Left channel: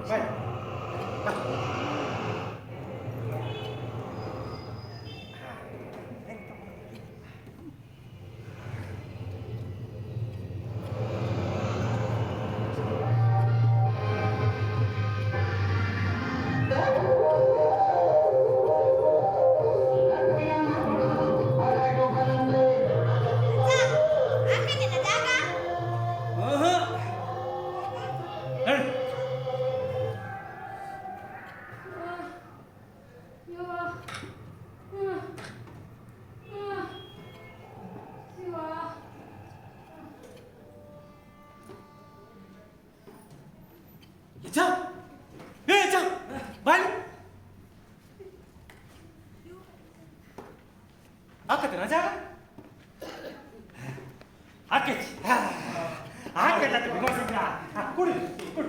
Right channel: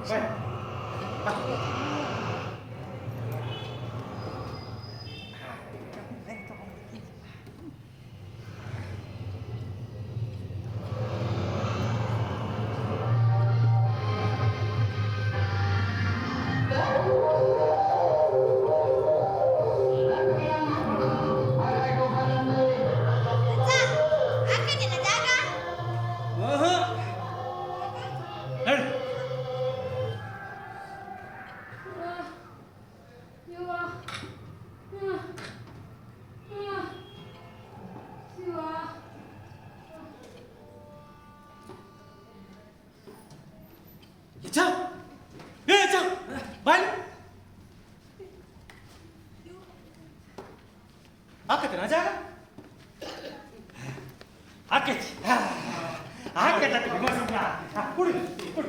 ಬಾಯ್ ಬಾ ಹಾಕತ್ತೇನ ಜಾಗ ಹಾಕೈತಿ ಹಾಕೈತ ಕುಡಿ ಕುಡಿ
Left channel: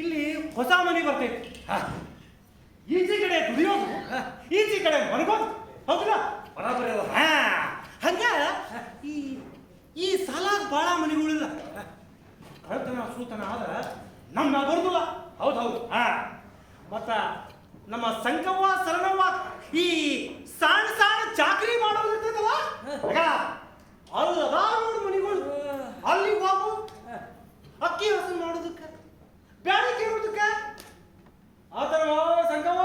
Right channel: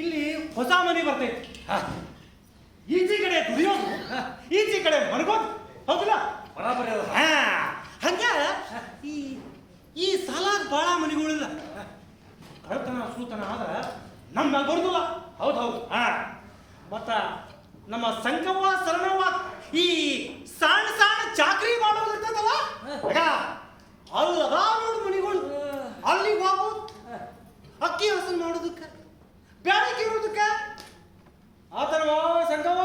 ಇಲ್ಲಿ ಹೊಸ ಮನೆ ಬರ್ತೈತಿ ಈಚೆ ಕಡೆ ದುಡಿಯೋದು ಈಚೆ ಕಡೆ ಮನಗೋದು ಹೌದಿಲ್ಲ ಬರಾಬರಿ ಹಂಗ ಈ ಈ ಸಾಲಾಗ ಭಾಳ ಮನೆಗಳಿಲ್ಲ ಕಳ್ತನ ಸೂತನ ಆದ್ರೆ ನಮ್ಮ ಬರುದಿಲ್ಲ ಹೌದು ಹೌದು ಮತ್ತ ನಮ್ಮ ಸಂಕವ್ವ ಸರಣವ್ವ ಈ ಸಣ್ಣ ಸಣ್ಣ ಚಾಕ್ರಿ ಮಾಡೋದು ಇರ್ತದಲ್ಲ ಅಲ್ಲಿ ನೋಡು ಮನೆಗಳು ಅಲ್ಲಿ ಹೋಗು ಅಕ್ಕಿ ಹಸು ಮಾಡೋದಕ್ಕೆ ಬ್ಯಾಡಕ್ಕೆ ಇರೋದಕ್ಕೆ ಆ ಥರ ಸಂಕವ್ವ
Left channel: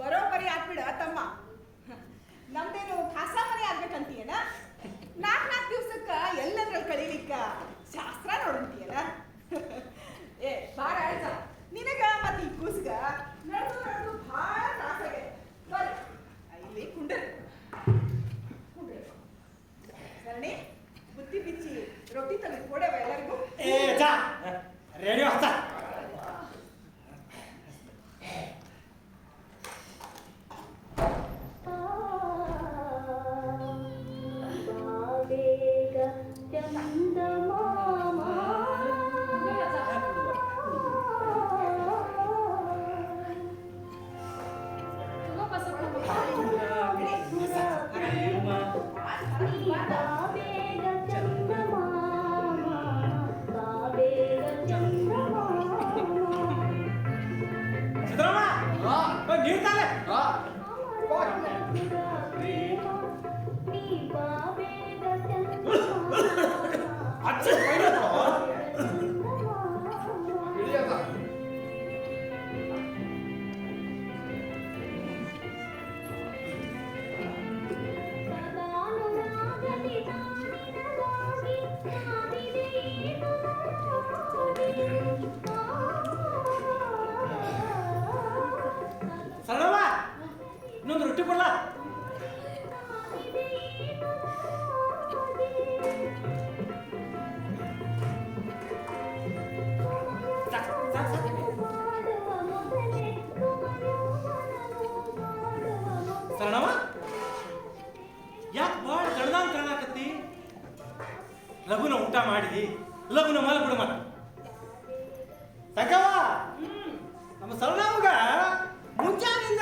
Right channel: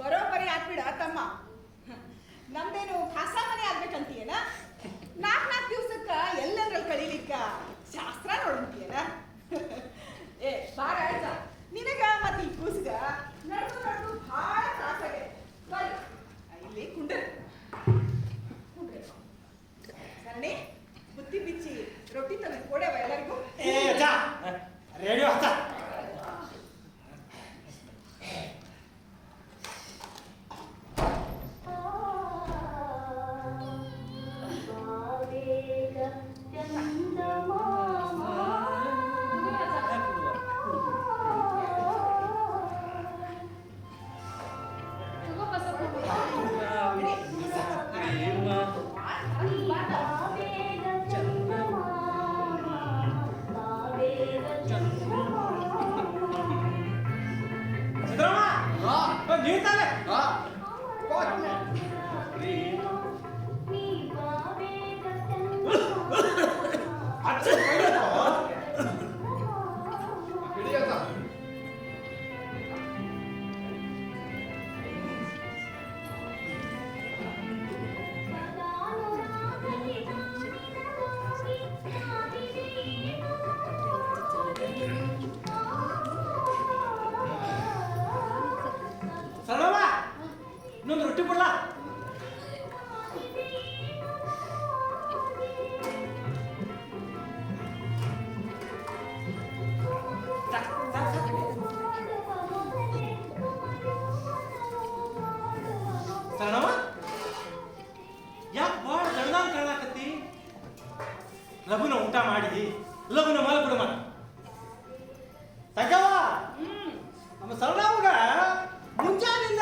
ಬರೋಬ್ಬರಿ ಆಗ್ಬಿಡ ತಮ್ಮ ನಮ್ದೇನು ಹೊಸ ಮನೆ ಆಗ್ಬೇಕಂತೀಯನ 4 ದಿವ್ಸಕ್ಕ ಎಲ್ಲಂದ್ರಲ್ಲಿ ಕಳೀಲಿಕ್ಕ ಶಾಸ್ತ್ರ ನೋಡಂತೀಯನ ಏ ಬಾರ ಆಯ್ತ ನಿನಗ ಮತ್ತೆ ಈ ಕೂಸ್ಗ ನಡೆದು ಭಾಳ ತ್ರಾಸಾಗೆ ಬರ್ರಿ ಇಲ್ಲಿ ಕುಂಡ್ರಿ ಕರಣಿ ಬುದ್ಧಿ ಬಿಚ್ಚಿ ರೊಟ್ಟಿ ತಂದು ಕೊಡವ ಎಲ್ಲರಿಗೂ ರೇಡಿಯೋ ಹತ್ತ ಇನ್ನೊಂದು ರೊಟ್ಟಿ ಬರಲ್ಲ ಸರಣವ ಯಾಕೆ ಭಾಳ ದಡ್ದಾನ್ ಕಾಣಕತ್ತಿ ಲಘುನ ಊಟ ಮಾಡಿದಿ ಲಘುನ ಮಲ್ ಬಿಡ ಮಾಡ ತಗವ ನಮ್ಮ ಸರಣವಾಗ ಮುಂಜಾನಿಂದ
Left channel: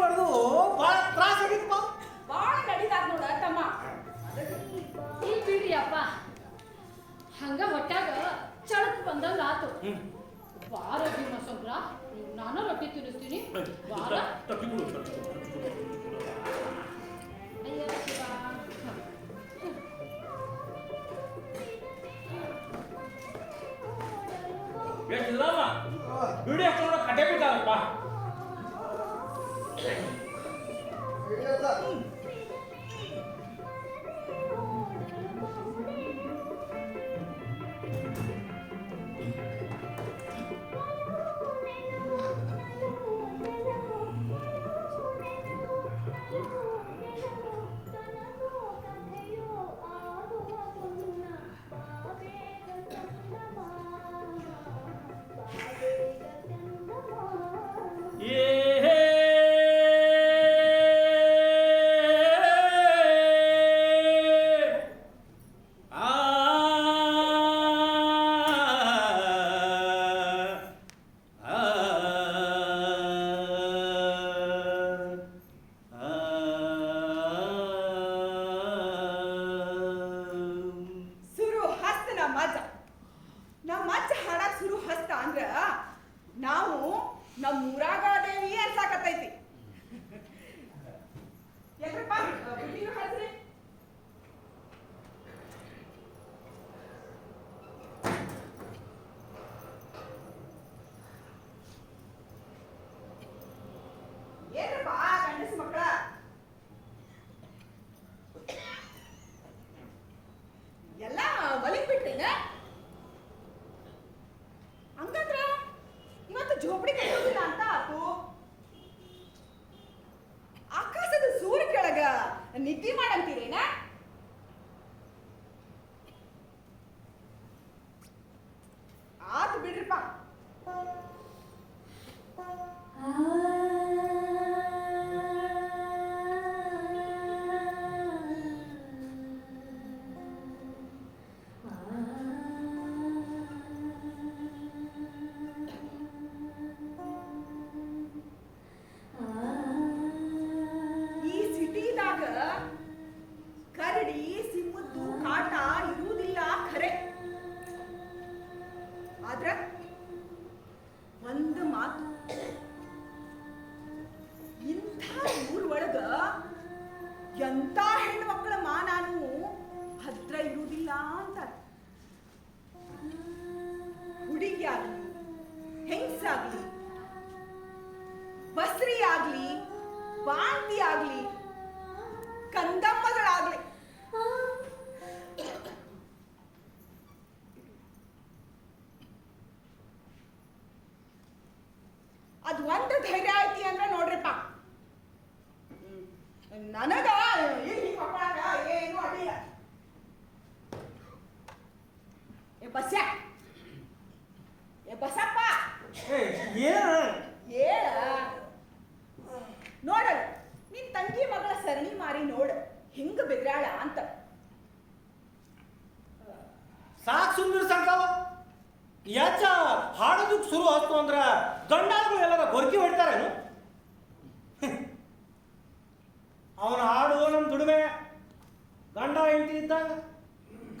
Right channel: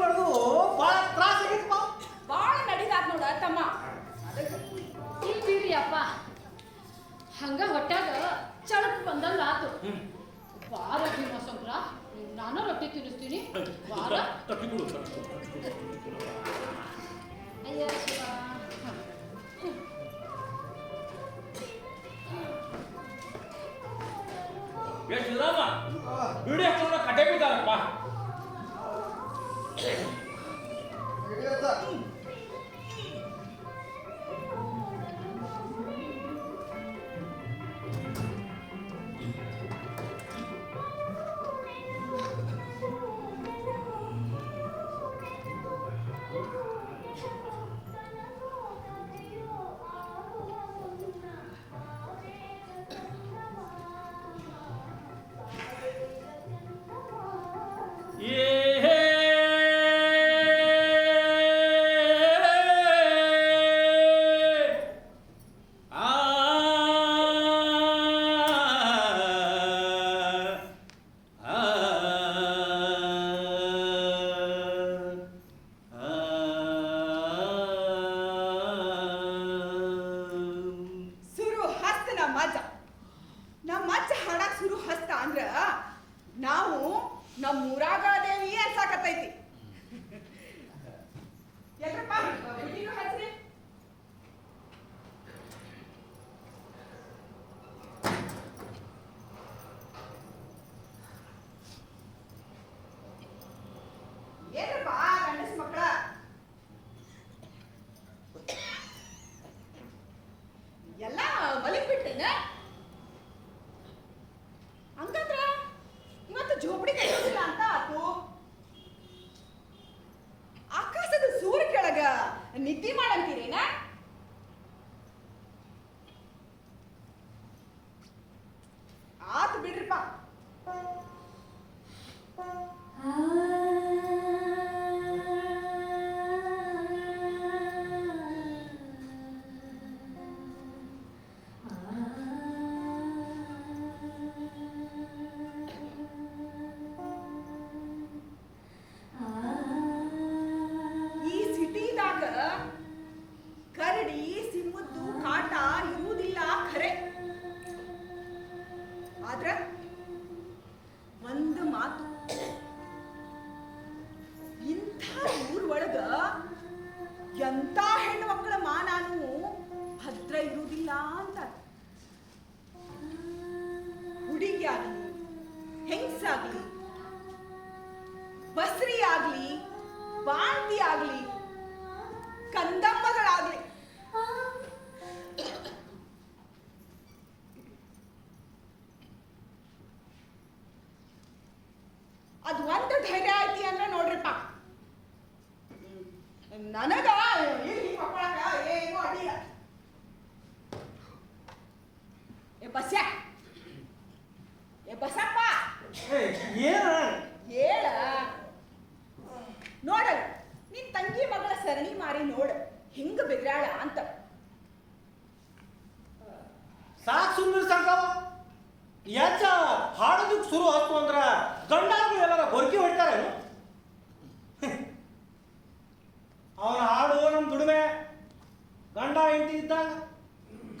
ನಡೆದು ಭಾಳ ತ್ರಾಸ ಆಗಿತ್ತು ಭಾಳ ನಡೀತಾರ ನೋಡ ತಮ್ಮ ಅಪ್ಪ ಹಂಗ ಹೊಟ್ಯಾಗ ಚಳಕ್ ಬಂದಂಗ ಆತು ಬಾರ ಭೀಮಸಂದ್ರ ನಾನು ರೊಟ್ಟಿ ತಿನ್ನಿಸ್ತೀನಿ ಬಾರ ತಟ್ಟಿ ಕೊಡು ಅಯ್ಯ ಶಿವ ಎಷ್ಟು ರಾಮ ವಿಡಿಯೋ ನೋಡ ಕಟ್ಟೆ ಬಿದ್ದಾರಪ್ಪ ನಮ್ಮ ಅಜ್ಜ ಹಾಡಕ್ ಶುರು ಹಸ್ತ ಅಂದ್ರ ನಾವು ನಮ್ಮ ಊರಾಗ ಅದೇವಿ ಅನ್ಸಾಕತ್ತೈತಿ. ಎಲ್ರಪ್ಪ ಬುಟ್ಟಿನೂ ಹಚ್ರಿ. ಏನ್ರಪ್ಪ ಗಂಡಸ ಮಕ್ಕಳ ಎಲ್ಲ ಮಲಿಗ್ ಬಿಟ್ಟೇನ? ಹಂಗಂದ್ರ ಇವತ್ತು ಜೋಪಡಿ ಕಟ್ಟೋದಿಲ್ಲ ಅಂತ ಆತು. ಆಕಾಶದ ಸೂರ್ಯ ಕೆಳಗ ನಿದ್ದೆ ಮಾಡಂತೀರೇನ? ಆತು ಬಿಡ್ರಿಪ್ಪ. ಈ ಸಿಟಿದಾಗ ಕರಡಿ ಸಿಂಹದ್ದು ಕಾಟ ಇರುವುದಿಲ್ಲ ಖರೆ. ಆದ್ರ ಒಂದು ಮಾತು, ಇಂಥ ಊರೊಳಗ ಎಂಥ ಹೆಣ್ಮಕ್ಳ ಮಾನಾನು ಭದ್ರ ಇರುವುದಿಲ್ಲ ಅಂತಾರೆ. ಹುಡುಗಿ ಆಗಲಿ, ಹೆಂಗಸಾಗ್ಲಿ, ಬಸ್ರಿ ಆಗ್ಲಿ, ಬಾಂಟಿ ಆಗ್ಲಿ, ಕಂದಮ್ಮಗಳಾಗ್ಲಿ, ಅದು ಒಂದು ಧೈರ್ಯ ಐತಿ ಅಂದ್ರೆ ನೋಡ್ರಿಪ್ಪ, ನನಗ ಇಲ್ಲಿ ಮಕ್ಕಳಾಗ ಏನು ಅಡ್ಡಿಲ್ಲ. ಏ ಬಸ್ಯ, ಏ ಬಸಪ್ಪ, ಏನ ಹೇಳ ನೋಡಲ್ಲ ನಿನ್ ತಂಗಿ ಮಗಳ ಸರಣಿ ಮಾರಿ ನೋಡ ಹಿಂಗ ಬೆದ್ರಾಳ ಅಂತ. ಸಾಕ್ ಸುಮ್ಮನೆ ಸಾಕಾವ. ಯಾಚ ಹಾಡೋದಕ್ಕೆ ಶುರು ಆಯ್ತು ಅಂದ್ರ ಗಂಡಾಗಳು ಎಲ್ಲರ ಗೊರ್ಕಿ ಹೊಡ್ತಾರೇನು? ಅವನ ಹಾಡು ನಮ್ಮ ದುಡಿಮೆ. ಗಂಡ ಹೆಂಡತಿ ಇದ್ದಾಗ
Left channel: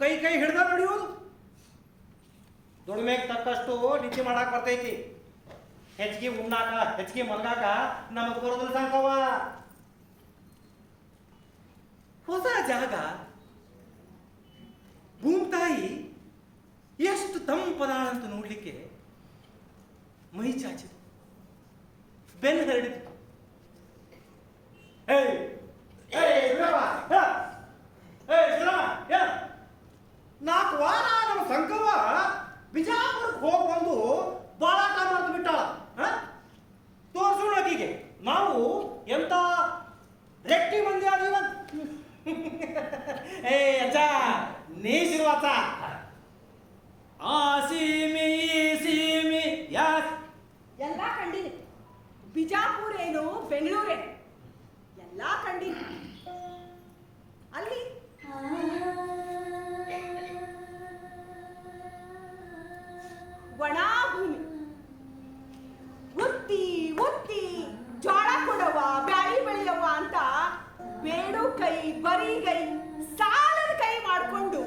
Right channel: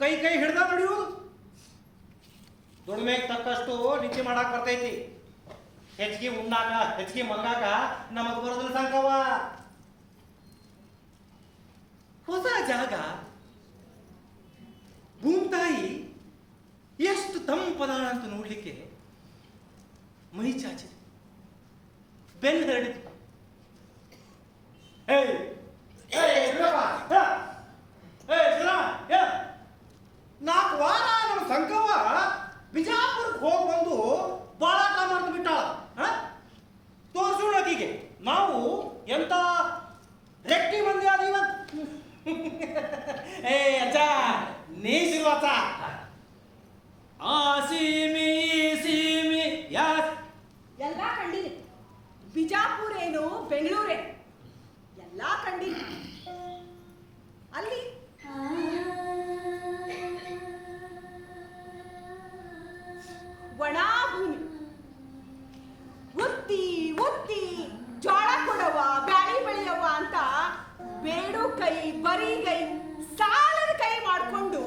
ಕೈ ಕೈ ಹಿಡ್ದ ನಡೆಯೋದು. ದುಡಿಮೆಗೆ ತಕ್ಕಷ್ಟು ನಿದ್ದೆ ಮಾಡಾಕ್ ಬರ್ತೈತಿ. ಹೆಚ್ಚಿಗೆ ಉಣ್ಣಾಕ, ಹೆಚ್ಚಿಗೆ ಮಲ್ಗಾಕ ನಮಗ್ ಬರೋದಿಲ್ಲ ಸಂಕವ. ಹೊಸ ಜಾಗ, ಭೂಮ್ತಾಯಿ ಎಷ್ಟು ತಂಪದಾಳ ಅಂತ ನೋಡ್ಲಿಕ್ಕೆ ಮೈ ಚಾಚಿದೆ, ಬೆನ್ನು ಹರಡಿದೆ. ನಾಲ್ಕು ವಾರ ನಮ್ಮ ಸಂಕವ ಬಿಜಾಪುರಕ್ಕೆ ಹೋಗಿ ಬಂದು ಬಾಳಾಟ ಮಾಡ್ತು ಬಿಟ್ಟಾಳ. ತೋರ್ಸೋಣ ಆಕಿಗೆ ನಾವು ಎಂತ ರೆಟ್ಟಿ ಮಂದಿ ಅದೀವಂತ. ಅಜ್ಜ ನೀಸಿರುವತ್ತ ಆ ಸೀಮಿ ಈ ಸೀಮಿ ಎಲ್ಲ ಕಂಡಿನಿ. ಬಿಜಾಪುರ ಏನು ಬೆಂಗಳೂರೇನು ಎಲ್ಲ ಕಂಡಿನಿ. ಅಲ್ಲಿ ಒಣ ಭೂಮಿ, ಉತ್ತಿ ಉತ್ತಿ ಜೋಳ ಕೊಡವ, ಬ್ಯಾಳಿ ಬೆಳೆಯವ ಅಂತ ಬೇಡು ಕೈ ಬರಿಗೈ ಸಾಲದ ಕೈ ಮಾಡಿಕೊಂಡು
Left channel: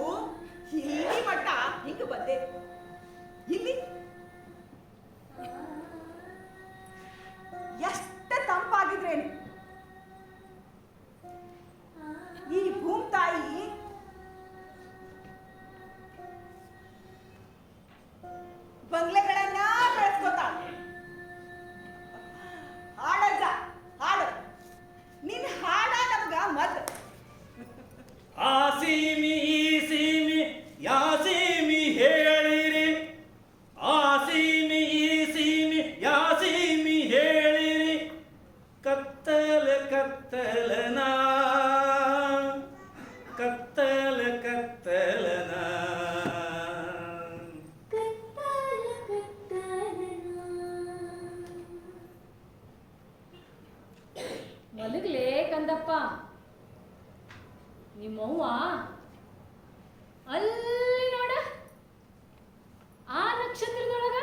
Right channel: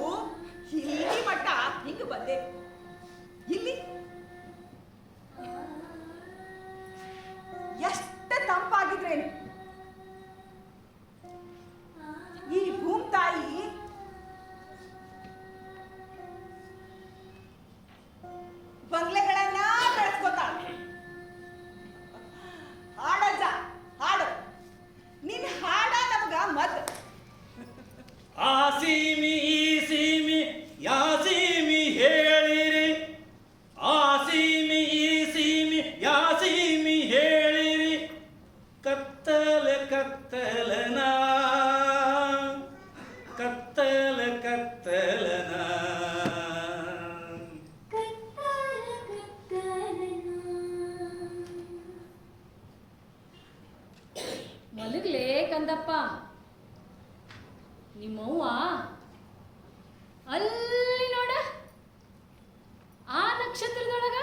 ಇಲ್ಲಿ ಮಟ್ಟ ಹಿಂಗ ಬಂದೆ. ಇಲ್ಲಿ ಎಷ್ಟ ತಂಪಾಗಿದ್ರೇನು. ಈ ಭೂಮ್ತಾಯಿ ಬಂಗ್ಲೆಗಳನ್ನ ಬೆಳೆಸ್ಕೋತಾಳ. ಹಾಡಜ್ಜ ಹಾಡು, ನಿನ್ ಹಾಡ ನಮಗ ಮದ್. ಆ ಸೀಮಿ ಈ ಸೀಮಿ ಯಾ ಸೀಮಿ ಹೇಳಿರಿ, ಆ ಸೀಮಿ ಈ ಸೀಮಿ ಯಾ ಸೀಮಿ ಹೇಳಿರಿ. ಕತ್ತಲ ಕತ್ತಲನಾ ಕತ್ತಲ ಕತ್ತಲನಾ ಮಲಗ್ಲೇ ಕಂದಪ್ಪ. ನಿಮ್ಮವ್ವ ಅಲ್ಲಿ ನೋಡ ಆ ನಕ್ಷತ್ರದೊಳಗ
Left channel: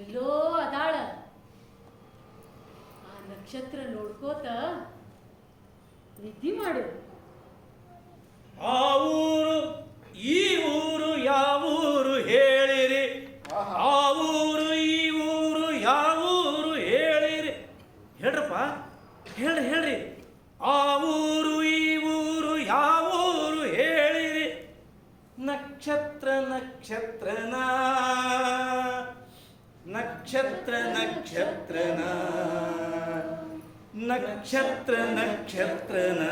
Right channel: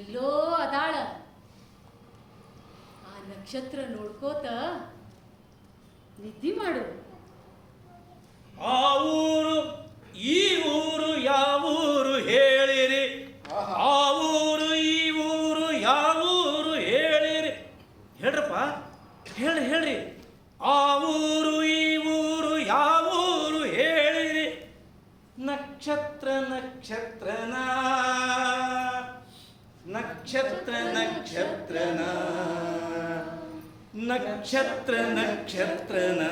ಎಲ್ಲೋ ಅದಾಳ. ಆ ನಕ್ಷತ್ರ ನೋಡ್ಕೋತ ನಿದ್ದೆ ಮಾಡು. ಆ ಊರು ಹೇಳ್ರಿ ಆ ಊರು ಈ ಊರು ಯಾವ ಊರು ಹೇಳಿರಿ. ನಕ್ಷತ್ರ ನಕ್ಷತ್ರನ ನಕ್ಷತ್ರ ನಕ್ಷತ್ರನ ನಕ್ಷತ್ರ ನಕ್ಷತ್ರನ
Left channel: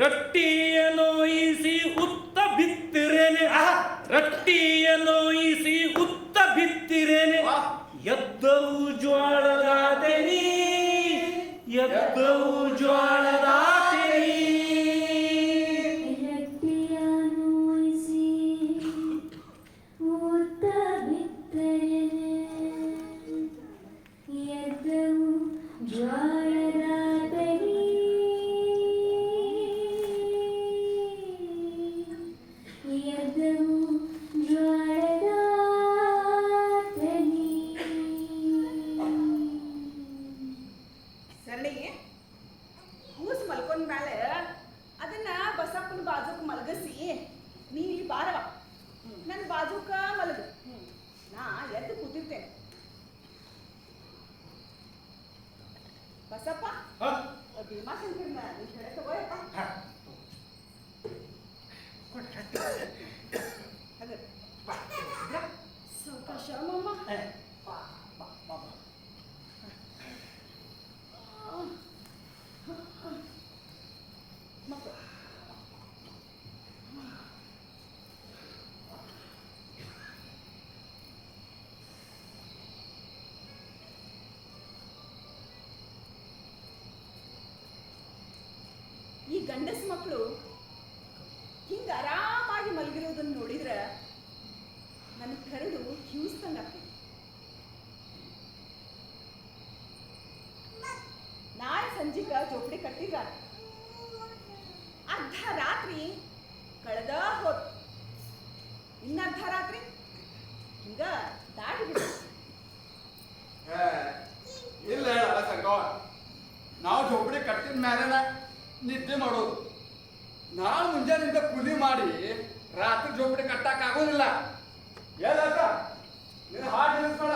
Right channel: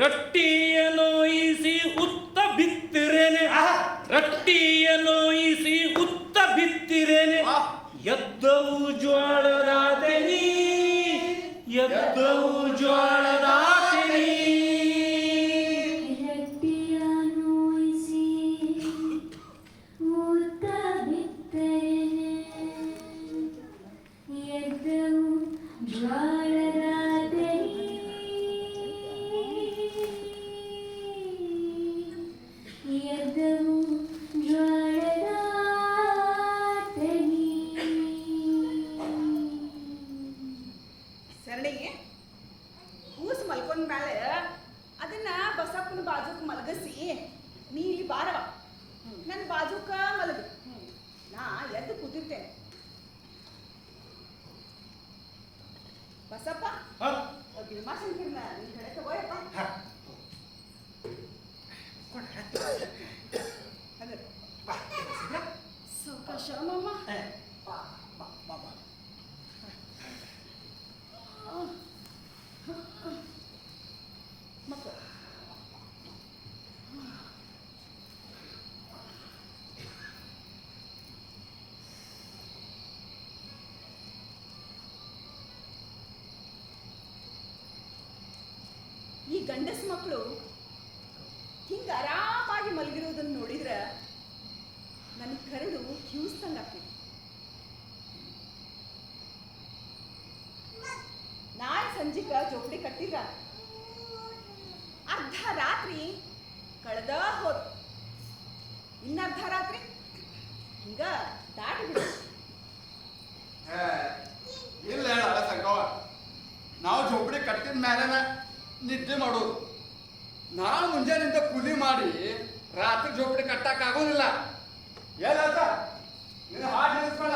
ರೊಟ್ಟಿಯ ನೋಯಿಸಿ ಉತ್ತ ಬಿತ್ತಿರೇನೆ, ರೊಟ್ಟಿಯ ನೋಯಿಸಿ ಉತ್ತ ಬಿತ್ತಿರೇನೆ, ಎದ್ದವು ಜ್ವಾಳದ ತೆನಿ, ಎದ್ದವು ಜ್ವಾಳದ ತೆನಿ. ಸರಳಿಗೆ ಕೂಸು ಮಲ್ಕೊಂಡ ಮೇಲೆ ಅದನ್ನ ಬಸಪ್ಪನ ಬಾಜುಕ್ ಮಲಗಿಸಿ ನೀ ಇಲ್ಲಿ ಬಾರವ ನನ್ನ ಬಾಜುಕ ಮಲಗು, ನಾ ಎದ್ದು ಕೂತಿರ್ತೇನೆ. ಬಸಪ್ಪ ಭೀಮಾಶಂಕರ್ನ ನಿನ್ ಕಡೆ ತಗೋಯಪ್ಪ. ಅದೇ ಸಾವಕಾಶ ಮಾಮ. ಮಕ್ಕಳು ಈ ಗಂಡಸ ಮಕ್ಕಳು ಹಿಂಗ ಆರಾಮಾಗಿ ಮಲಗಿರೋದನ್ನ ನೋಡಿದ್ರೆ ನನಗೆ ಕರೆದು ಹಿಡಿಸ್ತಂಗ ಆಗ್ತದೆ. ನಾಳೆ ಸಂಜಿಕ ಜೋಪಡಿ ಕಟ್ಟಿದ್ರ ಅರ್ಧ ರಾತ್ರಿ ಕಳೆದ ಹೋತ್, ಇನ್ನರ್ಧ ರಾತ್ರಿ ಹಿಂಗ ದಾಟಿ ಬಿಡ. ಇಲ್ಲ ಹೇಳ ಸಂಗವ, ನಾವು ಜೋಪಡಿ ಕಟ್ಟಿದ ಮೇಲೆ ನಿದ್ದೆ ಮಾಡೋದು. ನಾವು ಮುಂಜಾನಿಂದ ಕೂಲಿ ಮಾಡಿ ರಾತ್ರಿ ಜೋಪಡಿ ಕಟ್ಟಕ್ ಆಗೋದಿಲ್ಲ. ಹೇಳಕ್ಕ ನೀನು ಹಾಡು ನಿಲ್ಲಿಸ್ಬೇಡ.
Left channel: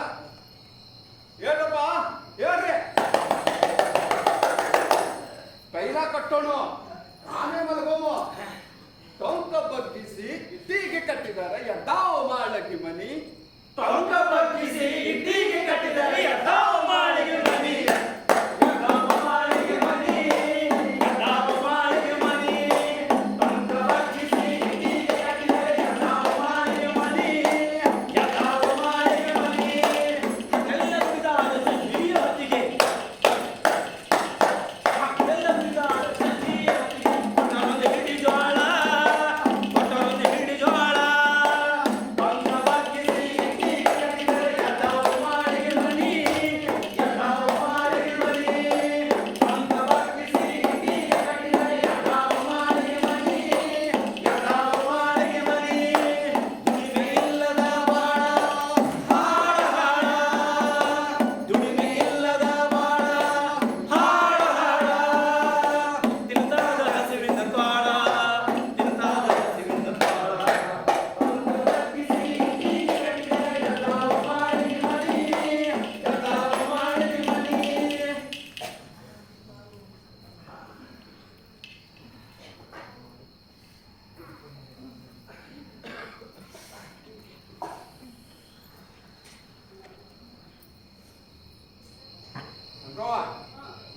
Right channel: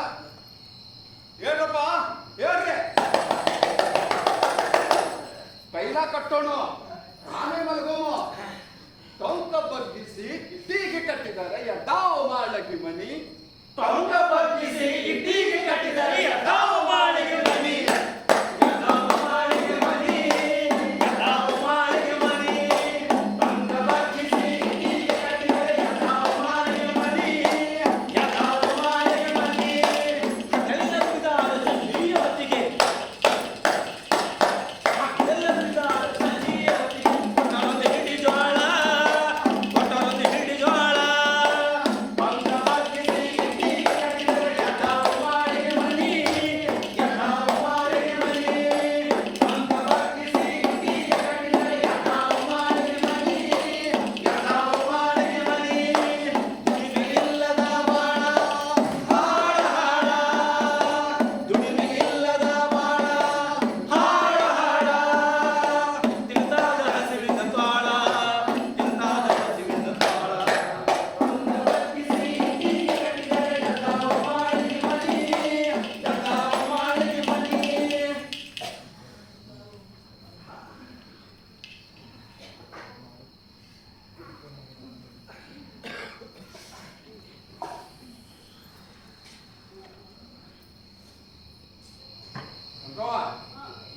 ಹೇಳಪ್ಪ ಹೇಳ್ರಿ. ಪೈಲ ಕಟ್ಟೋಣ, ಆಮೇಲೆ ಮಲಗೋಮು. ಟೊಂಕ ಬಗ್ಗಿಸಿ ಇಟ್ಟಿಗೆ ಕಟ್ಟಿದ್ದಾರೆ ಎದ್ದಾವ ಮಾಡಕ್ಕೆ ಮನಿ. ಟೊಂಕ ಬಗ್ಗಿಸಿ ಇಟ್ಟಿಗೆ ಕಟ್ಟಿದರೆ ಎದ್ದಾವ ಮಾಡಿಗೆ ಮನಿ.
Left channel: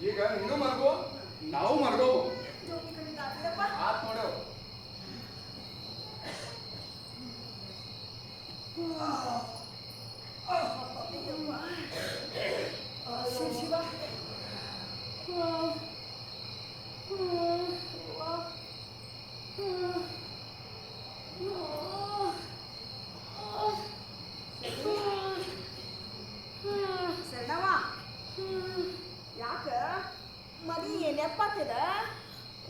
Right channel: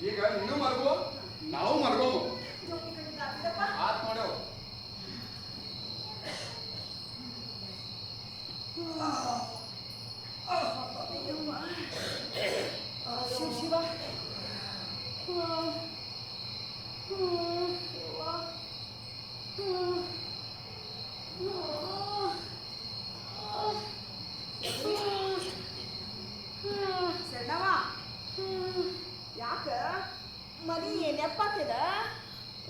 ಈಗ ನೀನು ಮಲಗೋ, ನಾವು ಮಲಗೋವು. ಆತ್ ನೋಡೇವು. ಶಿವ ಸಣ್ಣವ ಯಾಕ ಮನಿ ನೆಪ್ಪಾಗ್ತದ?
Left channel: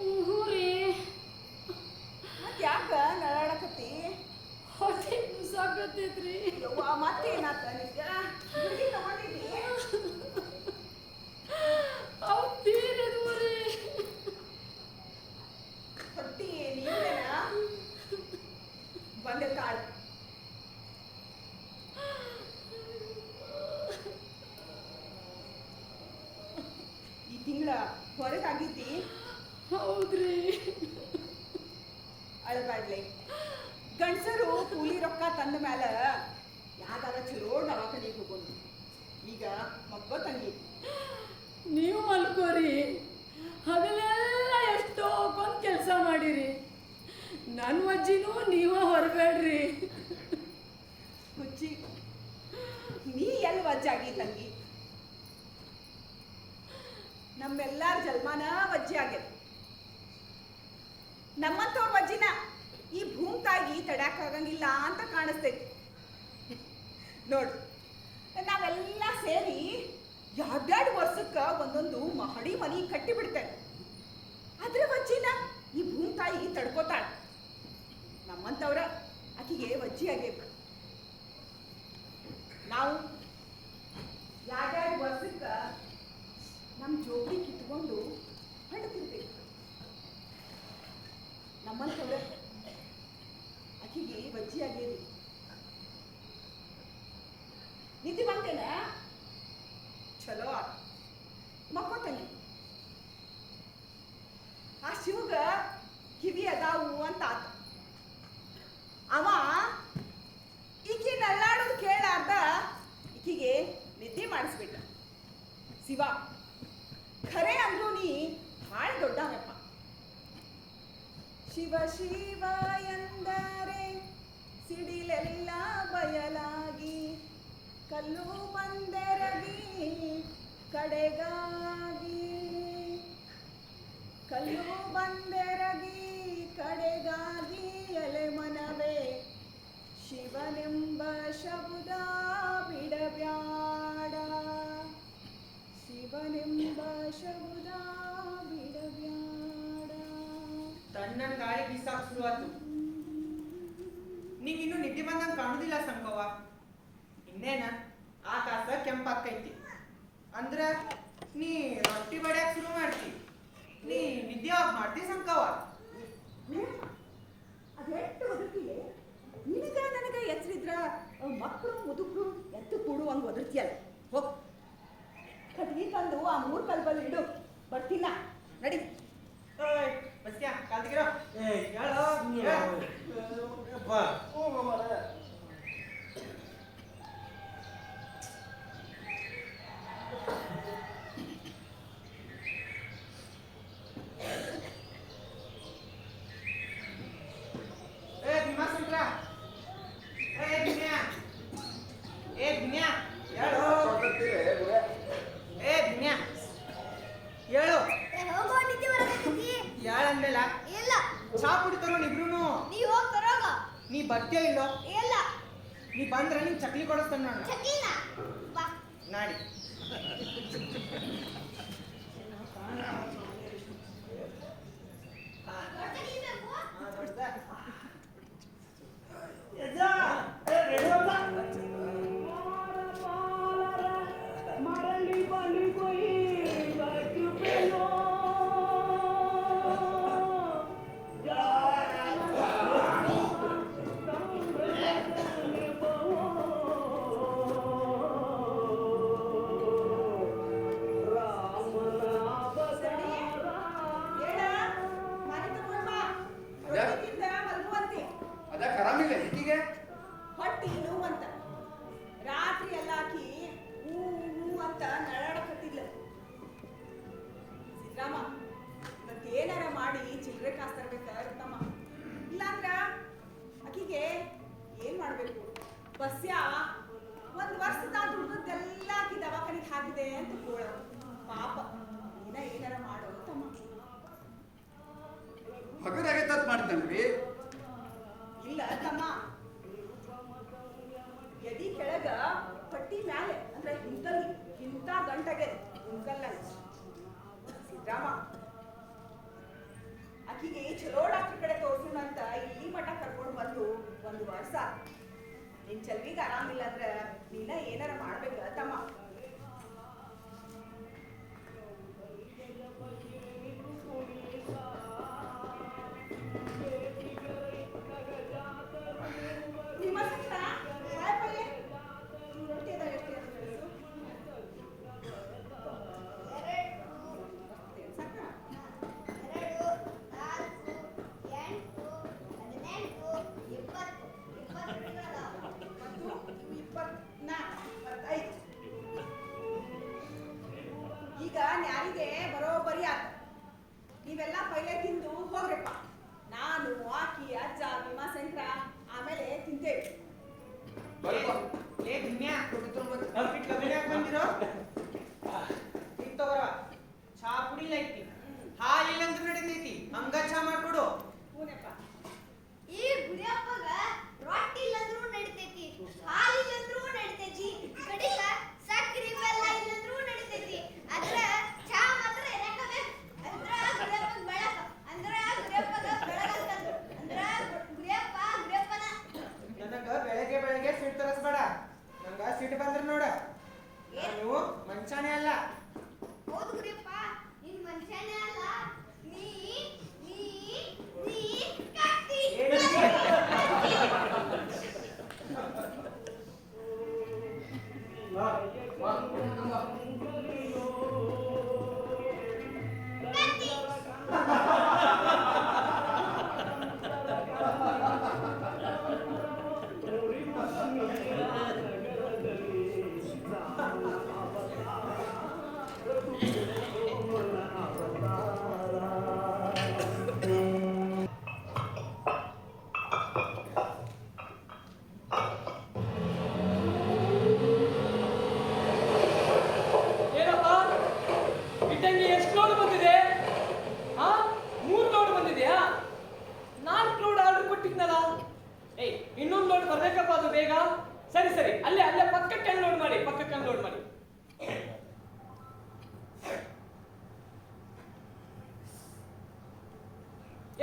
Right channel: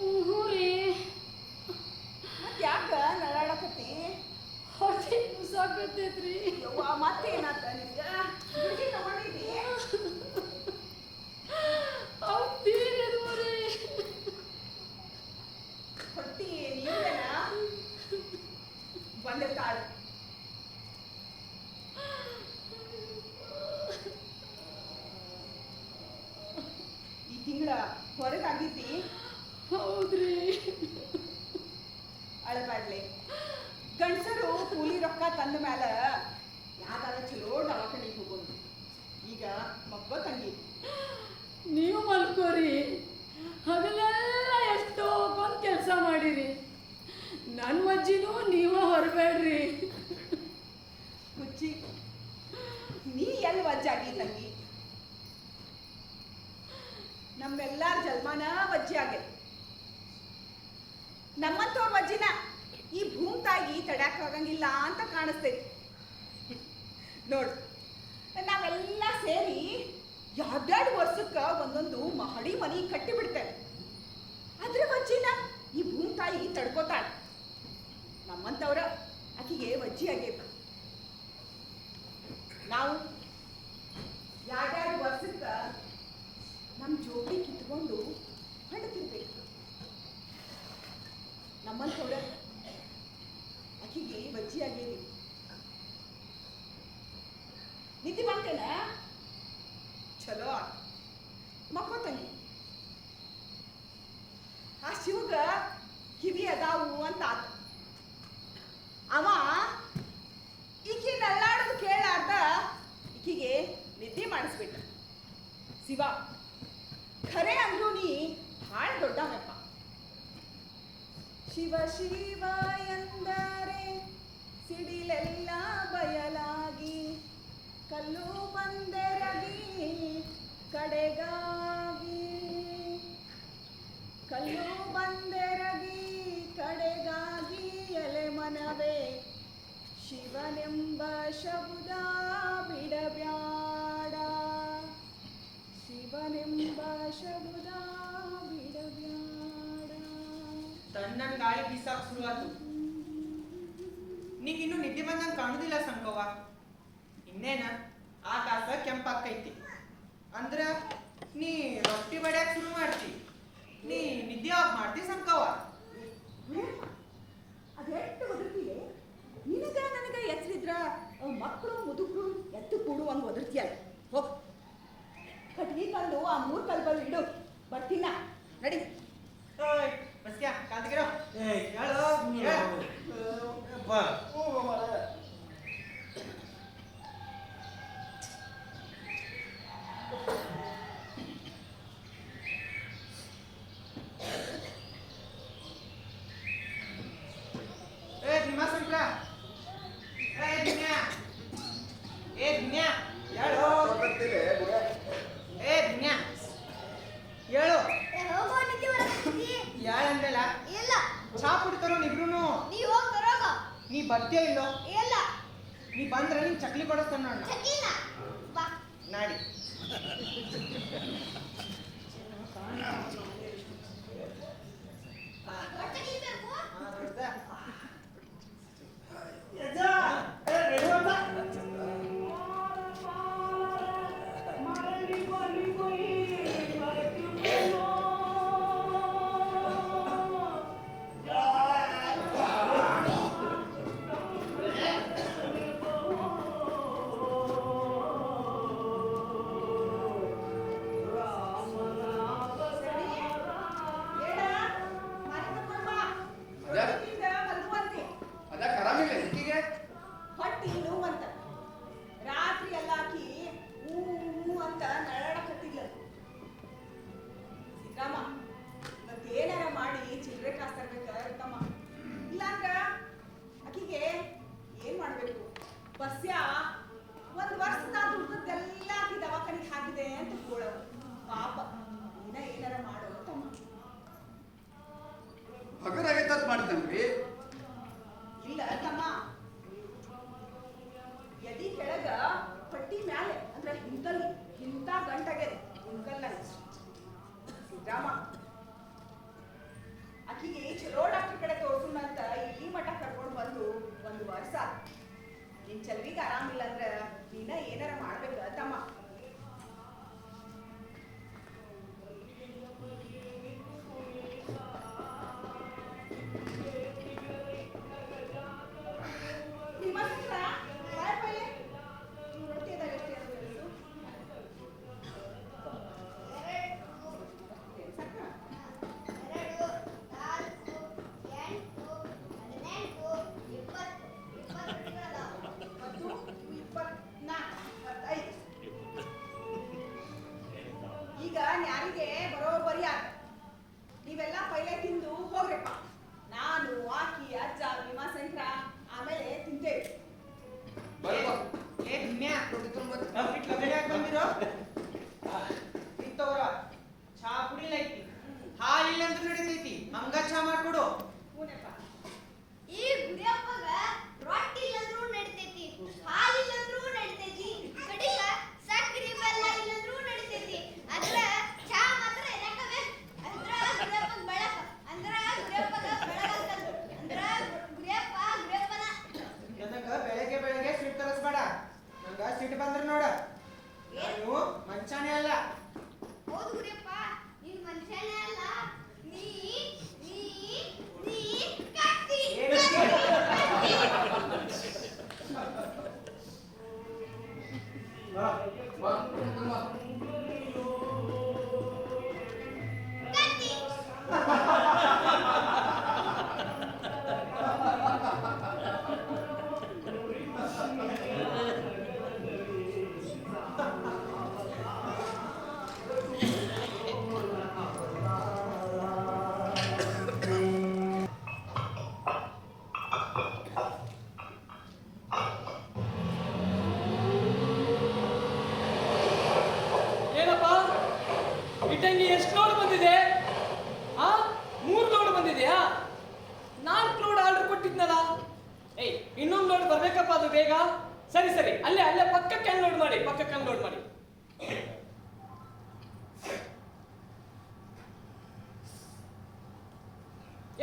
ಊರೇ ಮತ್ ಯಾಕ ನಳಾಡಕತ್ತಿ? ಹೊಟ್ಟೆ ಸಾಕತ್ತೈತ್ರಿ. ಯವ್ವ ಮತ್ತೇನಾತ ನಿಂಗ? ಗುಳಿಗೆ ತಗೊಂಡಿದ್ದಿ? ಬೇರೆ ಹೊಟ್ಟಿ ನೀವೇನ ಬಂದಿರ್ತಾಳ. ಈಗ ಹೇಳಬೇಡ್ಲಿ. ಗಂಡಸರು ಕೂಲಿ ರೊಕ್ಕ ತಂದ ಮೇಲೆ ಯಾವ್ದಾರ ಚಲೋ ದವಾಖಾನಿಗೆ ಹೋಗೋದು. ಈಗ ಮಕ್ಕಳು ತಂಗಿ ನೀವು ಮಲ್ಕೋರಿ. ಹಗಲೆಲ್ಲ ಎಷ್ಟೋ ಬಂದು ಕೆಲಸ ಮಾಡಿರಿ. ನನ್ನ ಅಜ್ಜಿನೂ ನೀವು ಹೊರಬೇಡ್ರಿ. ಹುಚ್ಚಿ, ನೀ ಎಲ್ಲಿ ವಜ್ಜಾಗಿ ತಂಗಿ? ನಮ್ಮೆಲ್ಲಾರ ಜಲ್ಮಾನ ವಜ್ಜಿ ಆಗೈತಿ. ನಮ್ಮಂತವ್ರ ವಜ್ಜಿನ ಈ ಭೂಮಿ ತಾಯಿ ತಡ್ಯಾಕಾಗಂಗಿಲ್ಲ ಅಂತ ಕಾಣಿಸ್ತೈತಿ. ನೋಡು, ನಾವೆಲ್ಲ ಸೇರಿ 2 ವರ್ಷಕ್ಕೆ ಒಂದೊಂದು ಮಹಡಿ ಮನಿ ಕಟ್ಟಿ ಬಿಡ್ತೇವೆ. ಅದ್ರ ವಜ್ಜಿನ ಈ ಭೂಮಿ ತಾಯಿ ತಡ್ಕೋತಾಳೆ. ನಮ್ಮಂತವ್ರ ಆಕಿಗೆ ವಜ್ಜಿ ಆಗೈತಿ. ನಾವು 2 ವರ್ಷಕ್ಕೆ ನಮ್ಮ ಜೋಬಿ ಕಿತ್ಕೊಂಡು ಹೊಂಡತಿರ್ಬೇಕು. ನಮ್ಮಂತವ್ರ ಆಕಿಗೆ ವಜ್ಜಿ ಆಗೇರಿ. ನಿದ್ದೆ ಬಂತೇನ? ಚಲೋ ಆತ, ಮಕ್ಕೋತಂಗಿ. ಆ ಶಿವಗ ಕಿವಿ ಅದಾವು ಅಂತ ಆತ. ಅವ ಈಕಿ ನಳ್ಳಾಡೋದು ಕೇಳಾರ್ದ ಈಕಿಗೆ ನಿದ್ದೆ ಮಾಡಿಸ್ಬಿಟ್ಟ. ಶಿವ ಖರೆ ಅಂದ್ರೂ ನೀ ಭಾಳ ದೊಡ್ಡವಪ್ಪ. ಶಿವ ಶಿವ ಎಂದರೆ ಸಿಡಿಲೆಲ್ಲ ಬಯಲಾಗಿ, ಕಲ್ಲು ಬಂದೆರಗಿ ಕಡೆಗಾಗಿ, ಕಲ್ಲು ಬಂದೆರಗಿ ಕಡೆಗಾಗಿ ಎಲೆ ಮನವೇ ಶಿವನೆಂಬ ಶಬ್ದ ಬಿಡಬ್ಯಾಡ, ಶಿವನೆಂಬ ಶಬ್ದ ಬಿಡಬ್ಯಾಡ. ತಣ್ಣನ್ ಗಾಳಿ ಬೀಸಾಕ್ ಶುರುವಾತು. ನಿಂಗಿನ್ನೂ ನಿದ್ದೆ ಬಂದಂಗೆ ಕಾಣುದಿಲ್ಲ ಸಂಕವ್ವ. ಇನ್ನೇನ ಆಕಾಶ ಕೆಂಪಾಕೈತಿ ಅಂದ್ರ ನೀ ರೊಟ್ಟಿ ಬಡ್ಯಾಕ ಶುರು ಮಾಡ್ತಿ. ನೀ ನಿದ್ದೆ ಯಾವಾಗ ಮಾಡ್ತಿ ಸಂಕವ್ವ? ಅದೆಷ್ಟು ಒದರ್ತಿಲೆ ನಿನಗ ನನಗ ಎಚ್ಚರಿದ್ರ ಮಕ್ಕಳು ಮುದುಕರು ಎತ್ತು ಕೂಡುವಂಗೆ ಒದರ್ತಿಯಲ್ಲ. ಹೋಗ್ ಕಟ್ಗಿ ತಂದು ಆ 3 ಕಲ್ಬಲ್ಲಿ ಇಡು, ಬರ್ತೀನ ನಡಿ. ಬಸ್ಯಾ ಕಾಲ್ತಿಗಿರೋ. ನೀ ಬರ್ತೀಯ ಇಲ್ಲೋ? ನೀ ಬಂದ್ರೆ ನಿನ್ ಚಕ್ಲಿ ಕೊಡಿಸ್ತಾನ ನಾಡಿ. ಬಸ್ಯಾ 1 ವರ್ಷದ ದುಡ್ಡದೆಲ್ಲ ಆಕಿ ದವಾಖಾನಿಗೆ ಹಾಕಿದೆ ಅಂತ ಕೂಳ. ಪಾಪ ಇನ್ನ ಏನಾರ ಮಾಡೋ ತಮ್ಮ. ಹಗರಾಗೈತೆ ಮಾಡ್ತಾನ್ರಿ. ಇಲ್ಲ ತಮ್ಮ, ಎದಿ ಕೆಳಗ ಪಟ್ಟಿ ಮ್ಯಾಲೆ ಅಂದ್ರೆ ಇಂಥ ಗಂಟಗೆ ಹಿಂಗಲ್ಲ ಸಿದ್ದರಾಮ. ಆಕಿಗೆ ಚಲೋ ಡಾಕ್ಟರ್ ಕಡೆ ತೋರ್ಸೋಣ ಅಂತ ಈ ಮಠ ಕರ್ಕೊಂಡು ಬಂದು 1 ವರ್ಷ. ನಿನ್ ಚಲ್ವಿಗೆ ಆರಾಮಿಲ್ಲ ಅಂದ್ರೆ ನೀನ ಏನಾರ ಮಾಡ್ಬೇಕ ತಮ್ಮ. ಈಗ? ಸರಿ ಸರಿ, ಅಲ್ಲೇ ಅಲ್ಲೇ ಪಕ್ಕಕ್ಕೆ ಅನ್ಲೋಡ್ ಮಾಡಿ, ಪಕ್ಕಕ್ಕೆ ಅನ್ಲೋಡ್ ಮಾಡಿ.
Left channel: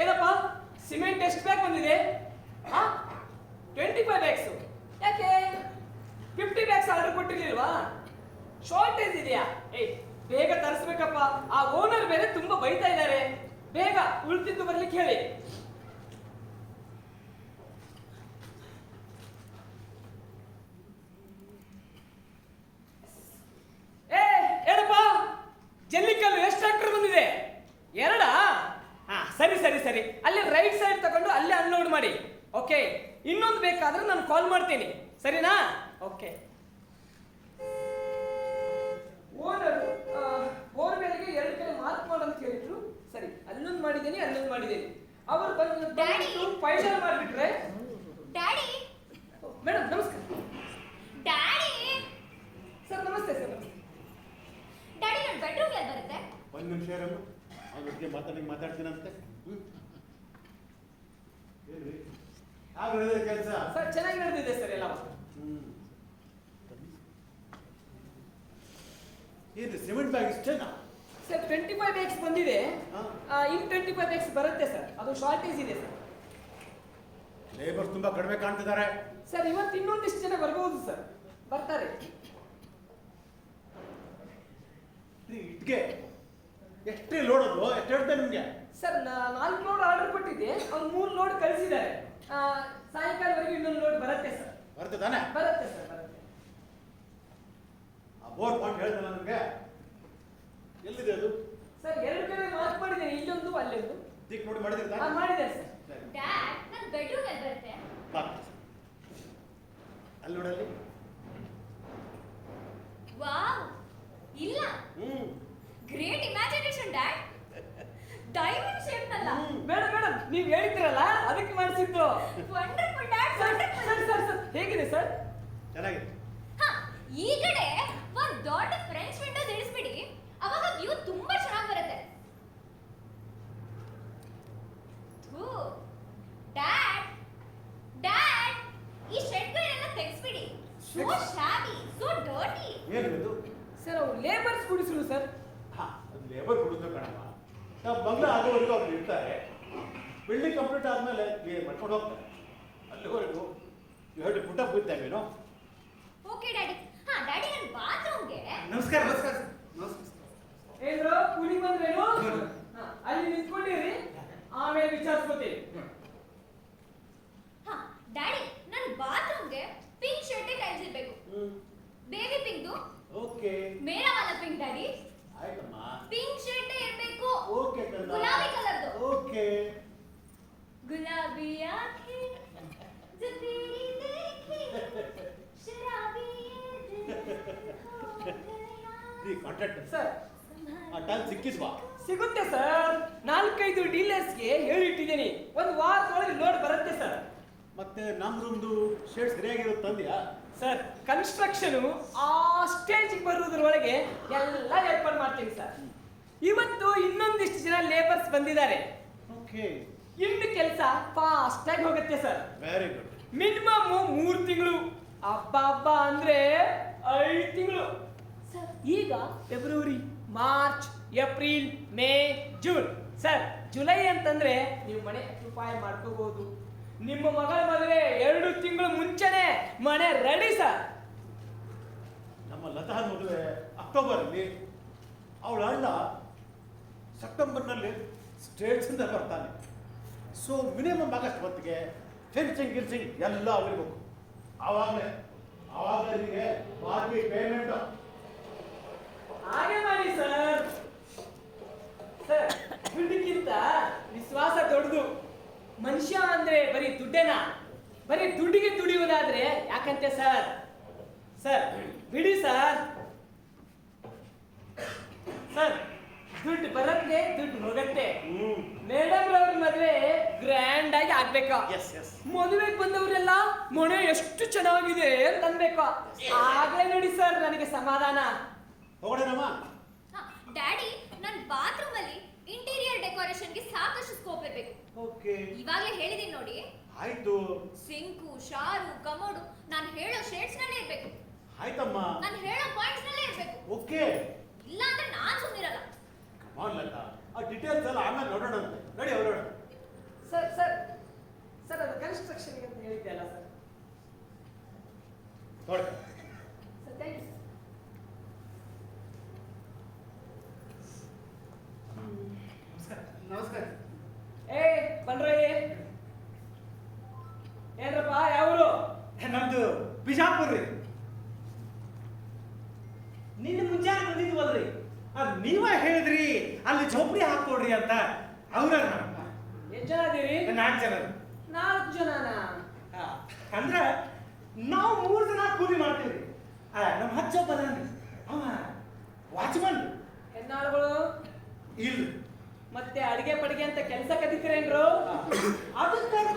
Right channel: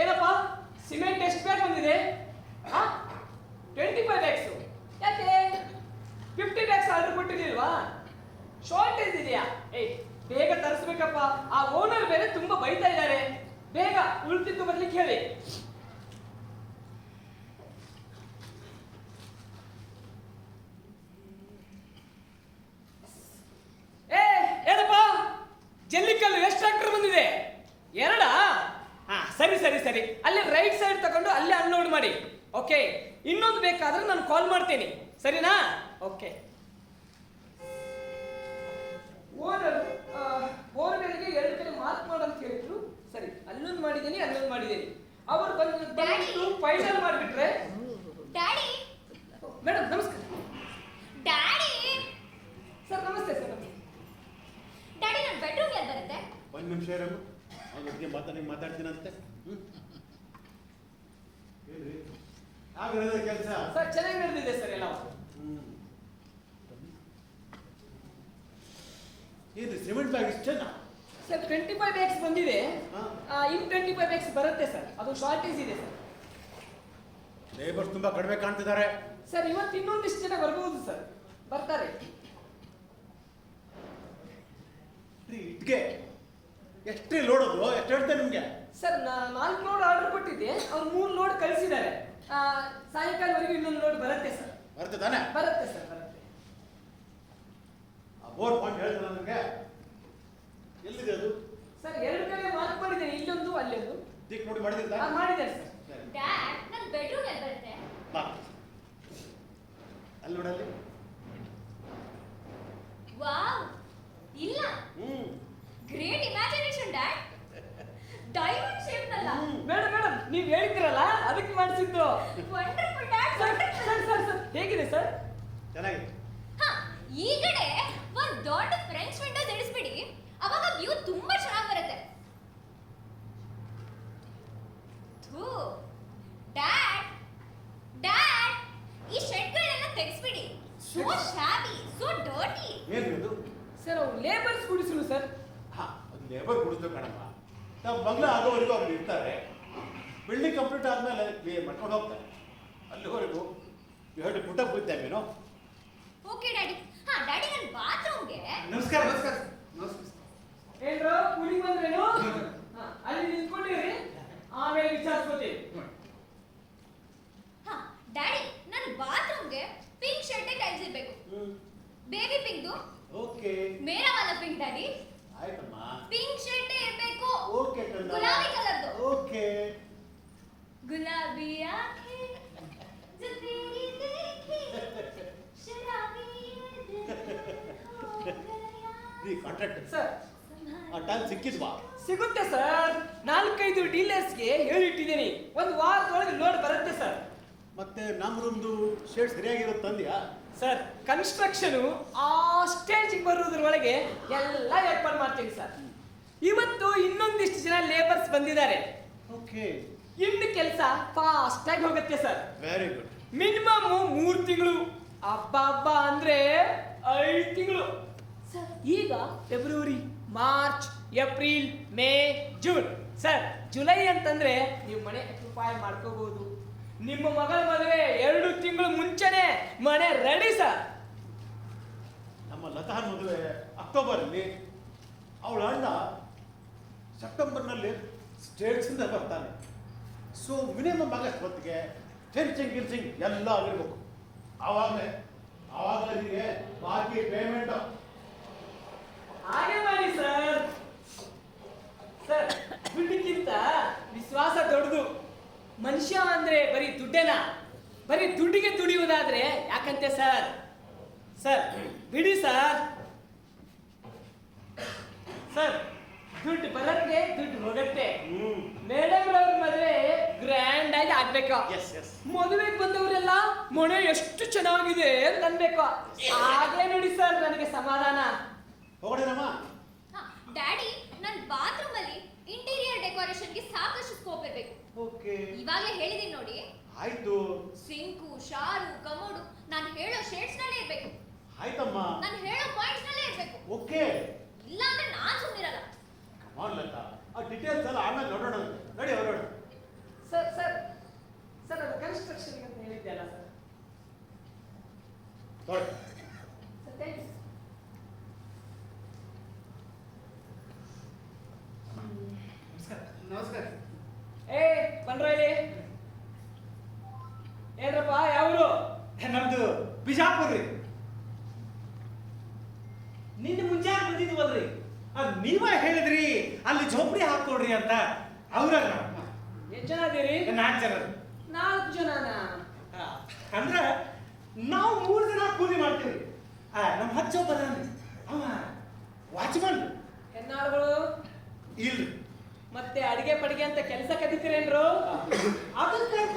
ಏನಪ್ಪ ಸಿಮೆಂಟ್ ಎಷ್ಟು ಬ್ಯಾಗ್ ಬಂದಿದೆ? 25 ಬ್ಯಾಗ್ಸ್. ಯಾಕೆ 50 ಬ್ಯಾಗ್ಸ್ ಆರ್ಡರ್ ಕೊಟ್ಟಿರ್ಲಿಲ್ವಾ? ಶಾರ್ಟೇಜ್ ಇದೆಯಾ? ಏಯ್ ಬೇಗ ತರಿಸ್ಬೇಕಪ್ಪ, ಆ ಓನರ್ ಬೇರೆ ತುಂಬಾ ಬೈತಾ ಇದ್ದಾರೆ. ಬೇಗ ಉಳ್ತಿದ್ದು ಬರ್ಲಿಕ್ಕೆ ಹೇಳಿ. ಏನಪ್ಪ ಜಲ್ಲಿಕಲ್ಲು ಎಷ್ಟು ಟ್ರ್ಯಾಕ್ಟರ್ ಬಂದಿದೆ? 2? ಹಾ ಸರಿ ಸರಿ ಸರಿ, ಅಲ್ಲಿ ರೈಟ್ ಸೈಡ್ ತಗೊಂಡು ಅಲ್ಲೇ ಅನ್ಲೋಡ್ ಮಾಡಿ. ಓಕೆ, ಇನ್ನೊಂದು ಬೇಕಾದ್ರೆ ನಾನು ಕಾಲ್ ಮಾಡ್ತೀನಿ, ಸರಿನಾ? ಓಕೆ. ಓನರ್ ಬೋರ್ವೆಲ್ಗೆ 2 ಕಡೆ ಮಾರ್ಕ್ ಮಾಡಂತ ಹೇಳಿದ್ರು. ಸರಿ, ಅಲ್ಲೊಂದು ಮಾಡಿದ್ದೀನಿ, ಅಲ್ಲೊಂದು ಮಾಡಿದ್ದೀನಿ. ಅವರು ಬಂದು ಫೈನಲ್ ಮಾಡಿಬಿಟ್ರೆ. ಡ್ಯಾಡಿ ಮೇಡಮ್ ನಮಸ್ಕಾರ. ಡ್ಯಾಡಿ ಸರ್ ನಮಸ್ತೆ ಸರ್. ನಮಸ್ತೆ ಡ್ಯಾಡಿ, ನನ್ನ ಬೆಡ್ರೂಮ್ ಎಲ್ಲಿ ಬರುತ್ತೆ? ಒಂದು ನಿಮಿಷ ಇರಮ್ಮ, ಅವ್ನ ಜೊತೆಗೆ ಮಾತಾಡ್ತೀನಂತೆ. ಹೇಳ್ರಿ, ಆಗ್ರಹದ ಕೆಲಸ. ಸರ್ ಚೆನ್ನಾಗಿ ನಡೆದಿದೆ ಸರ್ ಎಲ್ಲ. ಏನ್ರಿ ಸಿಮೆಂಟ್ ಬ್ಯಾಗ್ ಇಷ್ಟೇನಾ? ಸರ್ 25 ಬ್ಯಾಗ್ಸ್ ಬಂದಿದೆ. ಹಾ. ಇನ್ನು 25 ಬ್ಯಾಗ್ಸ್ ಬರುತ್ತೆ ಸರ್, ಅದು ಶಾರ್ಟೇಜ್ ಇದೆ ಸರ್. ಲೇಬರ್ಸ್ ತುಂಬಾ ಕಡಿಮೆ ಕಾಣ್ತಿದ್ದಾರೆ. ಸರ್ ಇವತ್ತು ಇನ್ನೊಂದಿಷ್ಟು ಜನ ಬರ್ಬೋದು ಸರ್, ಬರ್ತಾರೆ. ಇಟ್ಗೆ ಎಷ್ಟೇ ಲೋಡೋದು? ಎಷ್ಟು ಹೇಳ್ತೇನೆ ನಿಮ್ಗೆ? ಸರ್ 4 ಲೋಡ್ ಆರ್ಡರ್ ಕೊಟ್ಟಿದ್ದೆ, ಅವ್ರು 3 ಲೋಡ್ ಕಳಿಸಿದ್ದಾರೆ. ಸಾಯಂಕಾಲವರೆಗೂ ಇನ್ನೊಂದು ಲೋಡ್ ಬರುತ್ತೆ ಸರ್. ಬರ್ತದಾನೆ? ಬರುತ್ತೆ ಸರ್, ಬರುತ್ತೆ. ಆ ಬೋರ್ ಪಾಯಿಂಟ್ ಹೇಳ್ತಾನೆ ನನಗೆ. ಎಲ್ಲಿದೆ ಅದು? ಸರ್ 2 ಕಡೆ ಮಾರ್ಕ್ ಮಾಡಿದ್ದೇನೆ, ಇಲ್ಲೊಂದು ಅಲ್ಲೊಂದು. ದಿಕ್ ನೋಡಿ ಮಾಡಿದ್ರೆ ಮಾಡಿದ್ದಾರೆ ಸರ್. ಡ್ಯಾಡ್, ನನ್ನ ಬೆಡ್ರೂಮ್ ಎಲ್ಲಿ ಬರುತ್ತೆ? ಅಲ್ಲಿ ನೋಡಲ್ಲಿ. ವಾವ್, ಇಲ್ಲ. Great imagination dad. Diamond shape ನಲ್ಲ. ಮೇಡಮ್ ಮೇಡಮ್, ನೀವು ಹೇಳಿದ್ರಲ್ಲ ಅದಕ್ಕೆ ಮಾಡಿಸಿದ್ದು. Wonderful dad, sir wonderful. Sir sir sir ಹೇಗಿದೆ ಸರ್? ಚೆನ್ನಾಗಿದೆ. ಹಾ, ಈ ಕಡೆ ಒಂದು ದೊಡ್ಡ ಫ್ರೆಂಚ್ ವಿಂಡೋಸ್ ಇಳಿಸ್ಬಿಡಿ, ಅವಾಗ ವ್ಯೂ ತುಂಬಾ ಚೆನ್ನಾಗಿ ಬರುತ್ತೆ. ಡ್ಯಾಡ್ ಡ್ಯಾಡ್, ಈ ಶೆಡ್ಗಳೆಲ್ಲ ತೆಗೆಸ್ಬಿಡಿ. So shabby, so dirty. ಏನ್ರಿ ಅದು? ಸರ್ ಅವು ಲೇಬರ್ಸ್ ಗುಡಿಸಲು ಸರ್. ಹಾ, ಅದು ಲೇಬರ್ ಹುಡುಕ್ಬೇಕು ಕಣಮ್ಮ. ನಾವು ಬಂಗ್ಲೆ ಆಗೋವರೆಗೂ ಅವ್ರು ಇರ್ತಾರೆ. ಬಿಲ್ಡಿಂಗ್ ಕಂಪ್ಲೀಟ್ ಆದ್ಮೇಲೆ ಕ್ಲಿಯರ್ ಮಾಡ್ಕೊಂಡು ಹೋಗ್ತಾರೆ. ಅಲ್ಲಿವರೆಗೂ ಎರಡು ಪುಟ ಬೀಳ್ತೇವೇನೋ. Okay daddy. ಹಾ ಡ್ಯಾಡಿ, ನನ್ನ ಬಾತ್ರೂಮ್ಗೆ. ನಮಸ್ಕಾರ ನಮಸ್ಕಾರ. ಏನ್ರೋ ಕೂಲಿ ಬಂದ್ರೇನು? ಅಲ್ಲಿ ನಿಂತ್ಕೊಂಡಿರಿ, ಆಮೇಲೆ ವಿಚಾರಿಸ್ಕೋತೀವಿ. ಹಾ ಡ್ಯಾಡಿ, ನನ್ನ ಬಾತ್ರೂಮ್ಗೆ ಪಿಂಕ್ ಶರ್ಟ್ ಟೈಲ್ಸ್ ಇರಬೇಕು. ಬೇಬಿ ಪಿಂಕ್ದು. ಓಕೆ. ಮೇರಾ ವಾಲ ಪಿಂಕ್ ಡ್ಯಾಡಿ. ಆಯ್ತಮ್ಮ. ಪಿಂಕ್ ಶರ್ಟ್ ಇರಬೇಕು. ಓಕೆ ಕಣ್ಣ. ಗುಲಾಬಿ ಕಲರ್ದು. ಓಕೆ. ಗುಲಾಬಿ ಆಂಖೆ जो तेरी देखी शराबी ये दिल हो गया. ಈ ಕಾಂಟ್ರಾಕ್ಟ್ ಸರ್ ಆ ಟೈಮ್ ಸಿಕ್ಕಿದ್ವಾ? ಸಿಗುತ್ತೆ ಸರ್, 4-5 ಡೀಲರ್ಸ್ಗೆ ಹೇಳಿಟ್ಟಿದ್ದೀನಿ. ಒಂದು ವಾರದೊಳಗೆ ಲೋಡ್ ಬರುತ್ತೆ ಸರ್. ಮತ್ತೆ ನಮ್ದೊಂದು ಶೇಡ್ ಸರಿಯಾಗಿರುತ್ತೆ ತಂದ್ಯಾ? ಸರ್ ಕನ್ಸ್ಟ್ರಕ್ಷನು ಆ ಸ್ಟೇಜಿಗೆ ಬರುವುದರೊಳಗೆ ಎಲ್ಲ ಏರ್ಪಾಡು ಮಾಡ್ತೀವಿ ಸರ್. ಇವತ್ತು ಇನ್ನೊಂದಿಷ್ಟು ಜನ ಲೇಬರ್ಸ್ ಬಂದಿದ್ದಾರೆ. ಓಕೆ. ಇನ್ನು ಕೆಲಸ ಫಾಸ್ಟ್ ಆಗಿ ಹೋಗುತ್ತೆ ಸರ್. Very good. ಮಿನಿಮಮ್ 3 ತಿಂಗಳು, ಹಬ್ಬ ಅಂದ್ರೆ 5 ತಿಂಗಳು ಸರ್. ಈಗ February, March, April, May, June sir. July ಅಂತಂದ್ರೆ ನೀವು ಮನೆ ಅಕ್ಯುಪೈ ಮಾಡ್ಕೋಬಹುದು. ನಿಮ್ಮ ಮಗಳ ಮದುವೆ 2 ತಿಂಗಳು ಮುಂಚೆನೆ ಮನೆ ರೆಡಿ ಸರ್. ನಮ್ಮ ಲತಾನ್ ಮದುವೆ ಅಕ್ಟೋಬರಲ್ಲಿ, ಅವಳ ಅಣ್ಣ ಸೆಪ್ಟೆಂಬರ್ನಲ್ಲಿ ಸ್ಟೇಟ್ಸಿಂದ ಬರ್ತಾನೆ. ಸೊ ಮಿನಿಮಮ್ ಆಗಸ್ಟ್ ಹೊತ್ತಿಗೆ ಫೆನ್ಸಿಂಗ್ ಗಿನ್ಸಿಂಗ್ ಎಲ್ಲ ಆಗಿರ್ಬೇಕು. ಆವಾಗಲೇ ನಿಮಗೆ ಬಾಕಿ ಪೇಮೆಂಟ್. ಹಾಗೆ ಮಾಡಿ ಸರ್. ಸರ್ ದುಡ್ಡಿಗಿಂತ ವಿಶ್ವಾಸ ದೊಡ್ಡದು. ಮನುಷ್ಯ ಅಂದ್ರೆ ಬರೀ ದುಡ್ಡೇನಾ? ಬರೀ ದುಡ್ಡಿಗೆ ದುಡಿಯೋದಾದ್ರೆ ಯಾಕಂತೆ ಸರ್? ಸರ್ ಬಿಡಿ ಸರ್. ಸರ್ ದುಡ್ಡು ಬರತ್ತೆ, ದುಡ್ಡು ಹೋಗತ್ತೆ. ಮೇಡಮ್ ಅವ್ರ ಮದುವೆ ಗ್ರ್ಯಾಂಡ್ ಆಗಿ ಆಗ್ಬೇಕು. ಮದುವೆಗೆ ಬಂದವರೆಲ್ಲ ಮನೆ ಎಷ್ಟು ಚೆನ್ನಾಗಿದೆ ಅಂತ ಅನ್ಬೇಕು. ಆಗ್ಲೇ ನೋಡಿ ಸರ್ ನನಗೆ ಸಮಾಧಾನ. ಹೋಗೋಣಮ್ಮ. ಹಾ ಡ್ಯಾಡಿ, ನನ್ನ ಬಾತ್ರೂಮ್ ಅಲ್ಲಿ ಇಂಟೀರಿಯರ್ ಡೆಕೋರೇಷನ್ಗೆ ಸಾಕಷ್ಟು ಸ್ಕೋಪ್ ಇರಬೇಕು. ಓಕೆ. ಇವಾಗಲೇ ಹೇಳಿದೀನಿ ನೋಡಿ. ಆಯ್ತು. ಸಿಂಕು, ಶಾರು, ಕಮೋಡು ನಾನು ಹೇಳೋ ಶೇಡ್ಸ್ ನಲ್ಲೇ ಇರ್ಬೇಕು. ಆಯ್ತಮ್ಮ. ನಾನು ಹೇಳೋ ಪಾಯಿಂಟ್ಸ್ ನಲ್ಲೇ ಇರ್ಬೇಕು. ಓಕೆ. ಇಲ್ಲ ಅಂದ್ರೆ ನಾನ್ ಸುಮ್ಮನಿರಲ್ಲ. ಕಮಾನ್ ಲತಾ, ಆ ಡೀಟೇಲ್ಸ್ ಎಲ್ಲ ಆಮೇಲೆ ನೋಡೋಣ. ನೋಡಿ ಹೊರಡೋಣ. ಸರ್ ಸರ್ ಸರ್ ಅದು ಕನ್ಸ್ಟ್ರಕ್ಷನ್ ಅಂತ ಹೇಳಿದ್ದೆ ಅಲ್ಲ ಸರ್. ಹೊರಡು. Sir thank you. ನಮಸ್ಕಾರ. ಏ ಬನ್ರಿ. ಏನ್ರಪ್ಪ ಯಾವ್ರು? ನಮ್ದು ಬಿಜಾಪುರ ರೀ. ನಿನ್ನೆ ಮುಂಜಾನೆ ಬಂದಿದ್ವಲ್ರಿ, ಅದು ನೀವೇ ಹೇಳಿದ್ರಿ ಅಲ್ಲಿ ಝೋಪಡಿ ಹಾಕೊಡ್ರಿ ಅಂತ. ಅವ್ರ ಎಷ್ಟು ಜನ ಅದೀರಿ? 4 ಜನ. 4 ಜನನಾ? ಅಂದ್ರೆ ನಾವು 3 ಜನ ಕೂಲಿ ಮಾಡ್ತೀವಿ. ನಮ್ಮ ಹಚ್ಚ ಬದಾನ್ರಿ, ಅವ ವಾಚ್ಮನ್. ಹೆಣ್ಣಾಳುಗಳು ಇಲ್ರಿ. ಮತ್ತೆ ಅಡಿಗೆ ಪಡಿಗೆ ಅಂತ ಕೆಲಸ ಕದಿತೀರೇನ್ರು? ಅದಕ್ಕಂತ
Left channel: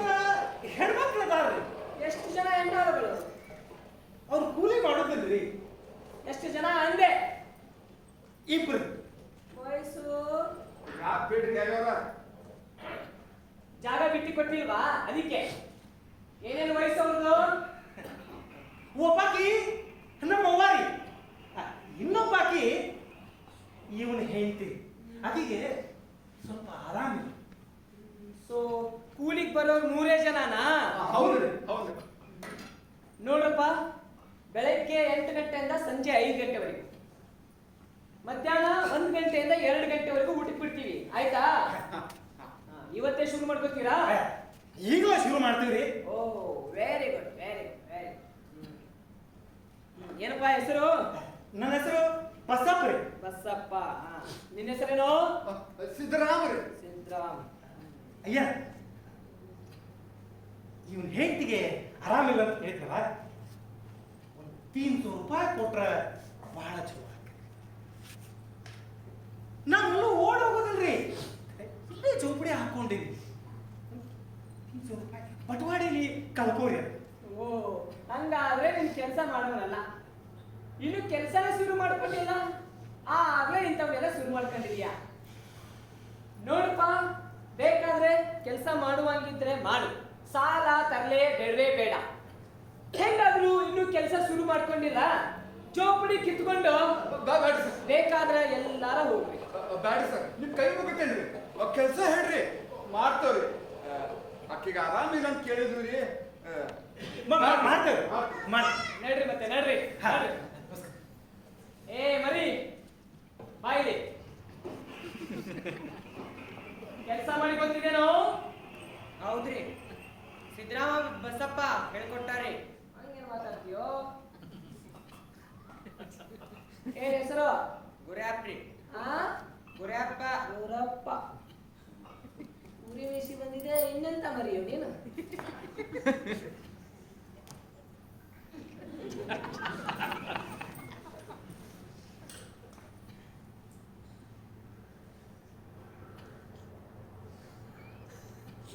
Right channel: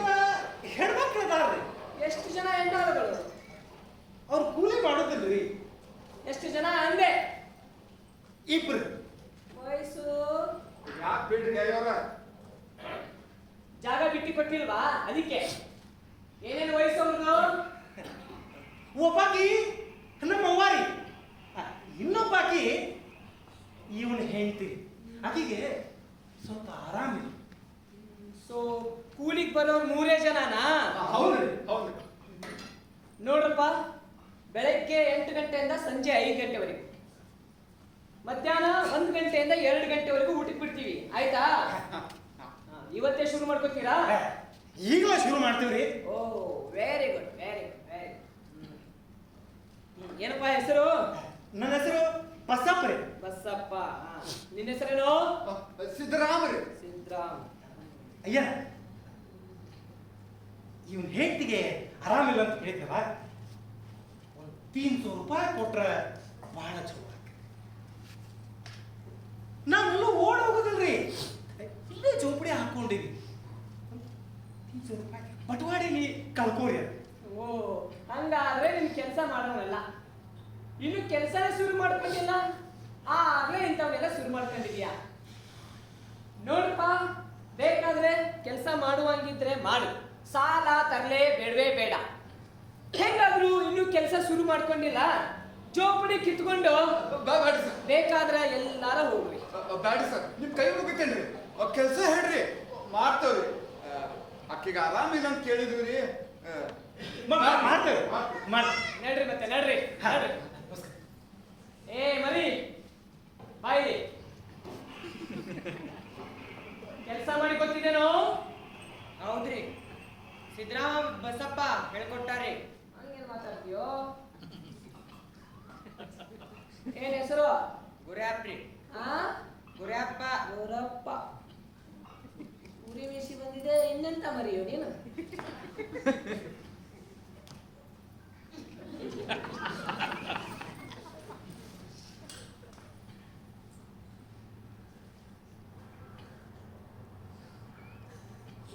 ಹೆಣ್ಮಕ್ಳು ಅದಾರ್ರಿ. ಎಷ್ಟು ಜನ ಹೆಣ್ಣಾಳುಗಳು? ಅವ್ರು ಕೂಲಿ ಮಾಡೋದಿಲ್ರಿ. ಎಷ್ಟು ಜನ ಅಂದೆ? 2. ವಯಸ್ಸು? ಯಾಕೆ ಬಿಡ್ರಿ ಅವ್ರ? ಜಾಗ ಬಿಟ್ಟು ಕೊಟ್ಟಿಲ್ವಾ ಅದಕ್ಕೆ? ಏನೇನು ವಯಸ್ಸು ಅವ್ರದ್ದು? ಒಬ್ಬಾಕಿ ನಮ್ಮ ಅವ್ವಾರಿ, ಇನ್ನೊಬ್ಬಾಕಿ ಇವನ ಹೆಂಡತಿ. ಅದಕ್ಕೆ ಸ್ವಲ್ಪ ಆರಾಮಿಲ್ಲ. ಸೊ ಕೂಲಿಗೆ ಬರೋರು 3 ಜನನಾ? ಹೌದ್ರಿ ಹೌದ್ರಿ. ನೋಡ್ರಪ್ಪ, ಬೆಳಗ್ಗೆ 8 ಗಂಟೆಯಿಂದ ಸಂಜೆ 5 ಗಂಟೆವರೆಗೂ, ಮಧ್ಯಾಹ್ನ 1 ಗಂಟೆಯಿಂದ 2 ಗಂಟೆವರೆಗೂ ಊಟಕ್ಕೆ ಬಿಡ್ತೀವಿ. ಆಯ್ತಾ? ಇವತ್ತೇ ಶುರು ಮಾಡ್ಕೋತೀರಾ? ಈಗಲೇ ಶುರು ಮಾಡ್ತೀವ್ರಿ. Oh very good very good very good. ಏನಪ್ಪ ಹೆಸರು? ನನ್ನ ಹೆಸರು ಬಸಪ್ಪ ರೀ. ಬಸಪ್ಪ. ನಿನ್ನ ಹೆಸರೇನು? ಸಿದ್ದರಾಮರಿ. ಸಿದ್ರಾಮ್. ಅಯ್ಯ, ಇವನ್ ಹೆಂಡತಿಗೆ ಆರಾಮಿಲ್ಲ ಅಂತ ಹೇಳಿದ್ರಲ್ಲ, ಒಂದು 300 ರೂಪಾಯಿ ಕೊಟ್ರೆ ಬಹಳ ಚಲೋ ಆಗ್ತದೆ. ನಾವೆಲ್ಲೂ ಓಡ್ ಹೋಗೋದಲ್ರಿ, ಇಲ್ಲೇ ಚೌಪಡಿ ಹಾಕೊಂಡಿವಿ. 300 ರೂಪಾಯಿ ಬಟವಾಡಿಲಿ ಕಳ್ಕೋರಿ ಅದು. ಓ ಹಂಗಾದ್ರೆ ನಿನ್ ಕೆಲಸ ಮಾಡೋನಲ್ಲ, ಇನ್ನು ಕೆಲಸನೇ ಶುರು ಮಾಡ್ಕೊಂಡಿಲ್ಲ, ಆಗ್ಲೇ ಇಂಥವೆಲ್ಲ ಶುರು ಮಾಡ್ಕೊಂಡಿದ್ಯಾ? ನೋಡಪ್ಪ, ಬೇಕಾದ್ರೆ ಕೆಲಸ ಮಾಡುವಂಗಿದ್ರೆ ಮಾಡು, ಸಾಲ ತರಲೆ ಬೇಡವೇ ಬೇಡ. ಹೆಂಗಾದ್ರು ಇನ್ನು ಕೆಲಸ ಶುರು ಮಾಡ್ಕೊಂಡಿಲ್ಲ, ಚೌಪಡಿ ಕಿತ್ಕೊಂಡು ಬ್ಯಾಡ್ರಿ ಸರ್, ಬೇಕಾದ್ರೆ ಎಲ್ಲಾರ ಹೋಗ್ಲಿ. ಬ್ಯಾಡ್ರಿ ಸರ್, ನಿಮ್ ಕೈ ಮುಗಿತೇನ್ರಿ. ಕೆಲಸ ಹೇಳ್ರಿ, ಮಾಡ್ತೇವ್ರಿ. ಅಕ್ಕಿಗೆ ಆರಾಮಿಲ್ಲ ಅಂತ ಕೇಳಿದ್ರು ರೀ. ಮಾಡ್ತೇವೆ. ನಡ್ರಿ ಮತ್ತೆ ನಡ್ರಿ ನಡ್ರಿ. ಏ ಮರಿ ಬಾಯಿಲಿ ಕೆಲಸ ಮಾಡಿ ಗೊತ್ತಿದೇನೋ? ಹೌದ್ರಿ, ಸಿದ್ದರಾಮ ಬಸಪ್ಪ ಹೇಳ್ಕೊಟ್ಟಾರೆ. ಹಂಗೇನು ಮಾತಾಡ್ತೀಯೋ? ಏನ್ ಹೆಸರು? ಗುರ್ಯಾಪ್ರಿ. ಆ ಗುರ್ಯಾಪ್ಪ. ಗೌರಪ್ಪ. ಉರಿ ಮೀಸಿ ಬಂದಿದೆ, ಇನ್ನೆಂತ ಮರಿಯೋ ನೀನು?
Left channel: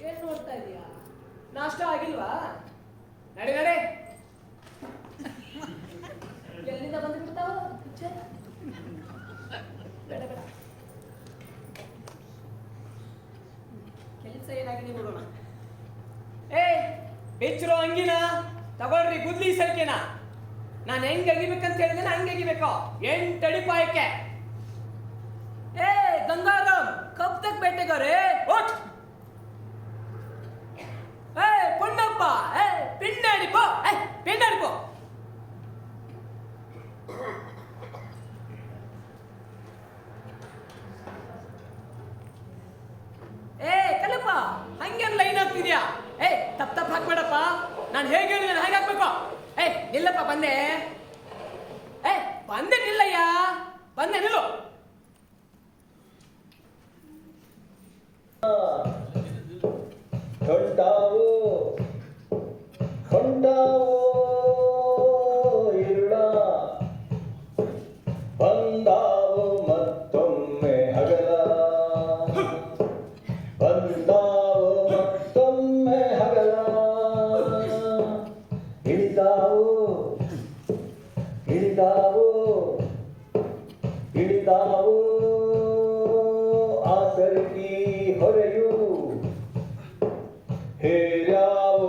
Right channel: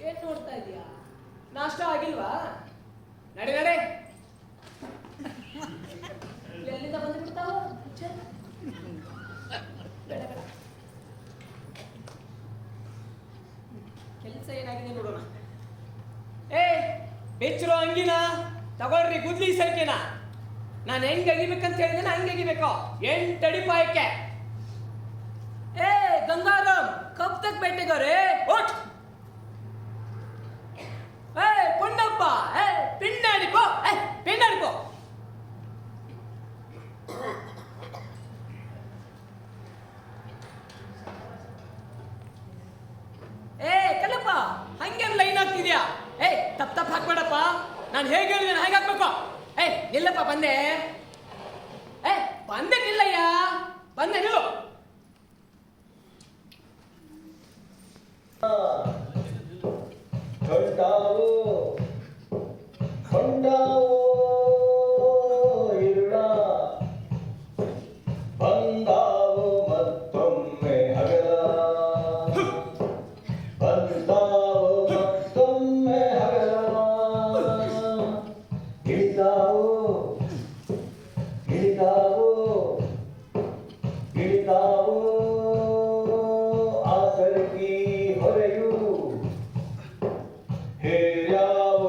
ಏನ್ ನೋಡ್ತಾ ಇದೀಯಾ? ನಾಷ್ಟ ಆಗಿಲ್ವಾ? ನಡೆ ನಡೆ. ಎಲ್ಲಿಂದ ಬಂದು ಬಿಡ್ತಾವ? ಬೇಡ ಬೇಡ, ಕೆಲಸ ಏನಾಗಿದೆ ನೋಡೋಣ. ಏ ಬೆಚ್ಚರೋ ಅಂಗಿನ ತಗೊಳ್ರಿ, ಗುದ್ಲಿ ಸರಿಕೆನ. ನಾನು ಹೆಂಗ್ ಅಗಿಬೇಕಂತ ಹೇಳಿದ್ರೆ ಹಂಗೆ ಅಗಿಬೇಕು. 8 ಅಡಿ ಪಾಯಕ್ಕೆ. ಏ ಗಂಗಾರಾಮ್, ಕಬ್ ತಕ್ ಬೇಟೆಗಾರೆ ಓಟ್. ಏ ಪುಣ್ಣಪ್ಪ, ಏ ಪಿಂಡಾಡಿಪೋ, ಏ ಪಿಂಡಾಡಿಪೋ. ಏ ಕಲ್ಲಪ್ಪ, ಹಂಗೇನು ಲೈನ್ ಆಗ್ತಿದ್ಯಾ? ಏ ತಪ್ಪ ಹಾಕ್ಬೇಡಪ್ಪ, ನಾನು ಹೇಗೆ ಹೇಳಿದ್ದೇನೆ ಹಾಗೆ ಹಾಕ್ಬೇಕು. ಏ ನಿಲ್ಲಪ್ಪ, ಬಂದೆ. ಏ ಬಂದೆ, ನಿಲ್ಲಯ್ಯ, ಬಂದೆ, ನಿಲ್ಲು. ಹೊಂಟಾವೋ ಹೊಂಟಾವೋ ಇರುಳ, ಬಂದಾವೋ ಮತ್ತೊಮ್ಮೆ ಹಗಲ, ಬಂದಾವೋ ಮತ್ತೊಮ್ಮೆ ಹಗಲ. ಇಳಿದಾವೋ ಇಳಿದಾವೋ ಇಳಿದಾವೋ ಆಸರಗಿ ಹೊರೆಯು, ಹೇರ್ಯಾವೋ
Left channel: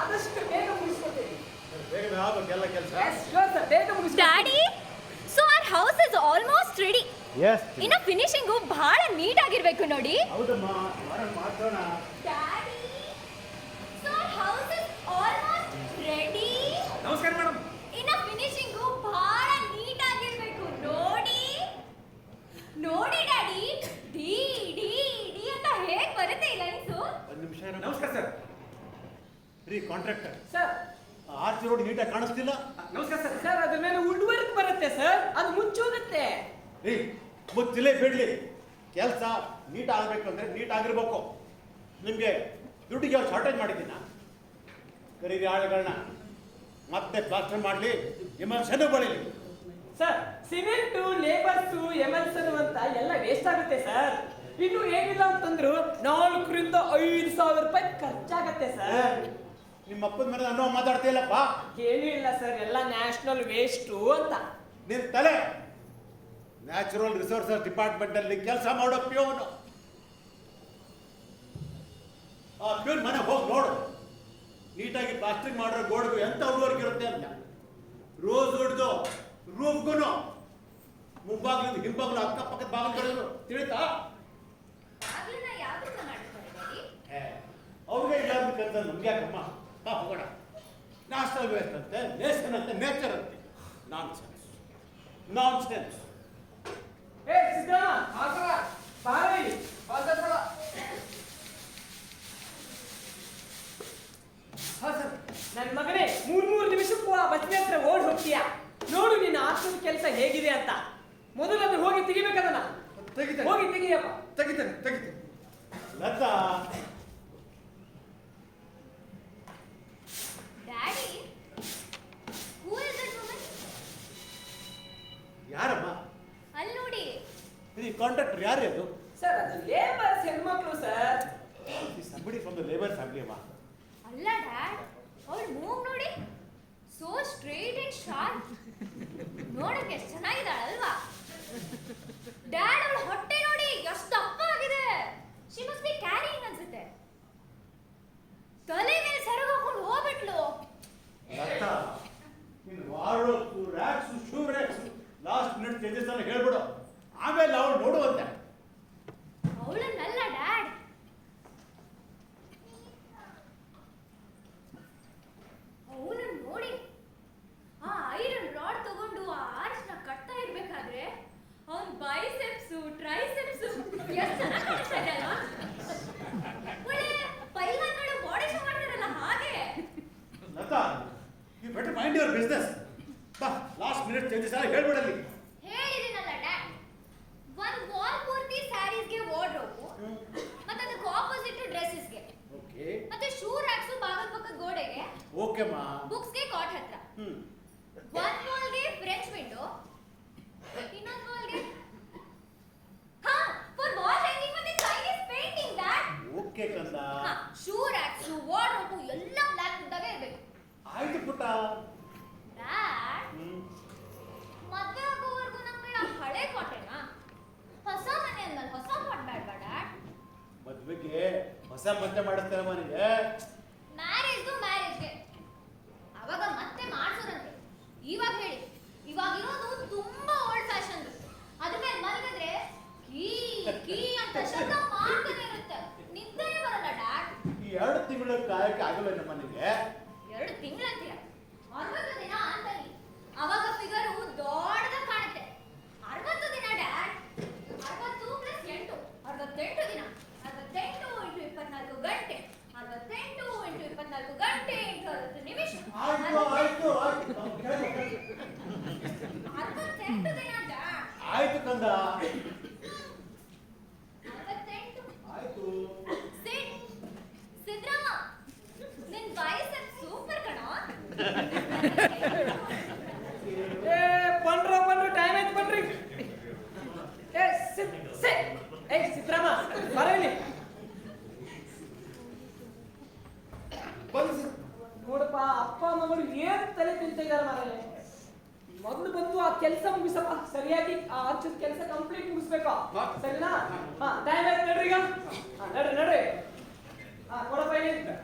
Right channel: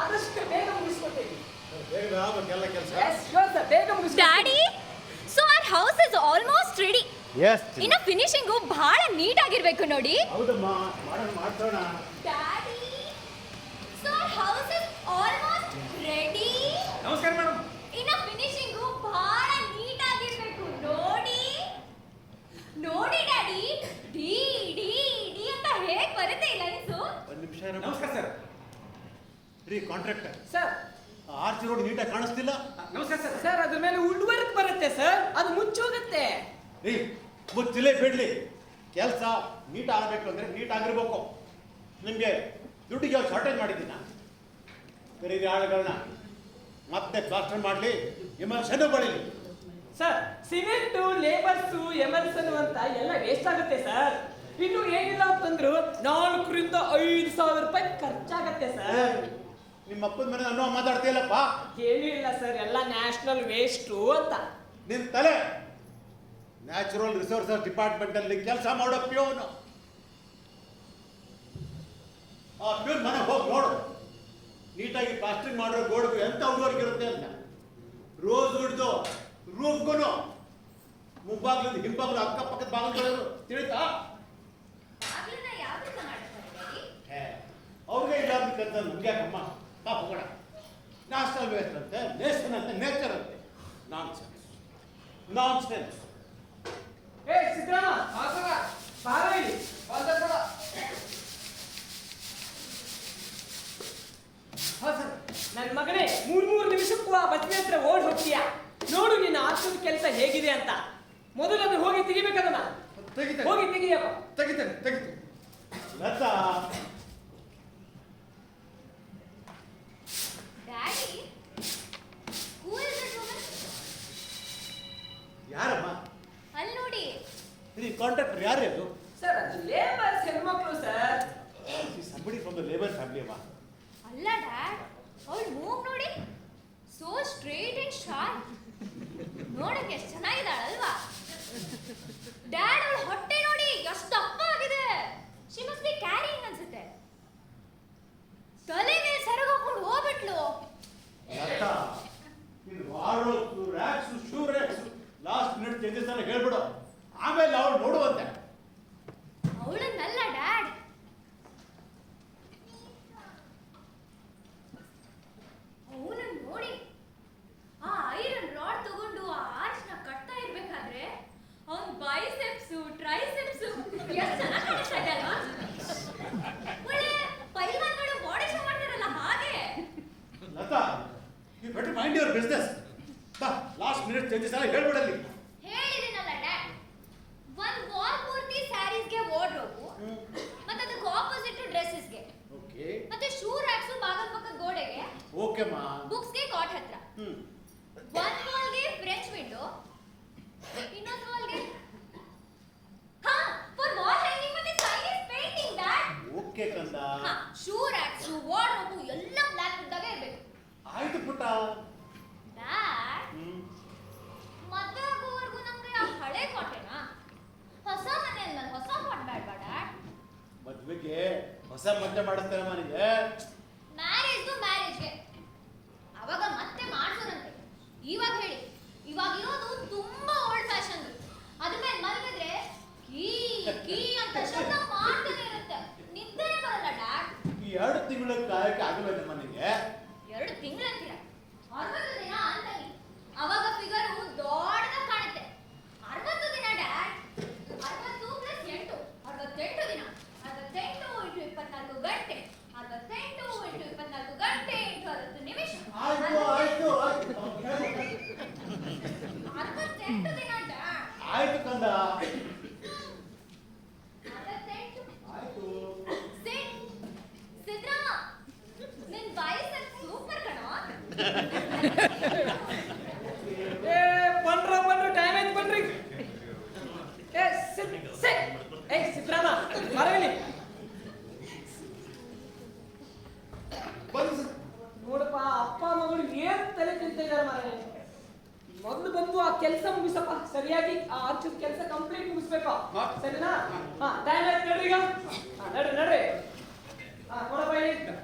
ಆದಷ್ಟು ಬೇಗ ಮುಗಿಸ್ಕೊಡ್ತೀನಿ. ಬೇಗ ಆಗ್ಬೇಕು ಎಲ್ಲ ಕೆಲಸ. ಶೋರ್ ಸರ್, ಬೇಗ ಮುಗಿಸ್ಕೊಡ್ತೀನಿ. Daddy, so our house is almost ready. Yes ಇನ್ನು ಫಿನಿಶಿಂಗು ಬಹಳ ನೀಟ್ ಆಗಿರ್ಬೇಕು ನೋಡಿ. ಹೌದಮ್ಮ, ಮಾಡ್ಸೋಣ. Daddy, so our house is almost ready. ನಮಸ್ಕಾರ ಮೇಡಮ್. ಇನ್ನು ಫಿನಿಶಿಂಗು ಬಹಳ ನೀಟ್ ಆಗಿರ್ಬೇಕು ನೋಡಿ. ನೋಡಿ ಡ್ಯಾಡಿ, ಡಿ ಡಿ ಡಿ ಅಂತ ಹೇಗ್ ಬರುತ್ತೆ ಈ ಲೈನ್ಸು? ಒಂದು ನಿಮಿಷ ನಮಸ್ಕಾರ ಸರ್. ರೀ ಕಾಂಟ್ರಾಕ್ಟರ್, ಸರ್ ಆರ್ಚ್ ರೋಡ್ ನೀಟಾಗಿ ಕಾಣಿಸ್ತಿಲ್ಲ. ನಮಸ್ಕಾರ ಸರ್. ಸರ್ ಅದ್ರ ಮೇಲೆ ವುಡ್ ವರ್ಕ್ ಬರುತ್ತೆ ಸರ್, ಅದು ಮುಚ್ಚೋಗುತ್ತೆ. ರೀ ಮುಚ್ಚಿಲೇ ಬಿಡ್ಲಿ, ಕೆಲಸ ನೀಟ್ ಆಗಬೇಕು ಅಂದ್ರೆ ನೀಟ್ ಆಗಿರ್ಬೇಕು. ನಿಮಗೆ ದುಡ್ಡಿಗೆ ಶಾರ್ಟೇಜ್ ಮಾಡಿದ್ದೀನಿ ನಾನು. ಕರೀರಿ ಆಳುಗಳನ್ನ, ಮತ್ತೆ ಪ್ಲಾಸ್ಟರ್ ಮಾಡಲಿ, ಎಮರ್ಷನ್ ಬಳಿಲಿ. ಸರ್ ಸಿಮೆಂಟು, ಲೇಬರ್ಸು, ಎಮರ್ಸನ್ ಅಂತ ಎಲ್ಲ ವೇಸ್ಟ್ ಆಗುತ್ತೆ ಸರ್. ಇನ್ನು ಏನಿಲ್ಲ ಅಂತಂದ್ರು 4,000 ರೂಪಾಯಿ ಖರ್ಚಾಗತ್ತೆ ಸರ್. ನಿಮ್ಮ ಅಪ್ಪನ ಮನೆ ಅನ್ನೋ ಮಾತಾಡ್ತೀಯಲ್ಲಪ್ಪ. ಏನೂ ಇಲ್ಲ ಸರ್, ಎಲ್ಲ ನ್ಯಾಷನಲ್ ವೇಸ್ಟು ಅಂತ. ನಿನ್ನ ತಲೆ ನ್ಯಾಚುರಲ್ ರಿಸೋರ್ಸಸ್ ಡಿಪಾರ್ಟ್ಮೆಂಟ್ ಅಲ್ಲಿ ಕೆಲಸ ಮಾಡೋ ಪ್ಯೂನ್. ಆ ಪ್ಯೂನ್ ಮನೆ ಹೋಗಿ ನೋಡು, ನೀಟಾಗಿ ಪ್ಲಾಸ್ಟಿಂಗ್ ಮಾಡೋ ಗೋಡೆಗೂ ಎಂತ ವರ್ಕ್ ಇರುತ್ತೆ ಅಂತ. ರೋಸ್ ವುಡ್ದು ರೂಫ್ಗೂ ಮುಂಬಾಗ್ಲಿಂದ ಹಿಂಬಾಗ್ಲು ಅಕ್ಕಪಕ್ಕದ ಬಾಗಿಲು ತಿಳಿತಾ? ಆಗ್ಲನ್ನ ಯಾವ್ದನ್ನ ಮಾಡ್ತಾರೆ ಡ್ಯಾಡಿ? ಅವ್ರಿಗೆ ಇಲ್ಲಾರ್ದು ಕೆಲಸ ನಮ್ಗೆ ಅಮ್ಮ. ಹೋಗೋಣ. ನ್ಯಾಷನಲ್ ವೇಸ್ಟ್ ಅಂತೆ, ನೇಷನ್ ಅಂತೆ, ನೇಚರ್ ಅಂತೆ. Nonsense, nonsense. ಏ ಸಿದ್ದರಾಮ, ಬಾರ ಇಲ್ಲಿ. ನನ್ನ ಮಗನೇ, 3 ನಿಮಿಷಕ್ಕೂ ಆ ಬಸ್ನಿ ಹತ್ರ ಓಡ್ ಹೋಗ್ತೀಯಾ? ನೋಡು ನಿನ್ನ ಆರ್ಸದ ಕೆಲಸ ಹೇಗಿದೆ ಅಂತ. ಮೊದಲು ಅದು ಹೋಗಿ ತೆಗಿಬೇಕದನ್ನ. ತೆಗಿತೇನೆ. ಹೋಗಿ ತೆಗಿಯಪ್ಪ. ತೆಗಿತೇನೆ. Latha, daddy, who is this woman? ಯಾರಮ್ಮ? ಅಲ್ಲಿ ನೋಡಿ. ಇದು ಕಾಂಟ್ರಾಕ್ಟರ್ ಯಾರೇ ಅದು? ಸರ್ ಅದು ಲೇಬರ್ಸ್ ಹೆಣ್ಮಕ್ಳು sir. Somebody from the labour family ಅಮ್ಮ. ಅಲ್ಲ ಡ್ಯಾಡ್, ಅವಳ ಮೂಗ್ ನೋಡಿ, ಸೋ ಸ್ಟ್ರೇಟ್ ಅಂಡ್ ಶಾರ್ಪ್. ನೋಡಕ್ಕೆ ಎಷ್ಟು ಚೆನ್ನಾಗಿದ್ದಾಳಲ್ವಾ? ಡ್ಯಾಡ್, ಅವಳ ಹೊಟ್ಟೆ ನೋಡಿ ಎಷ್ಟು ದಪ್ಪ ಆಗಿದೆ. ಶಿ ಮಸ್ಟ್ ಬಿ ಕ್ಯಾರಿಯಿಂಗ್ ಅನ್ಸುತ್ತೆ. ತಲೆ ಮೇಲೆ ಸರಗಾಕೊಂಡು ಹೋಗ್ಬಿಟ್ಲು. ಲತಾ, ಇನ್ನು wardrobes, racks, shoe racks last minute changes ಅನ್ನ ಹೇಳ್ಬಿಡು. ಆಮೇಲೆ ಅವ್ರು ನೋಡುವಂತೆ. ಅವಳನ್ನಲ್ಲ ಡ್ಯಾಡ್, ಅವನು ನೋಡಿ, ಆ ಐರನ್ ರಾಡ್ ತಗೊಂಡು ಆ ಆರ್ಚ್ನ ಕಟ್ತಾ ಇರ್ಬೇಕಾದ್ರೆ ಅವನ್ ಬೈಸೆಪ್ಸು, ಟ್ರೈಸೆಪ್ಸು ಎಷ್ಟು ಚೆನ್ನಾಗಿ ಕಾಣಿಸ್ತಾ ಇದೆ ಅಲ್ವಾ? ಒಳ್ಳೆ ಪೈಲ್ವಾನ್ಗಳು ಬಾಡಿ ಶೋ ಮಾಡ್ತಾರಲ್ಲ ಹಾಗೆ. Lata, you better mind your business. Last minute changes ಎಲ್ಲ ಹೇಳ್ಬಿಡಲ್ಲಿ. ಹೇಳಿದಿನಲ್ಲ ಡ್ಯಾಡ್, ಒಂದ್ ವಾಲ್ ಪೂರ್ತಿ ಸ್ಯಾರೀಸ್ಗೆ ವಾರ್ಡ್ರೋಬು, ಮತ್ತೆ ಅದಕ್ಕೆ ಆಪೋಸಿಟ್ ಡ್ರೆಸ್ಸಸ್ಗೆ, ಓಕೆ ಮತ್ತೆ ಶೂ ರ್ಯಾಕ್ಸು ಬಾಗಲ್ ಪಕ್ಕ ಗೋಡೆಗೆ, ಓಕೆ ಮಾ. ಬುಕ್ಸ್ಗೆ ಕಾಟ್ ಹತ್ರ, ಒಂದ್ ವಾಲ್ಗೆ ಫ್ರೆಂಚ್ ವಿಂಡೋ, ಇನ್ನೊಂದ್ ವಾಲ್ಗೆ ಫಾರ್ ವಾಲ್ ಹ್ಯಾಂಗಿಂಗ್ ಮತ್ತೆ ಚೈನೀಸ್ ಪೇಂಟಿಂಗ್ ಡ್ಯಾಡ್. ಓಕೆ ಕಂದ. ಶೂ ರ್ಯಾಕ್ಸು, ವಾರ್ಡ್ರೋಬು ಎಲ್ಲ ಬ್ಲಾಕ್ ವುಡ್ಡಾಗೆ ಇರ್ಬೇಕು. ಆಯ್ತು ಪುಟ್ಟ. ಡ್ಯಾಡ್, ಮದ್ವೆ ಆಗೋವರೆಗೂ ನಮ್ಗೆ ಆ ಹಳೆ ಕಾಟೇನಾ? ಹೊಸ ಮನೆ ಅಂದ್ಮೇಲೆ ಹೊಸ ಕಾಟ್ ಬೇಡ್ವಾ ಡ್ಯಾಡ್? ಮದ್ವೆಗೆ ಹೊಸ ಮದ್ವೆ ಮಾಡಿಸ್ತಾರೆ ಮನೆಗೆ. ಮ್ಯಾರೇಜ್ಗೆ ಅವಾಗ ಮತ್ತೆ ಮಾಡ್ಸೋರಂತೆ. ಇವಾಗ ಹೇಳಿ, ಇವಾಗಿರೋದು ತುಂಬಾ ಓಲ್ಡ್ ಫ್ಯಾಷನ್. ಅದ್ರ ಮೇಲೆ ಮಲಗಿದ್ರೆ ಕೀ ಕೀ ಅಂತ ಶಬ್ದ ಮಾಡ್ತಾನೆ ಇರುತ್ತೆ, ನಿದ್ದೆನೇ ಬರಲ್ಲ ಡ್ಯಾಡ್. ಈ 2 ತಿಂಗಳು ಕಾಯಕ್ಕೆ ಆಗಲ್ಲ ನಮ್ಮ ಮನೆಗೆ. 2 ತಿಂಗಳಂತೀರ? 60 ದಿನ ಅಂತಾನೆ, ಅವಾಗ ಫಿಗರು ದೊಡ್ಡದಾಗಿ ಕಾಣುತ್ತೆ. 60 ದಿನ ಡ್ಯಾಡ್, 60 ಪ್ಲಸ್ 8, 68 ದಿನ. 68 ಇಂಟು 24 ಗಂಟೆ, 68 ಇಂಟು 24 ಗಂಟೆ ಇಂಟು 60 ನಿಮಿಷ. ಆಯ್ತು ಆಯ್ತು ಆಯ್ತು 68 ದಿನ ಡ್ಯಾಡ್. ಆಯ್ತು ಕಂದ. 68. ಆಯ್ತು. ಸಿದ್ರಾಮ, ನಿನ್ ಬೈಸೆಪ್ಸ್ ಸೂಪರ್ ಕಣೋ. ಏ ಬನ್ರ ಟೈಮ್ ಆಯ್ತು ಬನ್ರಿ. ಏ ಏ ಸಿದ್ದರಾಮ, ಬರ ಇಲ್ಲಿ. ನೋಡಪ್ಪ, ಅಪ್ಪ ಮಗಳು ಏನ್ ತಲೆ ತಿಂತಿದ್ದಾರೆ ಮಾರಾಯ. ಮೊದಲು ಬಂದು ಆ ಕೆಲಸ ಮುಗಿಸಪ್ಪ, ಸರಿಯಾಗಿ ಆ ಆರ್ಚದ ಕೆಲಸ ಕಂಪ್ಲೀಟ್ ಮುಗಿಸ್ಬೇಕು, ಸರಿನಾ? ಟೈಮ್ ಆಯ್ತು ನಡ್ರಿ ಈಗ. ನಡ್ರಿ ಕೊಡಪ್ಪ ಇಲ್ಲಿ.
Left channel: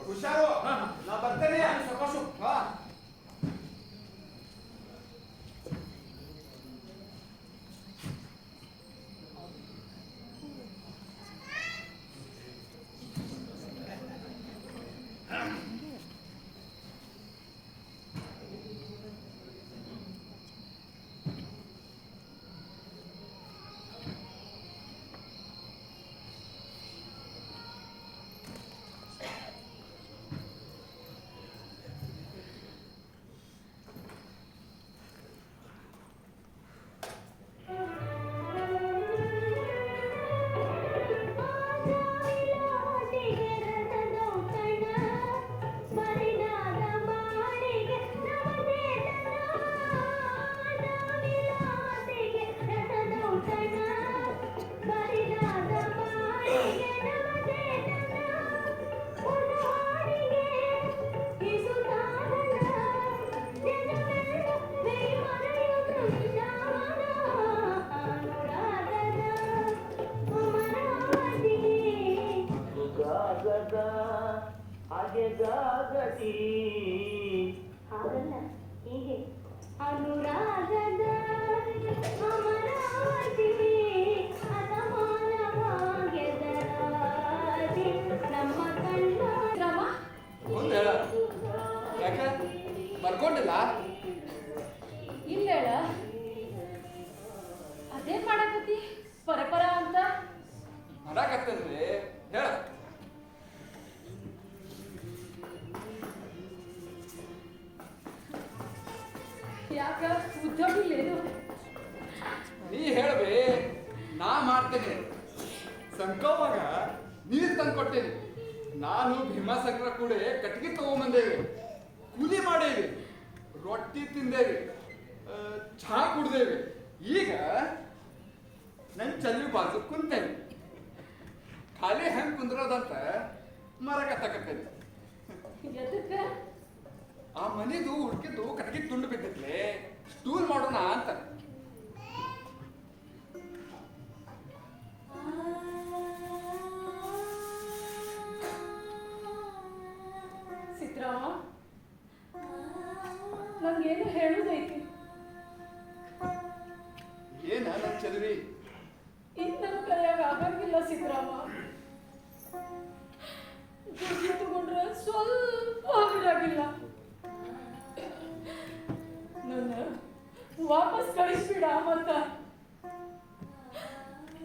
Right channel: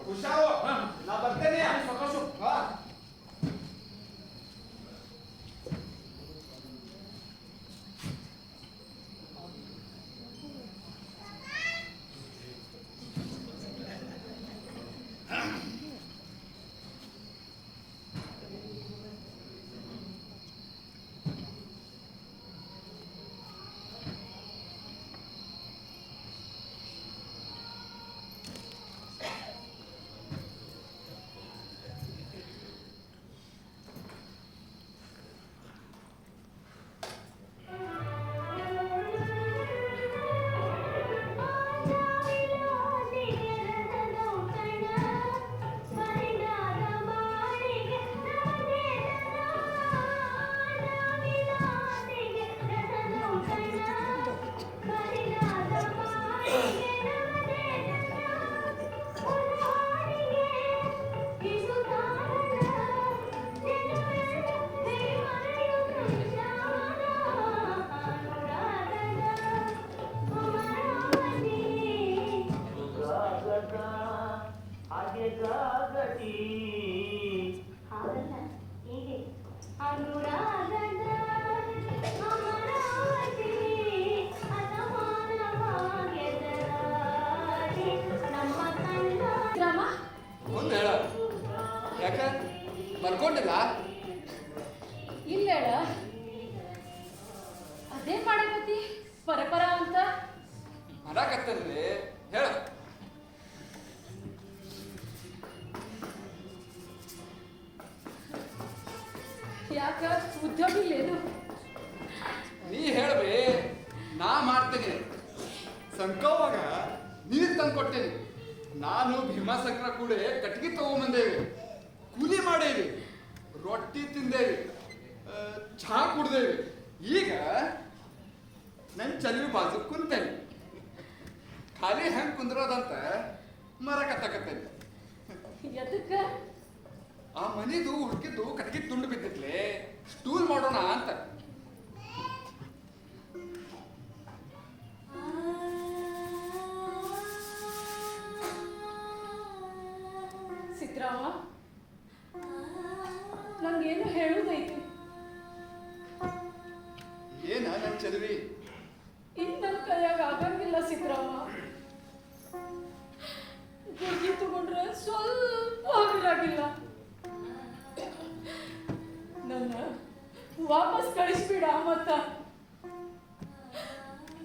ಹುಷಾರು ಹಾ. ನಾ ಬರ್ತೇನೆ ಸಾಕಾಸು. ಹಾ. ಹಾಗಲ್ಲ ಹೀಗೆ ಅನುರಾಗದ ಅಮರಾವತಿ ಅಸಮಾನವಾಗೆದರಾಗಿ ನಮ್ಮ ಕಣ್ಣ ರಾಮ ಮುಂದೆ ಹೇಳ ಯಾಕೆ ಬರ್ಕೊಂಡಿಲ್ಲ ಇಲ್ಲ ಹೇಳ ಅದೇನ್ ಮಾಡಕತ್ತಿ ಪರಪರ ಅಂತ ಮಾಡಾಕತ್ತಂದ್ರೆ ಹೇಳ ಯಾಕ ಉದ್ಯೋಗಿ ಏನು ನೀ ಹೇಳ್ಬೇ ನಾ ಮಾಡ್ತೇನೆ ಸಂಕೋವಾಗ ನೀರು ತಂದು ಕೊಟ್ಟೇನೆ ನಾನು ಭೀಮಾಸಂಕ್ರ ಕೂಡ ಕಟ್ಗೆ ತಗೊಂಬಂದೇವೆ ಕೂಲಿ ಮಾಡೇವಿ ರೊಟ್ಟಿ ತಿಂದೇವಿ ಚಹಾ ಕುಡ್ದೇವಿ ಈಗ ನನ್ನ ಚಲಿ ಬಾಜು ಕುಂತೇನೆ ಖಾಲಿ ಹೆಂಗೆ ಕುಂದ್ರೋದಂತ ಮರ ಕತ್ತಕತ್ತೇನೆ ಎದಕ್ಕ ಆ ಮನೆದು ಹುಡುಕಿದ್ದು ಕಟ್ಗೆ ತುಂಡು ಬಿದ್ದಕ್ಲೆ ಸ್ಟೂಲ್ ಮಾಡೋಣ ಅಂತ ಸಿದ್ರಾಮ ನಂಗೇನು ಹೇಳುದೈತಿ ಏನ ನನ್ನ ಚದುರಿ ಇನ್ ನನ್ನ ಕೈಯಾಗ ಆಗಂಗಿಲ್ಲ ಸಿದ್ರಾಮ ಗುರ್ಗಿ ತಗೊಂಡ್ರೆ ಸ್ವಲ್ಪ ಆಗಿಲ್ಲ ನನ್ನ ವಾಪಸ್ ಕಳಿಸ್ಬಿಡ ಮತ್ತ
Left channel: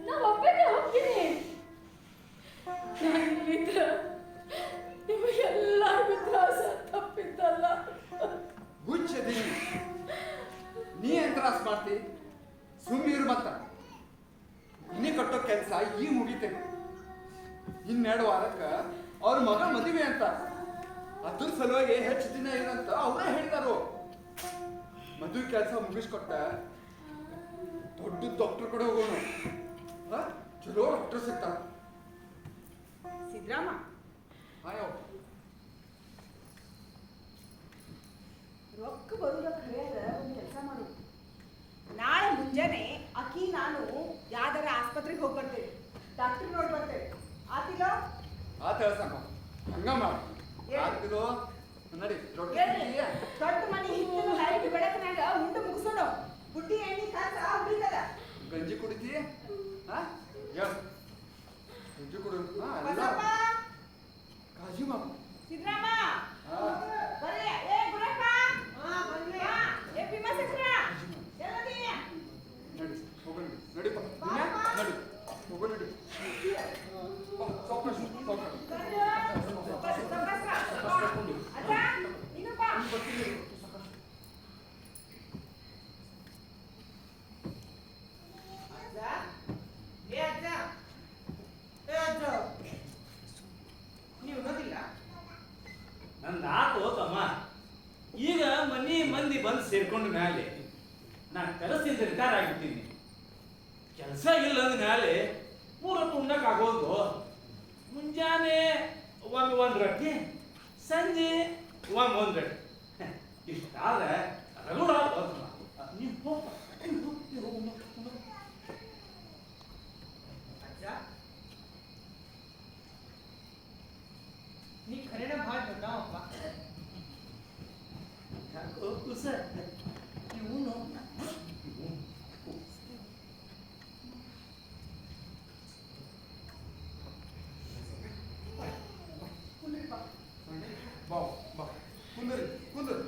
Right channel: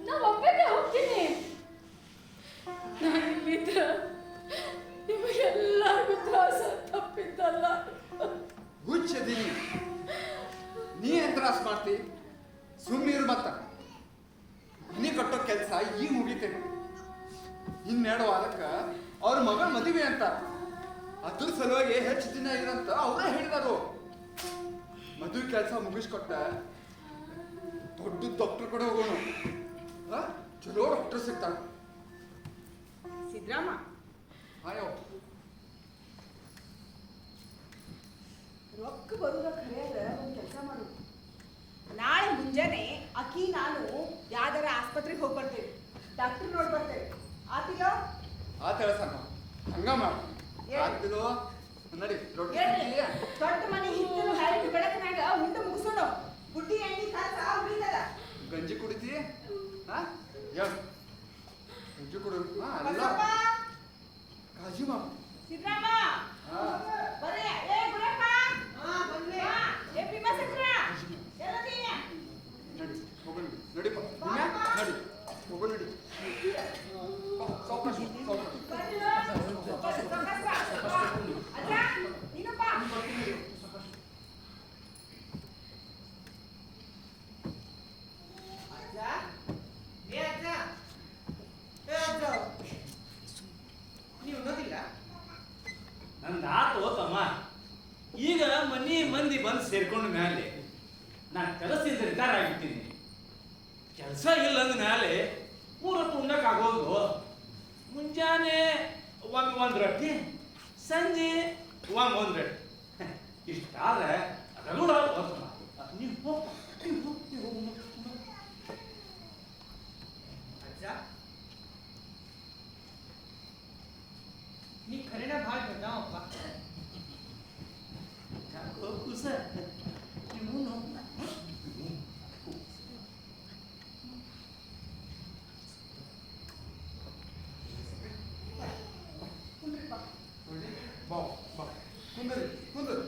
ನಾ ಒಬ್ಬನೇ ಹೋಗ್ತೀನಿ ಇದ್ರ ನಿಮಗೆಲ್ಲರಿಗೂ ತ್ರಾಸ ತಪ್ಪಿದ್ದಲ್ಲ ಹುಚ್ಚದೀನಿ ನೀ ಏನ್ ತ್ರಾಸ ಮಾಡ್ತಿ ಸುಮ್ಮೀರು ಮತ್ತ ಮನೆ ಕಟ್ಟೋ ಕೆಲಸ ಈಗ ಮುಗಿತೇನೆ ಇನ್ನೆರಡು ವಾರಕ್ಕೆ ಅವ್ರ ಮಗ ಮದುವೆ ಅಂತ ಅದ್ರ ಸಲುವಾಗಿ ಹೆಚ್ಚು ದಿನ ಇರಂತ ಅವರೇ ಹೇಳಿದರು ಮದುವೆ ಕೆಲಸ ಮುಗಿಸ್ಕೊಟ್ಟ ದೊಡ್ಡ ಡಾಕ್ಟರ್ ಕಡೆ ಹೋಗೋಣ ಚಲೋ ಡಾಕ್ಟರ್ ಸಿಗ್ತಾನ ಸಿದ್ರಾಮ ಆಯೋ ರೊಕ್ಕ ಬರುದ ಖರೆಯಾದ ಒಂದು ಕೆಲಸ ಮಾಡು. ನಾಳೆ ಮುಂಜಾನೆ ಅಕ್ಕಿ ನಾನು ಯಾವ್ದಾರ ಆಸ್ಪತ್ರೆಗೆ ಹೋಗಿ ಬರ್ತೇವೆ, ಡಾಕ್ಟರ್ ನೋಡಿ ಬರ್ತೇವೆ. ಆತಿಲ್ಲ ಆತ ಹೇಳ್ತಾನ ಹಂಗ ಮಾಡು ಏನ್? ಆಗ್ತಿರೋ ನಡಿ ರೊಟ್ಟಿ ಹೇಳ್ರಿ, ತಿಂತೀಯ? ದೊಡ್ಡ ಮನೆ ಹಿತ್ತಲು ಹಳೆ ಬೆಳಕಿನಾಗ ಉಂಡು ಮುಗಿಸೋಣ. ಬುಡ್ಡಿ ಎಣ್ಣೆ ಖರ್ಚು ಉಳಿತದ. ಗಂಜಿ ಕುಡಿತೀಯ ಹಾ ಹೇಳು ಗಂಜಿ ಕುಡಿ ಹಾ ಎಲ್ಲ ಬಸಪ್ಪ, ಕಾಜಿ ಮಾಮ ಸಿದ್ರಾಮ ಹಾ ಬರ್ರಿ. ಏ ಗುರಪ್ಪ, ಬಾ. ಏ ಭೀಮಸಂಕ್ರ, ಎಲ್ಲದಿ? ನಡಿ ಹೋಗೋಣ ನಡಿಪ್ಪ ಬಾರಪ್ಪ. ನಡಿ ಹೋಗೋಣ ನಡಿ ಸಾವ್ಕಾಶ ಸಾವ್ಕಾಶ ಬರ್ರಿ. ಸಾವ್ಕಾಸ. ಬಾ. ಅಜ್ಜ, ನೀನು ಬಾ. ಅಜ್ಜ, ಏ ಅಜ್ಜ, ಏ ಅಜ್ಜ, ನೀವು ಓದೋದಿಲ್ಲ? ನನ್ನ ಆತು ತಮ್ಮ ಈಗ ಮನಿ ಮಂದಿ ಬಂದು ಸೇರ್ಕೊಂಡ ಮೇಲೆ ನಾನು ಕೆಲಸದಿಂದ ರಿಟೈರ್ ಆಗಿದ್ದೀನಿ. ಕೆಲಸ ಇಲ್ಲ ಅಂದ ಮೇಲೆ ಮೂರೊತ್ತು ಉಣ್ಣಕ್ಕಾಗೋದು. ಮುಂಜಾನೆ ಒಂದು ರೊಟ್ಟಿ, ಸಂಜೆ ಒಂದು ರೊಟ್ಟಿ, ಇಷ್ಟಾದ್ರೆ ರಗಡ ನೀವು ಹೋಗಪ್ಪ, ನೀವು ಹೋಗು. ಅಜ್ಜ, ನೀ ಖರೇನ ಭಾಳ ದೊಡ್ಡವಪ್ಪ. ಇವನು ಬಾ ಬಾ ಕುಂದರಿ ಕುಂದರಿ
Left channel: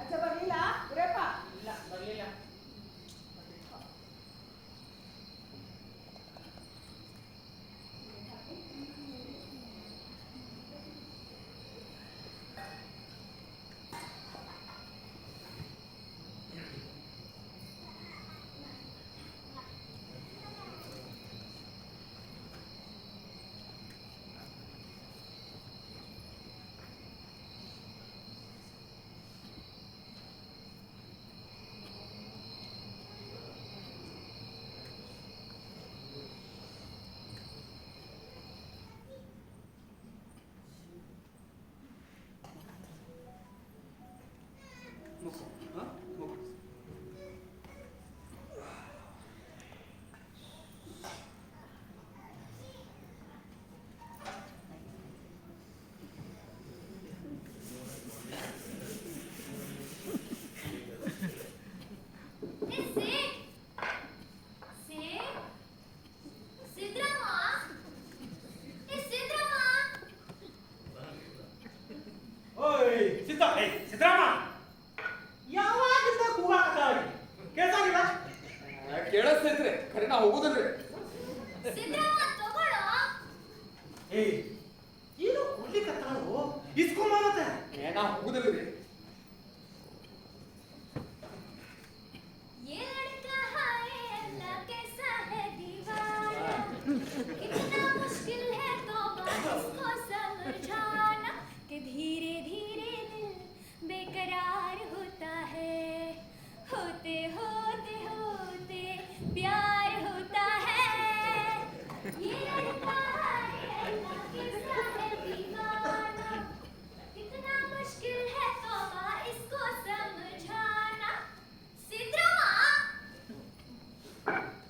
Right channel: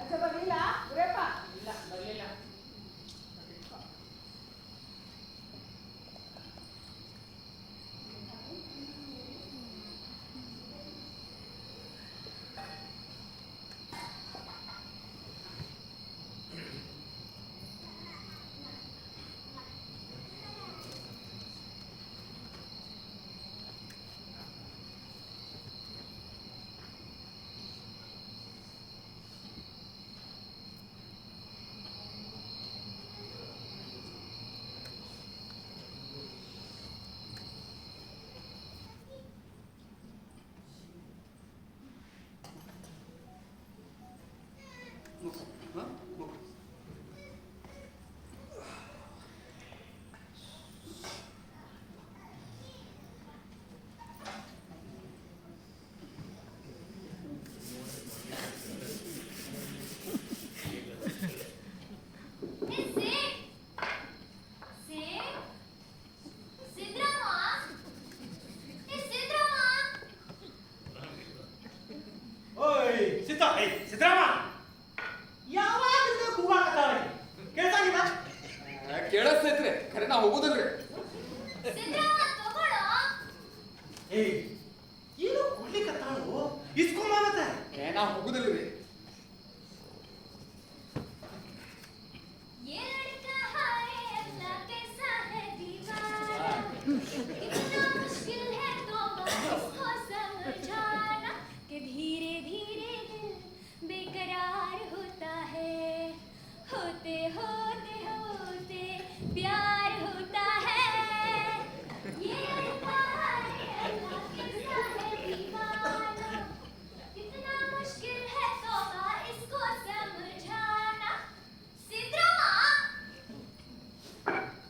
ಅಚ್ಚ ಬರ್ಲಿಲ್ಲ ಗುರೇಪ್ಪ? ಇಲ್ಲ ಬರ್ಲಿಲ್ಲ. ಸಿದ್ದರಾಮ ಯಾವಾಗಿಂದ ಕೂಗಾಕತ್ತಾವ ಕೇಳ್ತಾಗಿಲ್ಲ? ಕೇಳಿಸ್ತೈತ್ರಿ ಖರೆ ನಾ ಹೋಗುದಿಲ್ರಿ. ಏಯ್ ಏನು ಕೊಡ್ಲಿಕ್ಕತ್ತಾಳು ಇಸ್ಕೊಂಬಾರತ್ತೆ. ನಾ ಹೋಗುದಿಲ್ರಿ. धीरे धीरे दिल बेकरार होता है, होते होते होते प्यार होता है। ये लड़का है अल्लाह के साथ दीवाना, कितना मुश्किल है तौबा इसको समझाना। सिद्रामा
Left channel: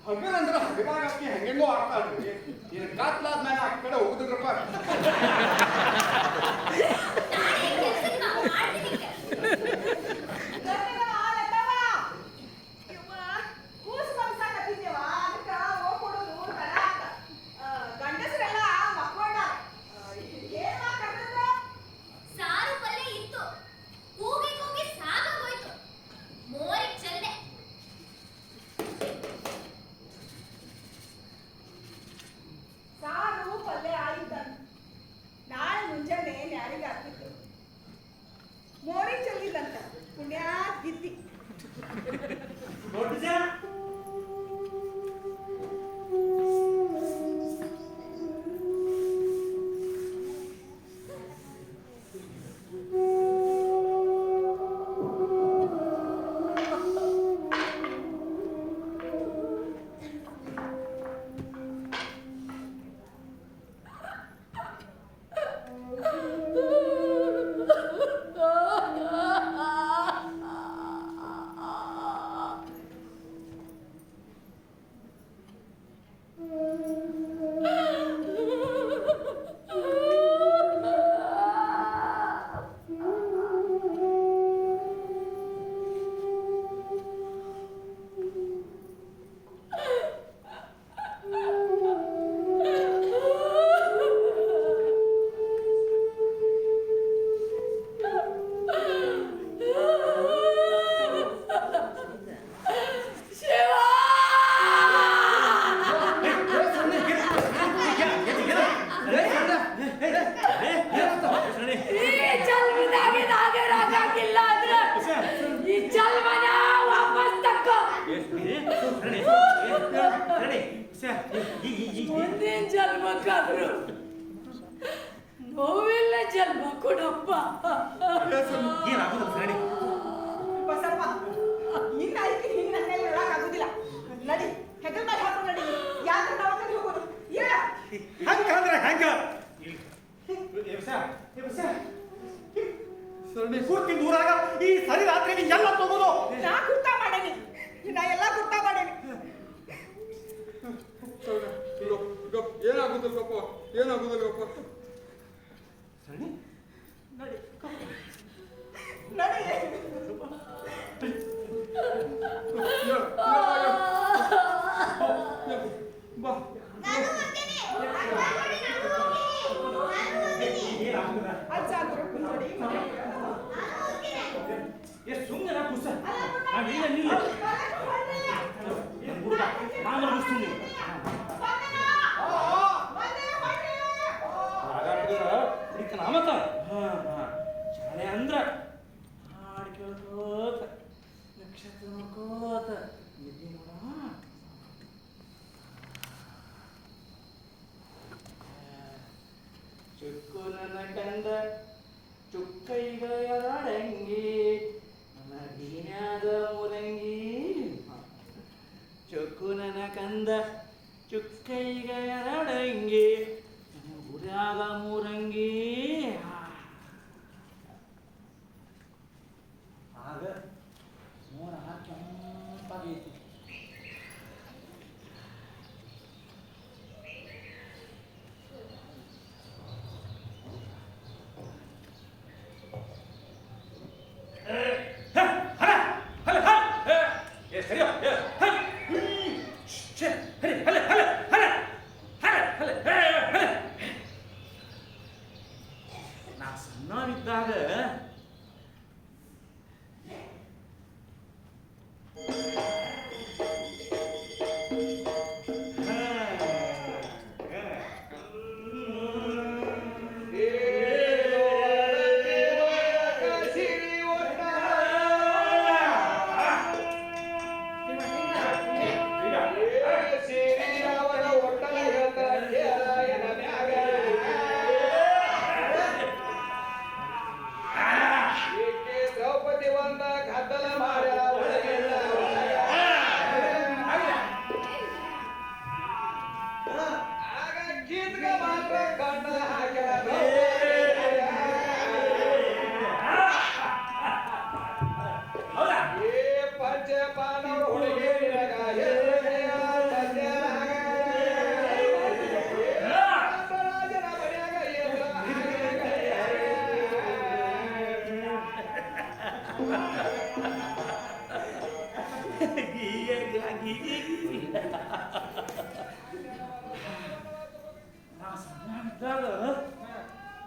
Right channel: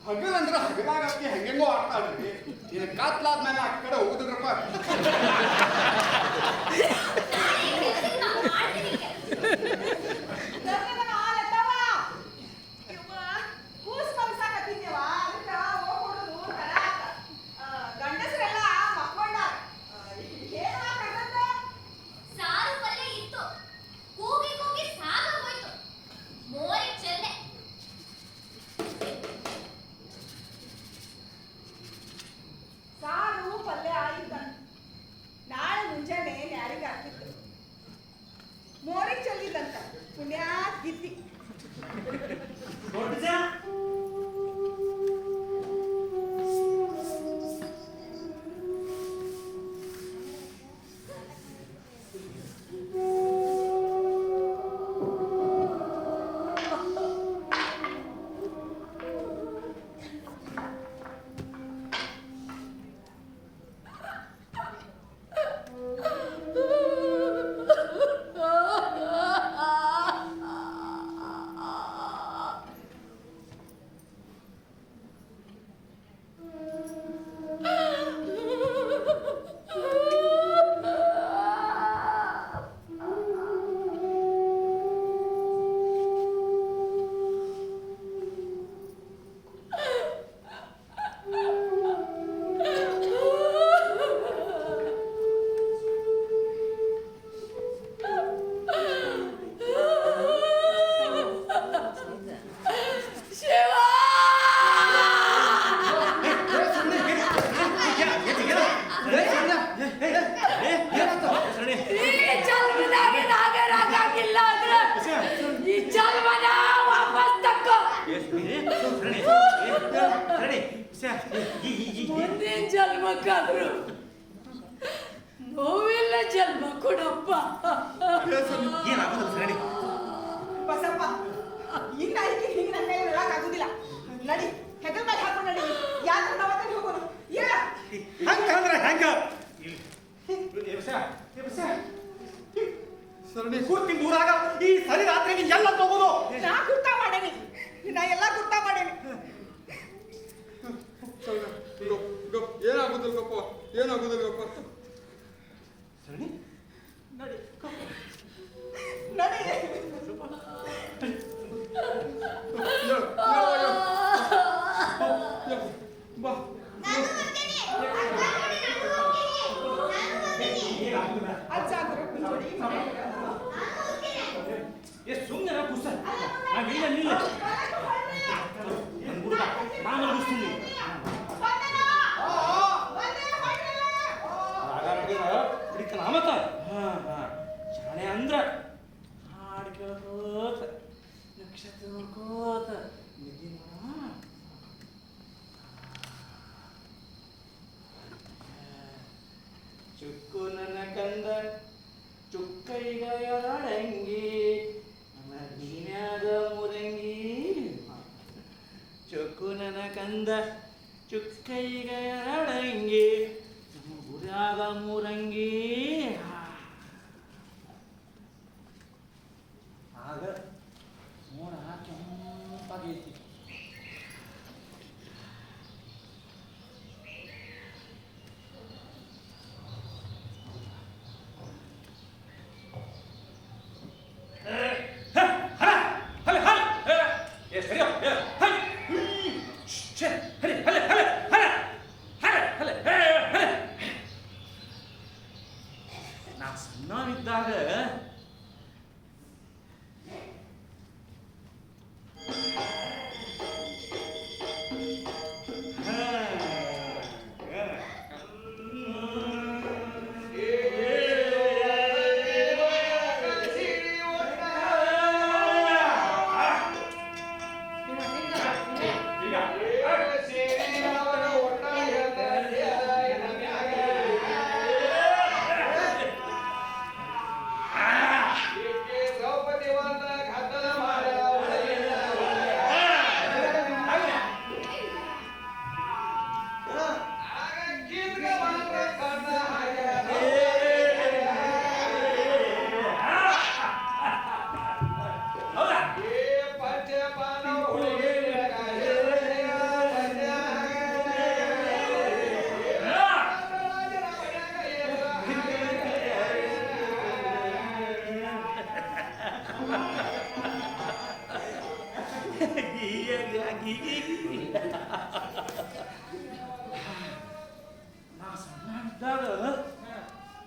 ಹಗಲಂದ್ರ ಹಗಲಾಗ ಆಕಿ ಹೆಂಗೆಂಗೋ ಆಡ್ತಾಳ್ರಿ. ಇನ್ನು ಕಾತ್ಲಾದ್ಮೇಲೆ ಆ ಕಡೆ ಹೋಗುದಿಲ್ರಪ್ಪ. ಸಾರು ಪಲ್ಯ ಇತ್ತು, ಕೂಗಿ ಕೂಗಿ ಸಾಕಾಗೋಯ್ತು. ಮೋರಿಗೆ ಚೆಲ್ಲೆ. ಸಾರು ಪಲ್ಯ ಆಯ್ತಂತ ನಾಳೆ ಮುಂಜಾನೆ ಯಾರಿಗೆ ಆಗ್ತಿತ್ತು ಮೋರಿಗೆ ಚೆಲ್ಲಿದಂತ ಪುಣ್ಯ ಗಿದ್ದಿ. ದೊಡ್ಡ ಜನ ಮುಂದಿನ ಜನ್ಮಕ್ಕಾದ್ರು ನೋವಿಲ್ಲ ಜನ್ಮ ಕೊಡಪ್ಪ. ಬಸಪ್ಪ ಇನ್ನ ಐತಿ ಹಿಂಗ್ ನನ್ನ ಮೇಲೆ ನೋಡಕ್ ಆಗುದಿಲ್ಲ. ನಡಿ ಹೆಗಲ್ ಮೇಲೆ ಹಾಕೊಂಡು ನಡಿ. ಯಾಕೆ ದವಾಖಾನೆ ಹೋಗೋದು? ಇಲ್ಲ ಹಂಗಂದ್ರೆ ಹೆಂಗ ಕೂತಿನ ದೂರಾಗ ಈ ಸರಿ ರಾತ್ರಿ ಎಲ್ಲ ತಗೋದು. ನಾ ಗುರ್ತ ಮಾಡೇನಿ. ನಾ ಎಲ್ಲ ಗುರ್ತ ಏನಾಗುದಿಲ್ಲ ಒಪ್ಪ. ಸರಣಿ ನೋಡಿ ನೋಡಿ ಬಾ ಅಜ್ಜ ಅಂದ್ರೆ ನೋಡಿ ಎಷ್ಟು ಸುಮ್ಮನೆ ಪುಸ್ತ ನಾವಿಲ್ಲ ನಿಲ್ಲ ನಾನು ಮುಗಿಸ್ತೀನಿ ನಾಮತ್ತ ಶಾಲೆ ಅಂದ್ರ ಹಾಡು ಕೇಳ್ಕೋತ ನಕ್ಷತ್ರ ನೋಡ್ಕೋತ ನಿದ್ದೆ ಮಾಡ ಚುಕ್ಕು ನನ್ನ ಕಂದ ಚುಕ್ಕೈಗ ಎಡಂಗಿ ನನ್ನ ಬೀನ್ಯಾಗ ಮುರಂಗಿ ಚುಕ್ಕು ನನ್ನ ಕಂದ ಚುಕ್ಕೈಗ ಎಡಂಗಿ ನಮ್ಮ ಗುರ್ಯಾಗ ಮುರಂಗಿ ಆಗ ಮೋಡ ಕೆಂಪಾಗೈತಿ ನಾ ಸಣ್ಣವನಿದ್ದಾಗ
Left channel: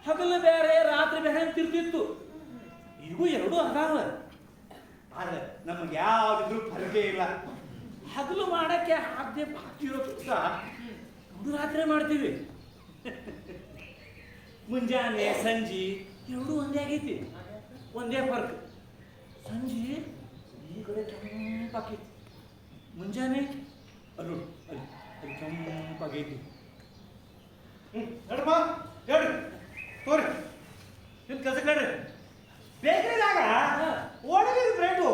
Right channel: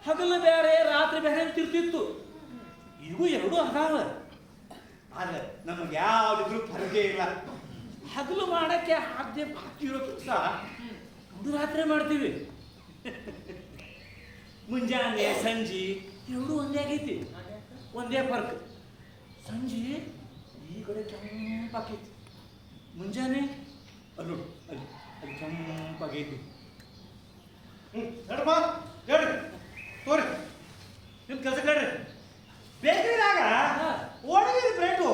ಹಗಲು ಬೇರೆ ರಾತ್ರಿ ಬೇರೆ ಅಂತಿರ್ತಿತ್ತು. ಈಗೂ ಎರಡೂ ಅದಾವ. ಆದ್ರೆ ನಮಗೆ ಯಾವ್ದಿದ್ರು ಫಲಕೆ ಇಲ್ಲ. ಹಗಲು ಮಾಡಕ್ಕೆ ಆದ್ಯ ಬಾಕಿರೋ ಸಹ ಎರಡು ರಾತ್ರಿ ಮಾಡ್ತೀವಿ. ಮುಂಜಾನೆ ಸಂಜೆ ಎರಡೂ ಒಂದೇ ಆಗೈತಿ. ಒಂದೇ ಫರ್ಕ್. ಸಂಜೆ ಈ ಕಡೆ ಕೆಂಪಾಗೈತಿ, ಮುಂಜಾನೆ ಅಲ್ಲೂ ಅಲ್ಲಿ ಅಲ್ಲಿ ಕೆಂಪಾಗೈತಿ. ನಡಪ್ಪ ಹೇಳಿ ತೋರಿ ನಿಮ್ಮ ಕೆಲಸಕ್ಕೆ ಹೇಳ್ರಿ. ಬೇಕ್ರಿದಾಗ ಒಣಗಿದ ಬ್ರೆಡ್ಡು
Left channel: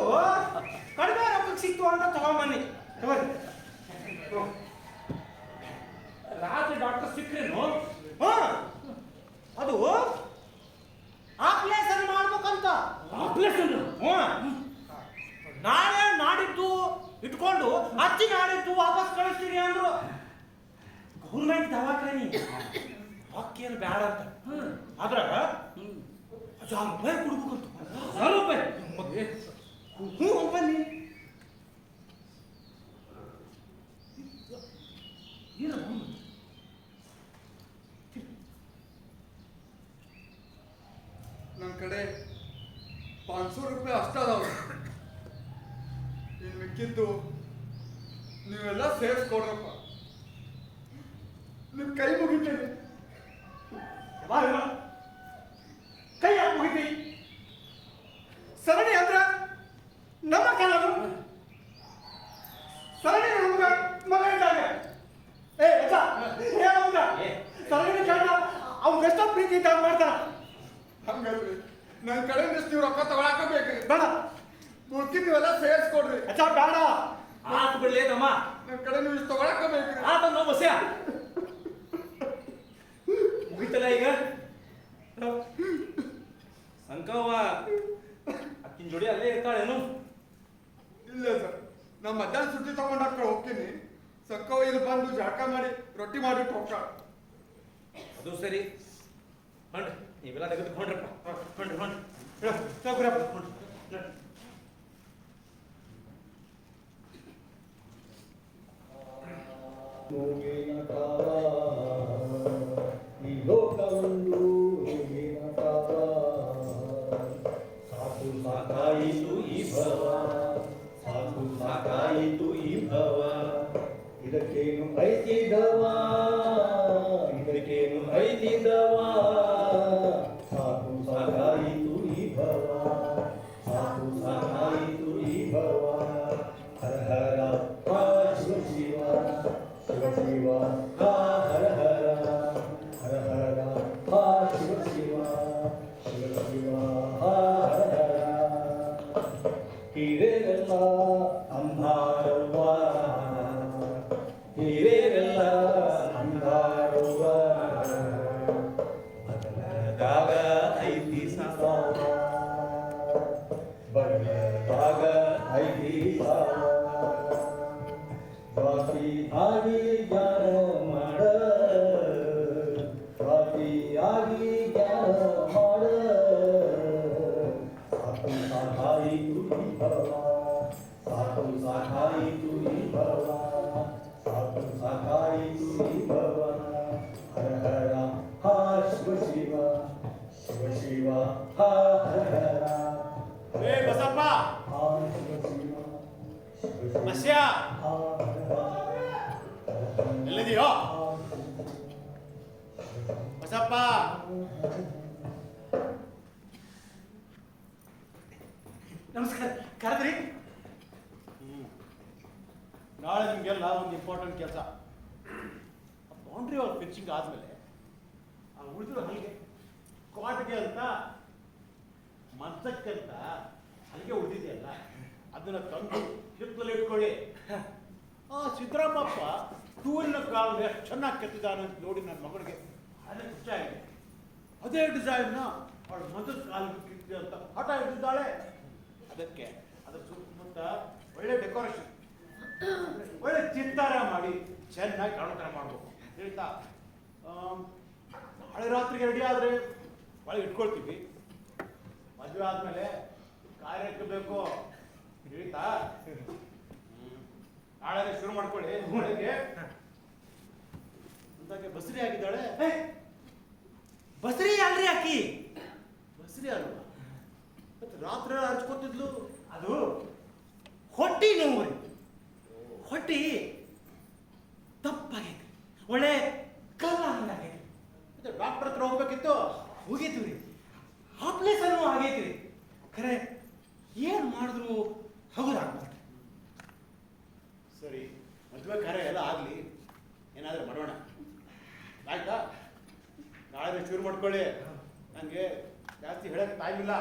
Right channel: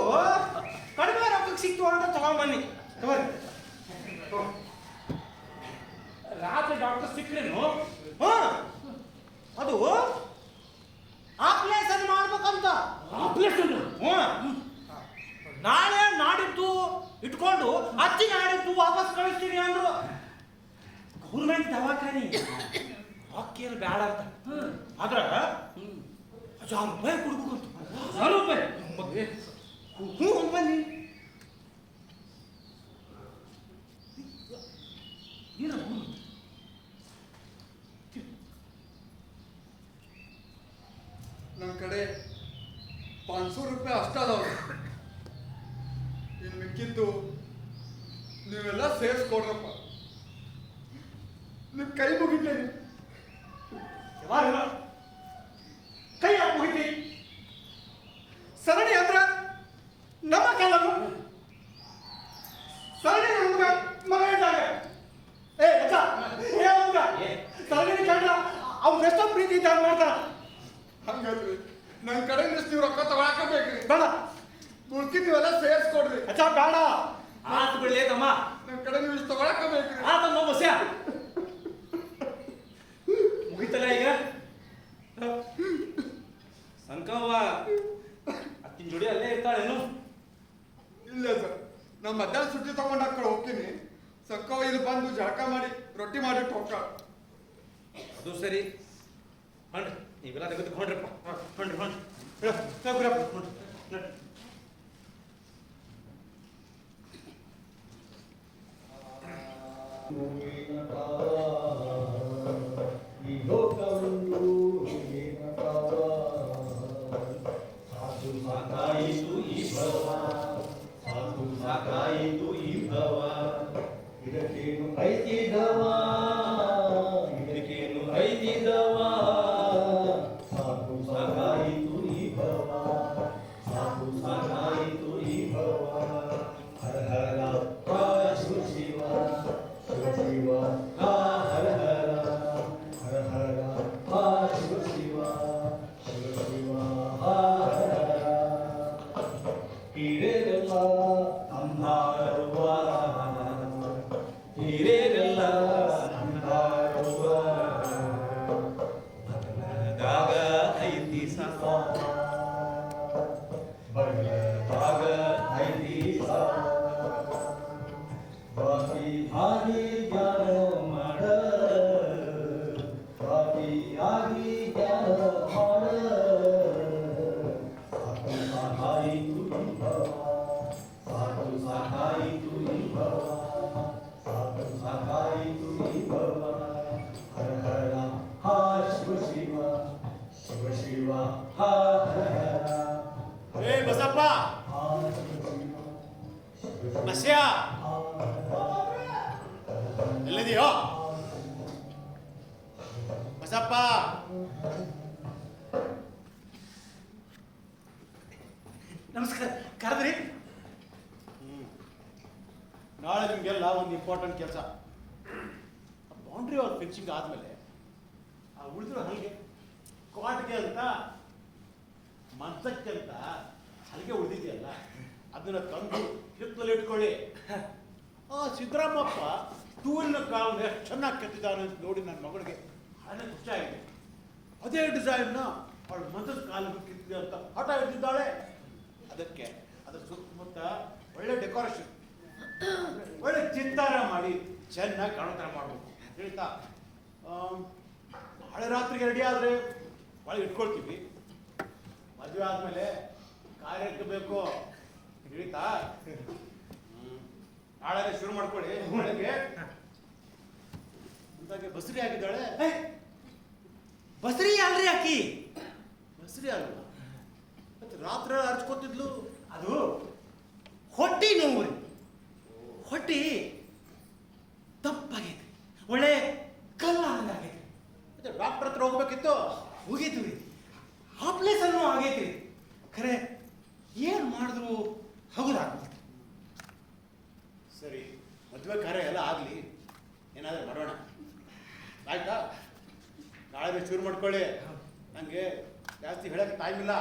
ಕಡಿಮೆ ರೊಕ್ಕಕ್ಕೆ ಸಿಕ್ತು ಅಂತ ತಗೊಂಬನ್ನಿ ತಗೋರಿ. ರಾತ್ರಿ ಡಾಕ್ಟರ್ ಸಿಕ್ರೇನು? ಹಾಂ ಅದು ಆಪ್ಲೇಷನ್ ಮಾಡ್ಬೇಕಂತ. ಆಪರೇಷನ್? ಹ್ಞೂ ನಾಳೆ ನಾಡಿದ್ದು ಇಟ್ಕೊಂಡು ಹಚ್ಚಿ ನಾಡಿದ್ದು ವಾಪಸ್ ಕಳಿಸ್ತೀನಿ ಅಂದ್ರು. ಗೌರ್ಮೆಂಟ್ ದವಾಖಾನಿ ರೊಕ್ಕೇನು ಬೇಡ ಅಂತ. ಆದ್ರೆ 1000 ರೂಪಾಯಿ ಕೊಡ್ಬೇಕಂತ. 1000 ರೂಪಾಯಿ? ಹ್ಞೂ ಬನ್ನಿ. ನನ್ನ ಕಡೆ 500 ರೂಪಾಯಿ ಅಷ್ಟೇ ಅದಾವ. ಇನ್ನು ಮಿಕ್ಕಿದ್ದು ನೀವೆಲ್ಲ ಸೇರಿಸ್ಕೊಡ್ರಪ್ಪ. ನಿಮ್ಮ ಕೈ ಮುಗಿತೇನೆ. ಯಾವಾಗ ಕೈ ಮುಗಿತಿ ಸರಣಿ ಅಂದ್ರ ನಮ್ಮ ಕೆಲವು ಸರಣಿ ನಮ್ಗ ಮಗ ಇದ್ದಾಗ ಸರಣಿ ಕಂಡ್ರ ಅವ್ರು ಎಷ್ಟೋ ಪ್ರೀತಿ ಇದ್ದಾಗ ಮಾಡ್ತಾರ. ಹಂಗಲ್ರಿ, ನನ್ನ ಕಡೆ ನೀವು ರೊಕ್ಕ ತಗೊಳಕ ಬೇಕ್ರಿ. ಬೇಡ ಉಳ್ಕಿ ನೀವೆಲ್ಲ ಸೇರಿಸ್ಕೊಡ್ರಿ. ಅಚ್ಚ ಬೇಡ. ಆತು ಬಿಡ್ಲೇ ತಮ್ಮ. ನನ್ನ ಕಡೆ ನೀವು ಇಷ್ಟು ತಗೊಳಕ ಬೇಕ್ರಿ. ಆತಮ್ಮ ಬಸ್ಯ ಮುಗಿತಲ್ಲ ಈಗ. ಸಂಕವ್ವ ಅತ್ತಿನ ಜೋಡಿ ಅಲ್ಲೇ ಇರ್ತಾಳೇನು? ಇಲ್ಲ ಸರ್, ನಮ್ಮ ಮಧ್ಯಾಹ್ನ ಸುಟ್ಟಿ ತಗೊಂಡು ಹಾಕೊಂಡು ಹೋಗ್ತೀನಿ. ಸಕ್ಕವ ಇಲ್ಲಿ ಬಂದು ಜಳಕ ಮಾಡಿ ರೊಟ್ಟಿ ಮಾಡಿಟ್ಟು ಹೋಗ್ತಾಳ. ಅದು ಸರಿ ಹೊಂಡ್ರಿ ನೀವೆಲ್ಲ ತೆಗೆದುಕೊಂಡ್ರಪ್ಪ ಹೊಂಡ್ರಿ ಹೊಂಡ್ರಿ ಈ ಲೋಕವನ್ನು ಸಾಕು ಸಾಕಾಯಿತು ಈ ಭವ ಸಾಕು ಸಾಕಾಯಿತು ಈ ಭವ ಇದಕ್ಕೇನು ಐತಿದವ ಇದಕ್ಕೇನು ಐತಿದವ ಸಾಕು ಸಾಕಾಯಿತು ಈ ಭವ ಸಾಕು ಸಾಕಾಯಿತು ಈ ಭವ ಹರ ಹರ ಶಿವ ಶಿವ ಶಿವ ಶಿವ ಹರ ಹರ ಹರ ಹರ ಶಿವ ಶಿವ ಶಿವ ಶಿವ ಹರ ಹರ ಹಿರೇರಲ್ಲ ಅಂಧಾರುವ ಹಿರೇರಲ್ಲ ಅಂಧಾರುವ ಬದಲದಾಗ ಐತಿ ಸಾವ ಬದಲದಾಗ ಐತಿ ಸಾವ ಬಾಕಿ ಆಗಿ ಜ್ಞಾನ ಮಾಡ ಬಾಕಿ ಆಗಿ ಜ್ಞಾನ ಮಾಡ ಸಾಕು ಸಾಕಾಯಿತು ಈ ಭವ ಸಾಕು ಸಾಕಾಯಿತು ಈ ಭವ ಸಾಕು ಸಾಕಾಯಿತು ಈ ಭವ ಹರ ಹರ ಹಾ ಶಿವ ಶಿವ ಶಿವ ಶಿವ ಹಾ ಹರ ಹರ ಏ ಬಸಪ್ಪ ಹಾ ಶಿವ ಶಿವ ಶಿವ ನಸ್ಯ ಎಲ್ಲಿದೆಯೋ ಬಸಪ್ಪ ನಮಸ್ಕಾರ ಕರೆದ್ರಿ ನಾಳೆ ನಿಮಗೆಲ್ಲ ಒಂದು ಇಂಪಾರ್ಟೆಂಟ್ ಕೆಲಸ ಬೌಂಡ್ರಿ ಅವ್ರ ಫಿಕ್ಸಿಂಗ್ ಆದಮೇಲೆ ಆ ಉಳಿದಿರೋ ಹಲಿಗೆ ಕ್ವಾಟ್ಗೆ ಅಂತ ಮಂಚಕ್ಕೆ ಅಂತ ಹಲಿಗೆ ಉಳಿದಿದೆಯಲ್ಲ ಅದನ್ನು ತಂದು ಹಿತ್ತಲಲ್ಲಿ ಇಟ್ಕೊಳ್ಳಿ ಆ ಸಿದ್ದರಾಮಪ್ಪ ಟೂರಿನ ಕಾಲದಲ್ಲಿ ಎಷ್ಟು ಚೆನ್ನಾಗಿ ಕಟ್ಟಿದ್ದಾನೆ ಅಂತ ನೋಡಿ ನನ್ನ ಮಗಳಿಗೆ ಭಾಳ ಖುಷಿ ಆಗಿದೆ. ಅದೇ ಡಿಸೈನ್ನ ಅವಳು ಮಂಚದ ಕಾಲಿಗೆ ಕಿತ್ತಿದೆ ಅಂತ ಹಠ ಹಿಡಿದಿದ್ದಾಳೆ. ಅದಕ್ಕೆ ಅದರ ಸುತ್ತಮುತ್ತ ಒಳ್ಳೆ ಡೆಕೋರೇಷನ್ ಒಳ್ಳೆ ಚಿತ್ತಾರ ಮಾಡಿ ಚೆನ್ನಾಗಿ ಕಾಣೋ ಥರ ಮಾಡಬೇಕು ಹೇಳ್ತಾ ನಾಳೆ ರಾತ್ರಿಗೆ ರೆಡಿ ಆದರೆ ಭಾಳ ಇಟ್ಕೊಳ್ತೀವಿ. ಮದುವೆ ಆದಮೇಲೆ ಕಾರ್ಯಕ್ಕೆ ಬೇಕು ಹೇಳ್ತಾ ನಾಳೆ ಶುರು ಮಾಡ್ಕೊಳ್ಳಿ. ಬೆಳಗ್ಗೆ ಅಂತಾಗೆ ಬಸರಿ ಆಗಿದ್ದಾಳೆ. ಬಸ್ರಿ ಅಲ್ರಿ ಅಕ್ಕಿ ಬಸರಿ ಅಲ್ವಾ ಮತ್ತೆ ರಾತ್ರಿ ಹರ್ಚ್ಕೊತಿದ್ಲು. ಅದು ಹೊಟ್ಟಿ ನೋವು ರೀ. ಹೊಟ್ಟಿ ತಪ್ಪಾಗೈತಿ, ಒಳ್ಳೆ ಕಲ್ಲ ಹಂಗಾಗೈತಿ. ಮತ್ತೆ ಡಾಕ್ಟರ್ ಹತ್ರ ಹೋಗ್ಬೇಕಿತ್ತು. ಹೋಗಿದ್ವಿ ರೀ, ಆಪ್ರೇಷನ್ನು ಆಗೈತಿ. ಖರೆ ಏನು ಮಾಡಿದ್ರು ಹಗುರಾಗ್ಬೇಕು. ಸರಿ ಮದುವೆ ಕಾರ್ಯ ಎಲ್ಲ ಆಗಲಿ, ಏನಾದರೂ ಮಾಡೋಣ ಆಯ್ತಾ. ನಾಳೆ ಶುರು ಮಾಡ್ಕೊಳ್ಳಿ, ನನಗೆ ಜಾಸ್ತಿ ಹೇಳಕ್ಕೆ ಟೈಮ್ ಇಲ್ಲ.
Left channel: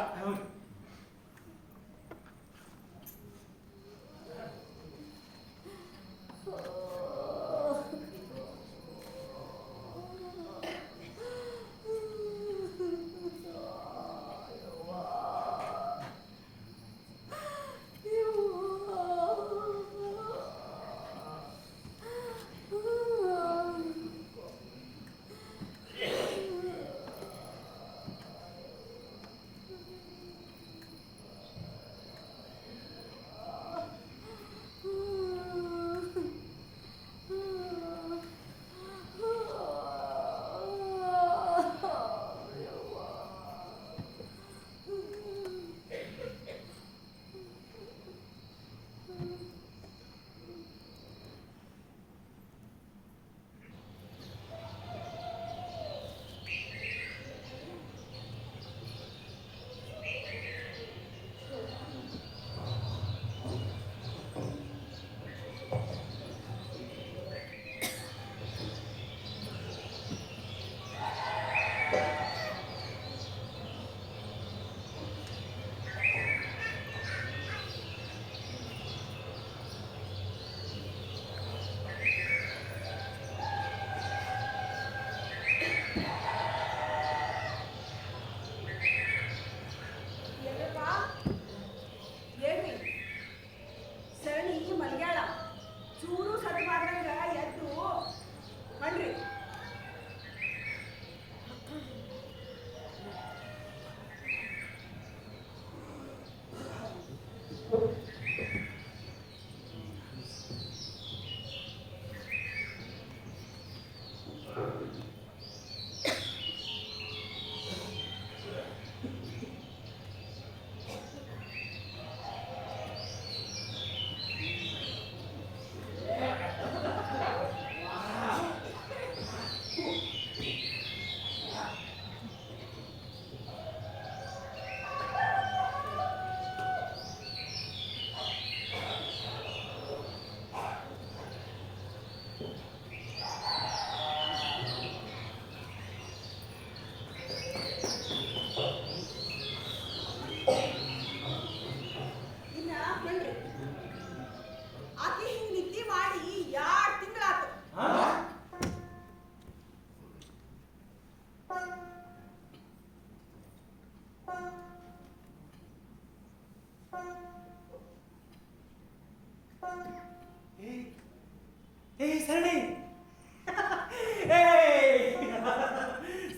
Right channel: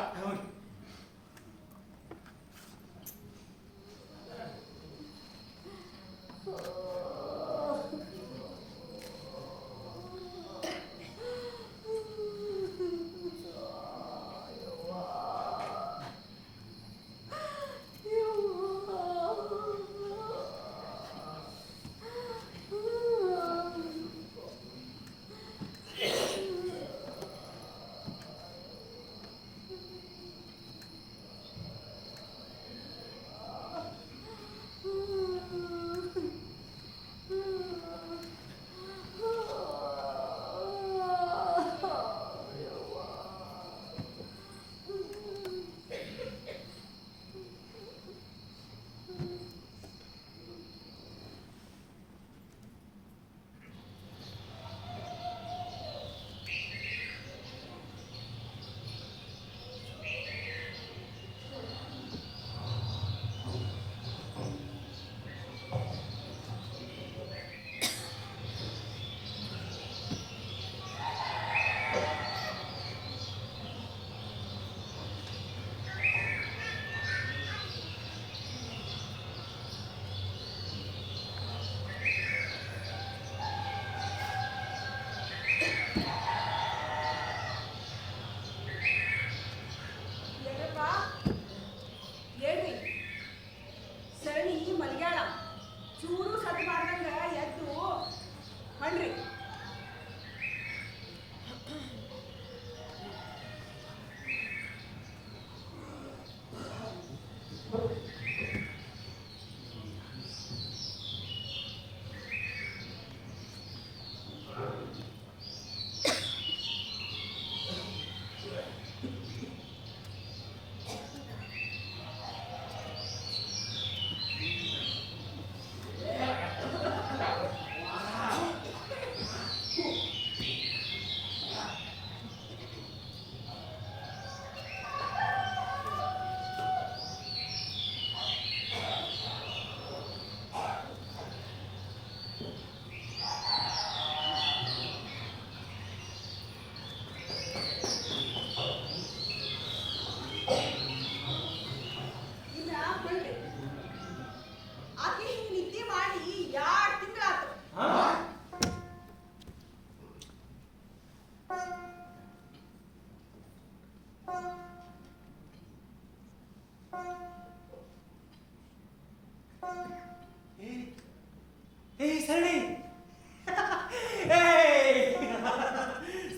ಏ ಸರಣಿ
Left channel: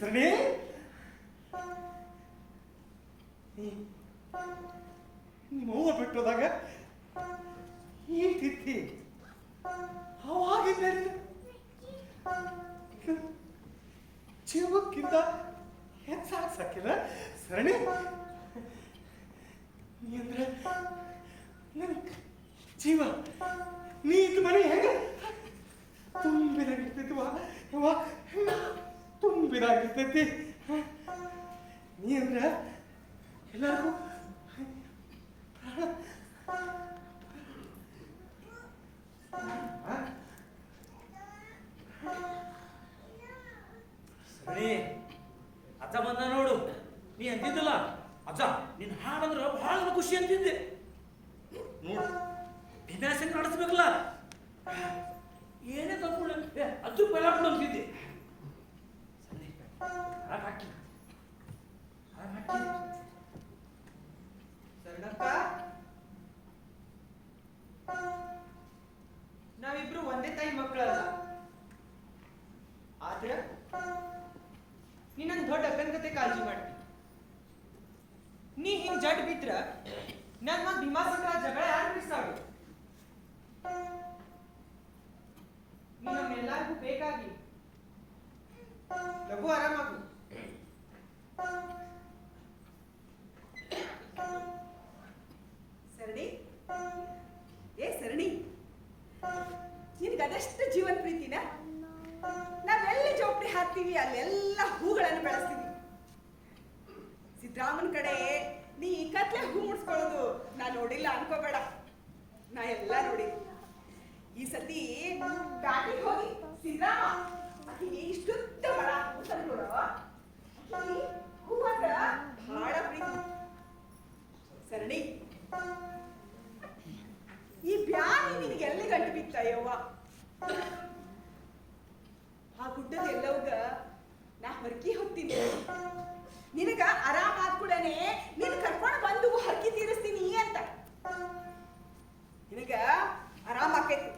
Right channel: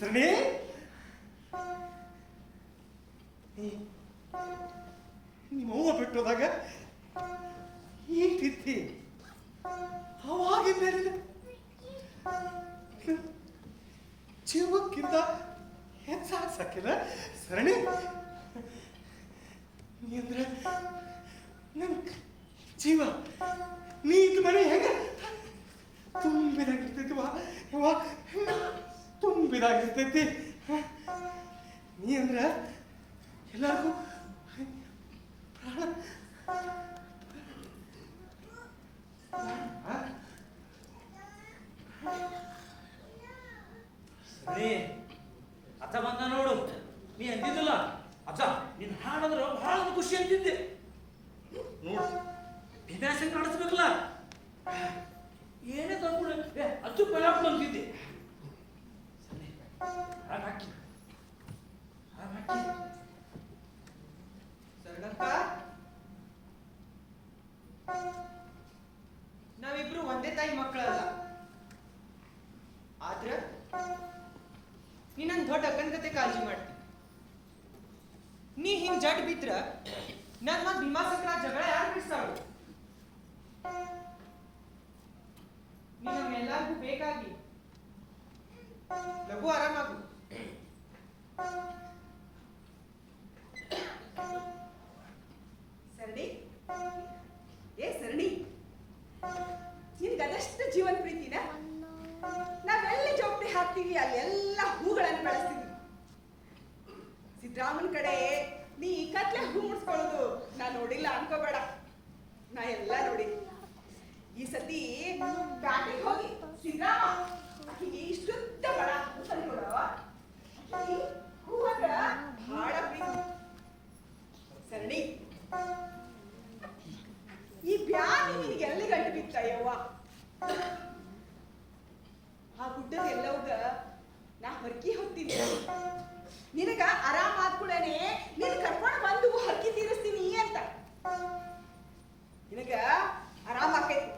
ಸರಣಿ ನೋವ ಬಿಟ್ಟೋದಾಗ ಈಟಿತ್ತಿ ಅವಾಗಿಂದ ಜೀವಕ್ಕಿಂತ ಹೆಚ್ಚಾಗ್ಸಕ್ಕಿಲ್ಲ ಸರಣಿ ನೀ ಅಂದ್ರೆ ನನ್ನ ಜೀವ ನೀ ಇದು ಮನೆ ಹೆಂಗೆ ತುಂಬಿದಾಗಿರ್ತೈತಿ ವಾ ತುಂಬಿದಾಗಿರ್ತೈತಿ ನೀ ಅಂದ್ರೆ ಎಲ್ಲರಿಗೂ ಪ್ರಾಣ ಸರಿ ಅಜ್ಜ ಬಂದ ನೋಡು ನೀ ಅಂತಿದ್ದಲ್ಲ ಅಜ್ಜ ನಿನ್ ಹಾಡಂದ್ರ ಬಹಳ ಖುಷಿ ಅಂತಿದ್ದೆ ನೋಡು ವಿನಾಶನ್ ಕಾಣಿಸ್ಬೇಕಲ್ಲ ಏನೇ ತಂದ್ಬಿಡ ಅಜ್ಜು ಬೆಳಕು ಅಂತಿದ್ದೆ ಹಾಕಿ ಶರಣಕ್ಕ ನಾವಿಬ್ರು ಒಂದೇ ತಾಯಿ ಮಕ್ಕಳಲ್ಲ ಆದ್ರೆ ನೀನೊಂದು ದೊಡ್ಡ ಅಕ್ಕನ ಕತೆ ಕಾಳಜಿ ಮಾಡ್ತಿ ನೀ ಹಿಂಗ್ ಜಡ್ ಬಿದ್ರ ನನ್ ಮತ್ ಭೀಮಾಸಂದ್ರ ಜಗಳ ಯಾರು ಬಿಡಿಸ್ತಾಳು ನೀ ನಮ್ಮೆಲ್ಲರಿಗೂ ಬೇಕಾಗಿ ಲಘು ಆರಾಮಾಗು ಸರಣಿ ಸರಣಿ ನಿನ್ಗೆ ಅದೆಷ್ಟು ಜೀವನ ಪ್ರೀತಿನ ನಾವೆಲ್ಲಿ ಜೋಪಡಿ ಹಾಕ್ತೀವಿ ಅಲ್ಲೆಲ್ಲ ಹೂಗಳನ್ನು ಬೆಳೆಸ್ತೀವಿ ಸಿದ್ದರಾಮನ್ ಕಡೆ ನೀ ಕತ್ಲೆ ಹೂ ಮುಡ್ಸ್ಕೊಳ್ಳೋದು ನಾ ನೋಡಿಲ್ಲ ಅನ್ಕೋಬೇಡ ನಾ ಎಲ್ಲ ನೋಡಿ ಈ ಸತಿ ಬ್ಯಾಟಿಗೆ ಹೋಗಿ ಸಿದ್ದರಾಮ ಆಕಿಗೆ ಇಷ್ಟುದ್ದ ಬಡ ಹೂ ತಂದ್ಕೊಡೋ ಹೂ ಅಂದ್ರ ಬಹಳ ಪ್ರೀತಿ ಸರಣಿ ಈ ಬ್ಯಾನಿ ನಿನಗೆ ಎಲ್ಲಿ ಗಂಟು ಬಿತ್ತಯ್ಯವ್ವ ಆ ಗುಡ್ಡದ ಎಲ್ಲವಗ ನಾ ಹೊರಕಿ ಹೋಗ್ತೀನಿ ನಿನಗ ಆರಾಮ ಆದ್ಕೂಡನೆ ನೀನ್ ಕರ್ಕೊಂಡು ಬಂದು ಹರಕಿ ತೀರಿಸ್ತೀನಿ ಅಂತ ನಿನಗ ಆರಾಮ ಆಕೈತಿ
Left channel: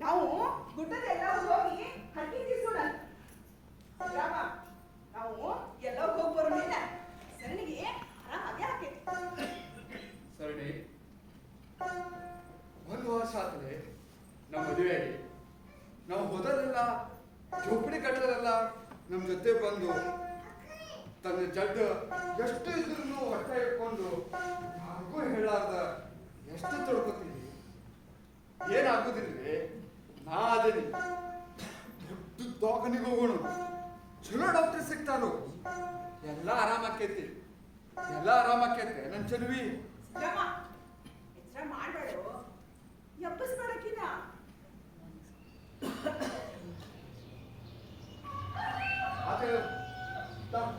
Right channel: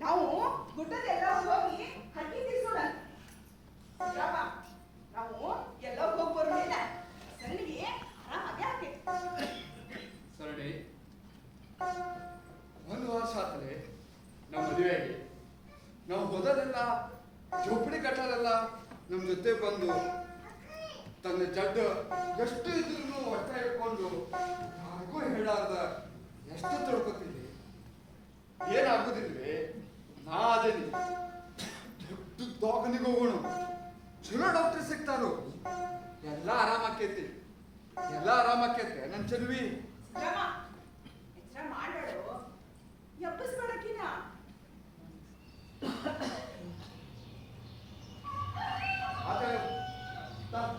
ನಾವು ಗುಡ್ಡದ ಎಲ್ಲ ಹೋಗಿ ಹರಕಿ ತೀರ್ಸೋಣ ರಾಮ ನಾವು ಎಲ್ಲ ಹೋಗಿ ಬರೋಣ ಸರಣಿಗೆ ಆರಾಮಾಗಿ ಆಕೈತಿ ಸರಣಿ ಒಂದು ವರ್ಷ ಆತಲೆ ನಮ್ಮ ಮದುವೆಗೆ ನಾವು ಹೋದಲೆಲ್ಲ ಜೋಪಡಿ ಕಟ್ಟೋದೆಲ್ಲ ನಮ್ಮ ಜೊತೆ ಬಂದು ತನ್ನ ಜಡ್ಡು ಎಷ್ಟು ಇದ್ರೂ ಹೊಟ್ಟೆ ಇಟ್ಕೊಂಡು ಯಾರಿಗೂ ಹೇಳಾರ್ದ ಎಷ್ಟು ತೊಡ್ಕೊತೀನಿ ಏನಾಗುದಿಲ್ವೇ ನಾ ಅದೇನಿ ದೊಡ್ಡ ದವಾಖಾನಿಗೆ ಹೋಗೋಣ ಚಲೋ ಡಾಕ್ಟರ್ ಸಿಗ್ತಾರು ಎಲ್ಲ ಆರಾಮಾಕೈತಿ ಎಲ್ಲ ಆರಾಮಾಕೈತೆ ನನ್ನ ಚಲುವಿ ರಾಮ ಎಚ್ಚರ ಮಾಡಬೇಡು ಎಬ್ಬಸ್ಬೇಡಕ್ಕಿನ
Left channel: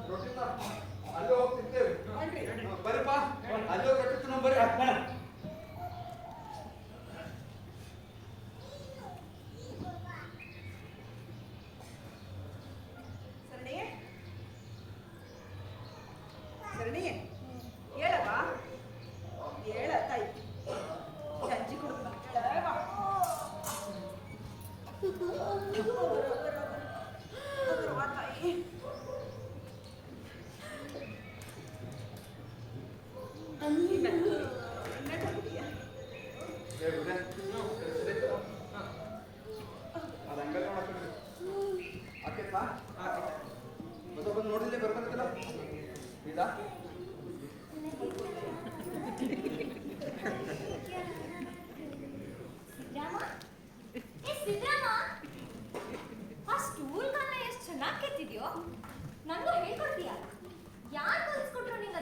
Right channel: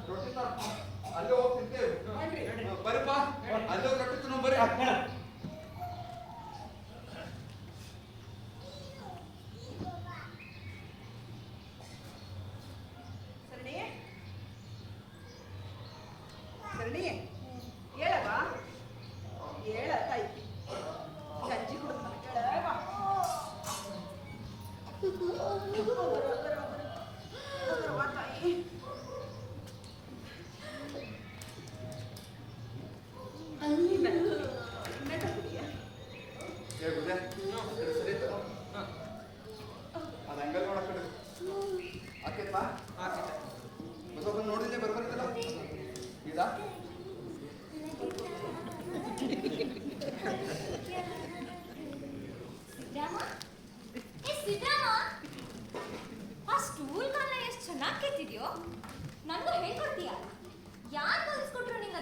ರೊಟ್ಟಿ ಅಲ್ಲೇ ಹೋಗಿ ತಿಂತೇವೆ ಬರ್ರಿಪ್ಪ ಅಲ್ಲೇ ಹೋಗಿ ರೊಟ್ಟಿ ತಿನ್ನೋ ಬರ್ರಿ ಸರಣಿ ಸರಣಿ ಹೇಳವಾ ಹೇಳ ತಾಯಿ ಗಂಜಿ ಕೊಡು ನೋಡಿದ್ರೆ ಬರ್ಬರ್ತಿಲ್ಲ ಈಗ ಸಿದ್ದರಾಮ ಆ ಸ್ಟೂಲ್ ಕಾಲ ಎಷ್ಟು ಚೆನ್ನಾಗಿ ಕೆತ್ತಿದ್ಯೋ ನನಗೂ ಹೇಳ್ಕೊಡ್ತೀಯ ಯಾರು ಕಲಿಸ್ಕೊಟ್ರು ನಿಂಗೆ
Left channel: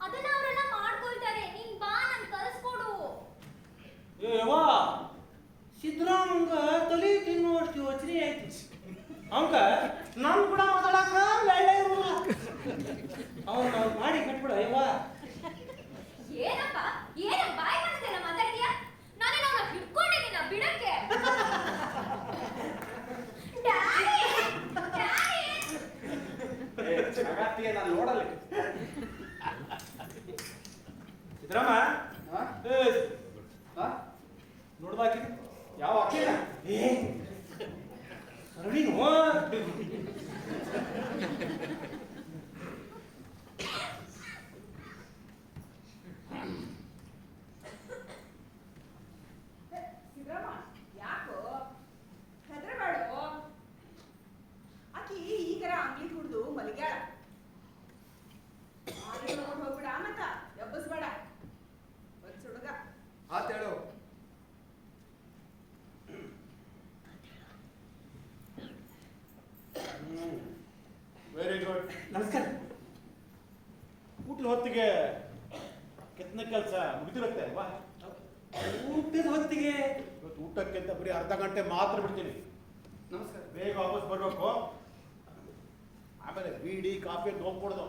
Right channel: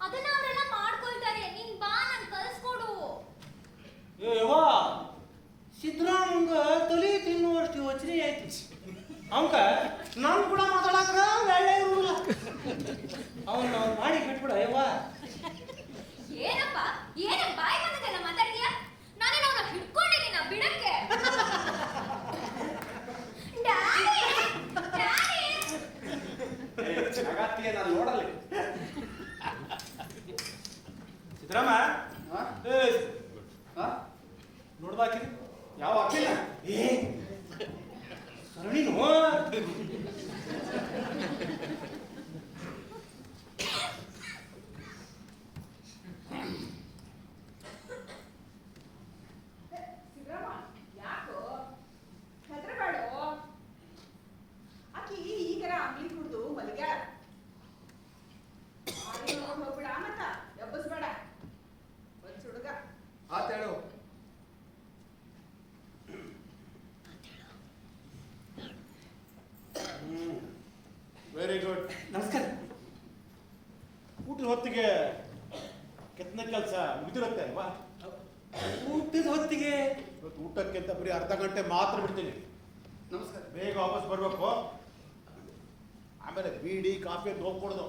ಅದನ್ನ ಅವರೆಲ್ಲ ಮಾಡ್ಕೊಳ್ತಾರೆ ನೀನ್ ಬಾ ನನ್ ಕಲಿಸ್ಕೊಡು ಏವಾ ಸಿದ್ದರಾಮಂಗ ತಲೆ ತಿನ್ನುವಷ್ಟು ಯೋಚನೆ ಆಯ್ತು ಅವಂಕ ನಾನು ಕೂಡ ಮಾತಾಡಕ ಒಳ್ಳೆ ಇರೋಲ್ಲ ಅವನ್ ನಾವು ಮಾಡಿ ಬಿಟ್ಬಿಡ ಅಯ್ಯವಾ ಏನಪ್ಪ ಏನ ಬಾಯಿ ಬಂದದೆಲ್ಲ ಮಾತಾಡ್ತೀಯ ನಾನು ಅವನ ಹಿಡ್ಕೊಂಡಿದ್ದೀನ ಬಿಡಕ್ಕೆ ಡ್ಯಾಡಿ ಜಗತ್ತಿಗೆ ನಾನು ನೋಡಲ್ಲ ಸಿದ್ದರಾಮ ಊಟದ ಹೊತ್ತಿಗೆ ಇವತ್ತು ಊಟಕ್ಕೆ ಅಂತ ಬರೀ ಅರ್ಧ ಗಂಟೆ ಮಾತ್ರ ಬಿಡ್ತೀನಿ. ನಮಸ್ಕಾರ. ಬೇಗ ವಾಪಸ್ ಬರ್ಬೇಕು. ಆಮೇಲೆ ಬೀಡಿ ಕಾಫಿ ಅಂತ ಹೋಗ್ಕೊಡೋದು.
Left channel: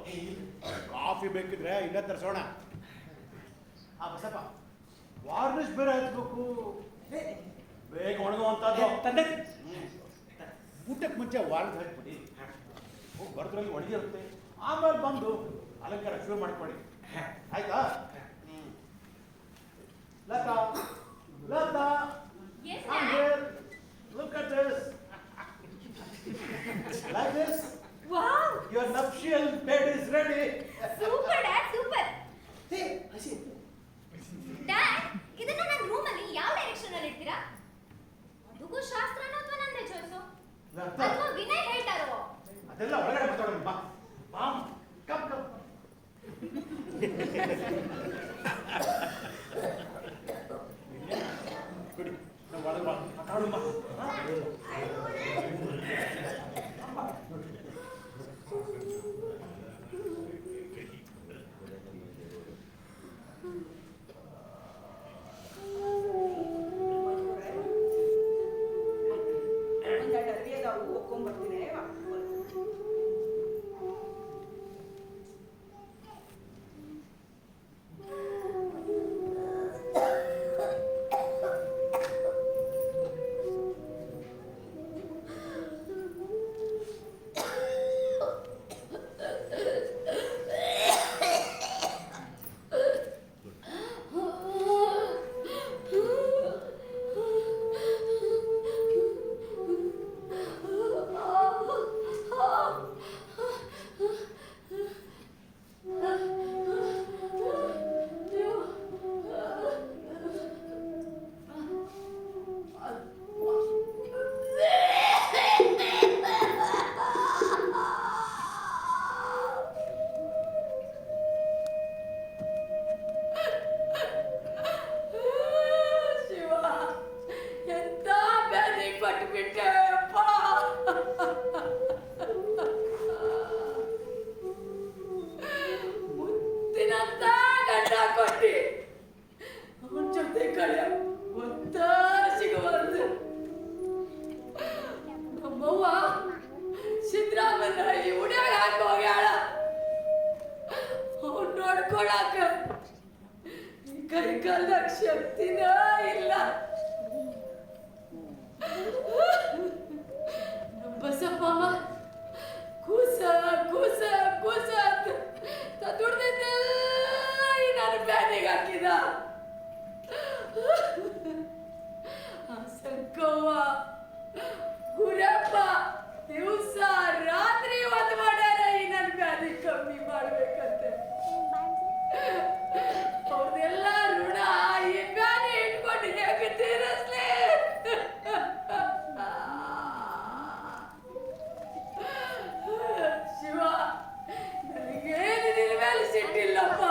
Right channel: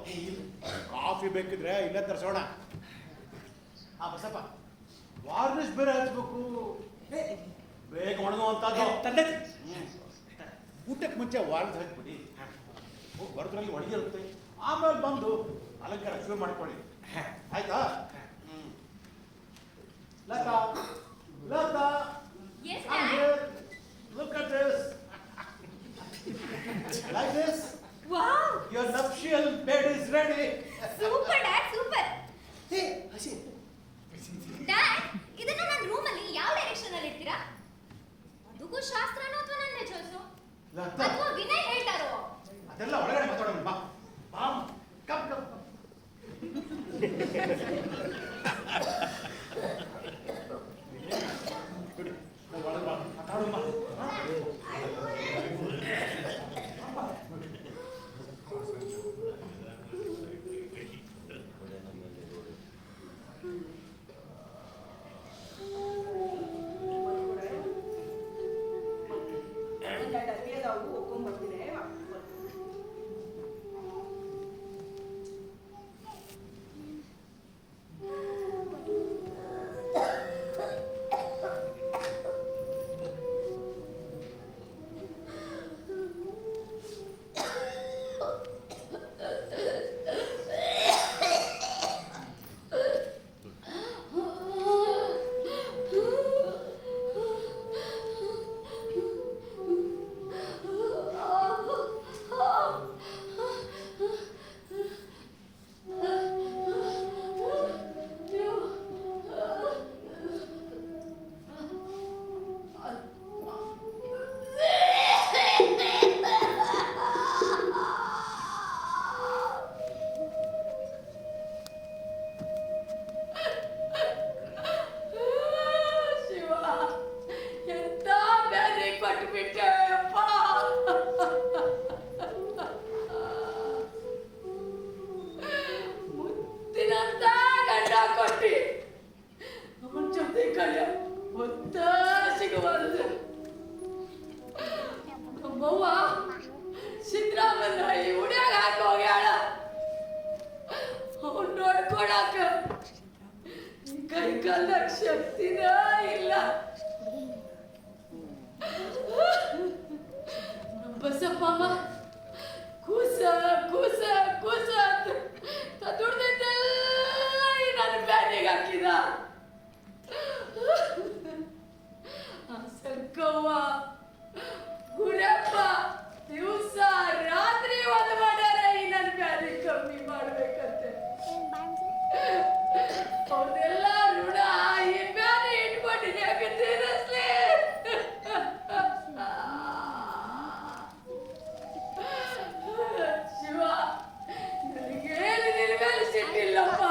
ಕಾಫಿ ಬೇಕಿದ್ರೆ ಇಲ್ಲೇ ತರಿಸೋಣ. ಬಸಪ್ಪ, ವಾರ್ನಿಷ್ ಬೇರೆ ಹಚ್ಬೇಕು, ಬೇಗ ಒಣಗುವಂಥದ್ದು. ತಂದೆ ಊಟಕ್ಕೆ ಮುಂಚೆ ವಾರ್ನಿಷ್ ಹಚ್ಬಿಡಿ. ಹೋಗಿ ಬರೋದ್ರಲ್ಲಿ ಒಣಗಿರುತ್ತೆ. ಆಮೇಲೆ ಬಂದು ಅಲಂಕಾರ ಶುರು ಮಾಡ್ಕೊಳ್ಳಿ. ಆಯ್ತಾ? Latha, Latha, Yes, come Dad. here. Look at this. Like this. Wow Your nuptial bed is ready. Super dad super. Hey ಹಸಿ ಡ್ಯಾಡ್ ಇದನ್ನ ನನ್ನ ರೂಮಲ್ಲಿ ಯಾವ ಡೈರೆಕ್ಷನ್ ಅಲ್ಲಿ ಇಡ್ತೀರಾ? ಅದಕ್ಕೂ ಶಾಸ್ತ್ರನೋ ಅಥವಾ ನನ್ನ ಚಾಯ್ಸೋ ಲತಾ, ಅಥವಾ ವಿನಯ್ ಹೇಳ್ತಾರೋ? ಅದೆಲ್ಲ ಒಳಗಡೆ ಮಾತಾಡೋಣ. ಬಾ ಬಾ, ಕಮ್ ಕಮ್. ಬಿಡಿ, ನಾವು ಒಳಗೆ ಬಾ, ಮಾತಾಡೋಣ ಬಾ. ಸಿದ್ದರಾಮಯ್ಯ ಈ ಉಡ್ಯಾಗ ಹಾಕಿ ಹೋಗ್ಯಾಳ. ಅವ್ನು ನೋಡ್ಕೊಳಕ ಕೈ ಕಾಲ ಶಕ್ತಿನ ಇಲ್ಲ. ಬಸಪ್ಪಮ್ಮ ಕೂಸ ಕೂಸ ಕೂಸ ಅಂತ ದುಡ್ದಿದ್ದೆಲ್ಲ ನನ್ನ ಬ್ಯಾನಿಗೆ ಹಾಕಿದ. ಸಂಕವ್ವ ಗುರಪ್ಪ ದಿವಸ ರಾತ್ರಿ ಒಂದು ಮಾಡ್ಯಾರ ಈ ನನ್ನ ಬ್ಯಾನಿ ಕಮ್ಮಿ ಮಾಡ್ಬೇಕಂತೆ. ಅವ್ರದೆಲ್ಲ ಋಣ ಈ ಬ್ಯಾನಿ ಇಟ್ಕೊಂಡಿದೆ ಯಾಕೆ ತೀರಿಸ್ಲಿ? ಶಿವ ನನಗೇನು ನಿನ್ನ ಮೇಲೆ ಸಿಟ್ಟಿಲ್ಲಪ್ಪ.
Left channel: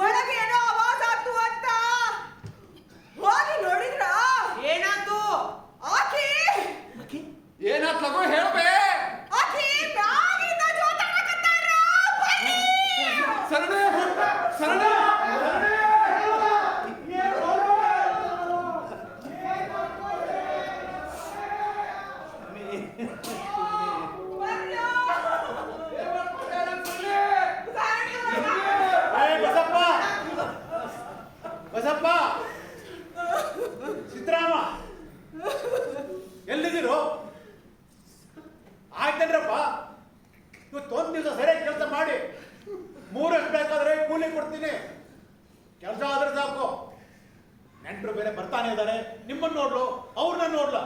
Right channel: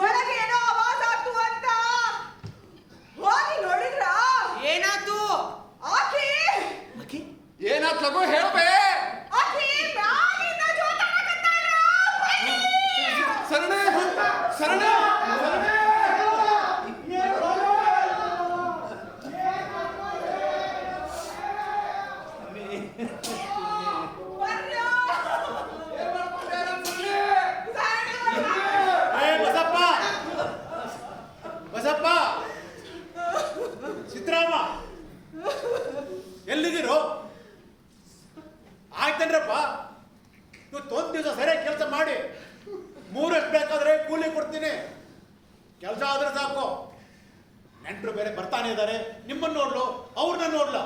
ಒಳಗೆ ಏನೋ ಆವಾಜ್ ಆಗ್ತು ಅಂತ ಹೋಗಿ ನೋಡಿದ್ರ ಏನಾಯ್ತು? ಆಕಿ ಏನಾತ್ ಲಗು ಹೇಳಬೇ. ಆಕಿ ಮ್ಯಾಗಿಂದ ಜೋತಾಡಕತ್ತಾಳ. ಬನ್ನಿ. ಸರಣೆ ಸರಣೆ ಬರ್ರೋ. ಬಸಪ್ಪ ಬಸಪ್ಪ ಸಿದ್ದರಾಮ ಎಲ್ಲಿದ್ದೀರು? ಆಯ್ತೇನ್ರಪ್ಪ, ಇವತ್ತು ಒಂದು ದಿವಸ ಸರಿಯಾಗಿ ಕೆಲಸ ಮಾಡಿ 3 ಬೇಕಾದ್ರೆ ಕೂಲಿ ಕೊಡ್ತೀನಿ. ಕೆಲಸ ಆದ್ರೆ ಸಾಕು. ನೆಂಟರು ಬೇರೆ ಬರ್ತಾನೆ ಇದ್ದಾರೆ, ನಿಮ್ಮನ್ನು ನೋಡ್ಲು ಅವ್ರನ್ನ ನೋಡ್ಲ.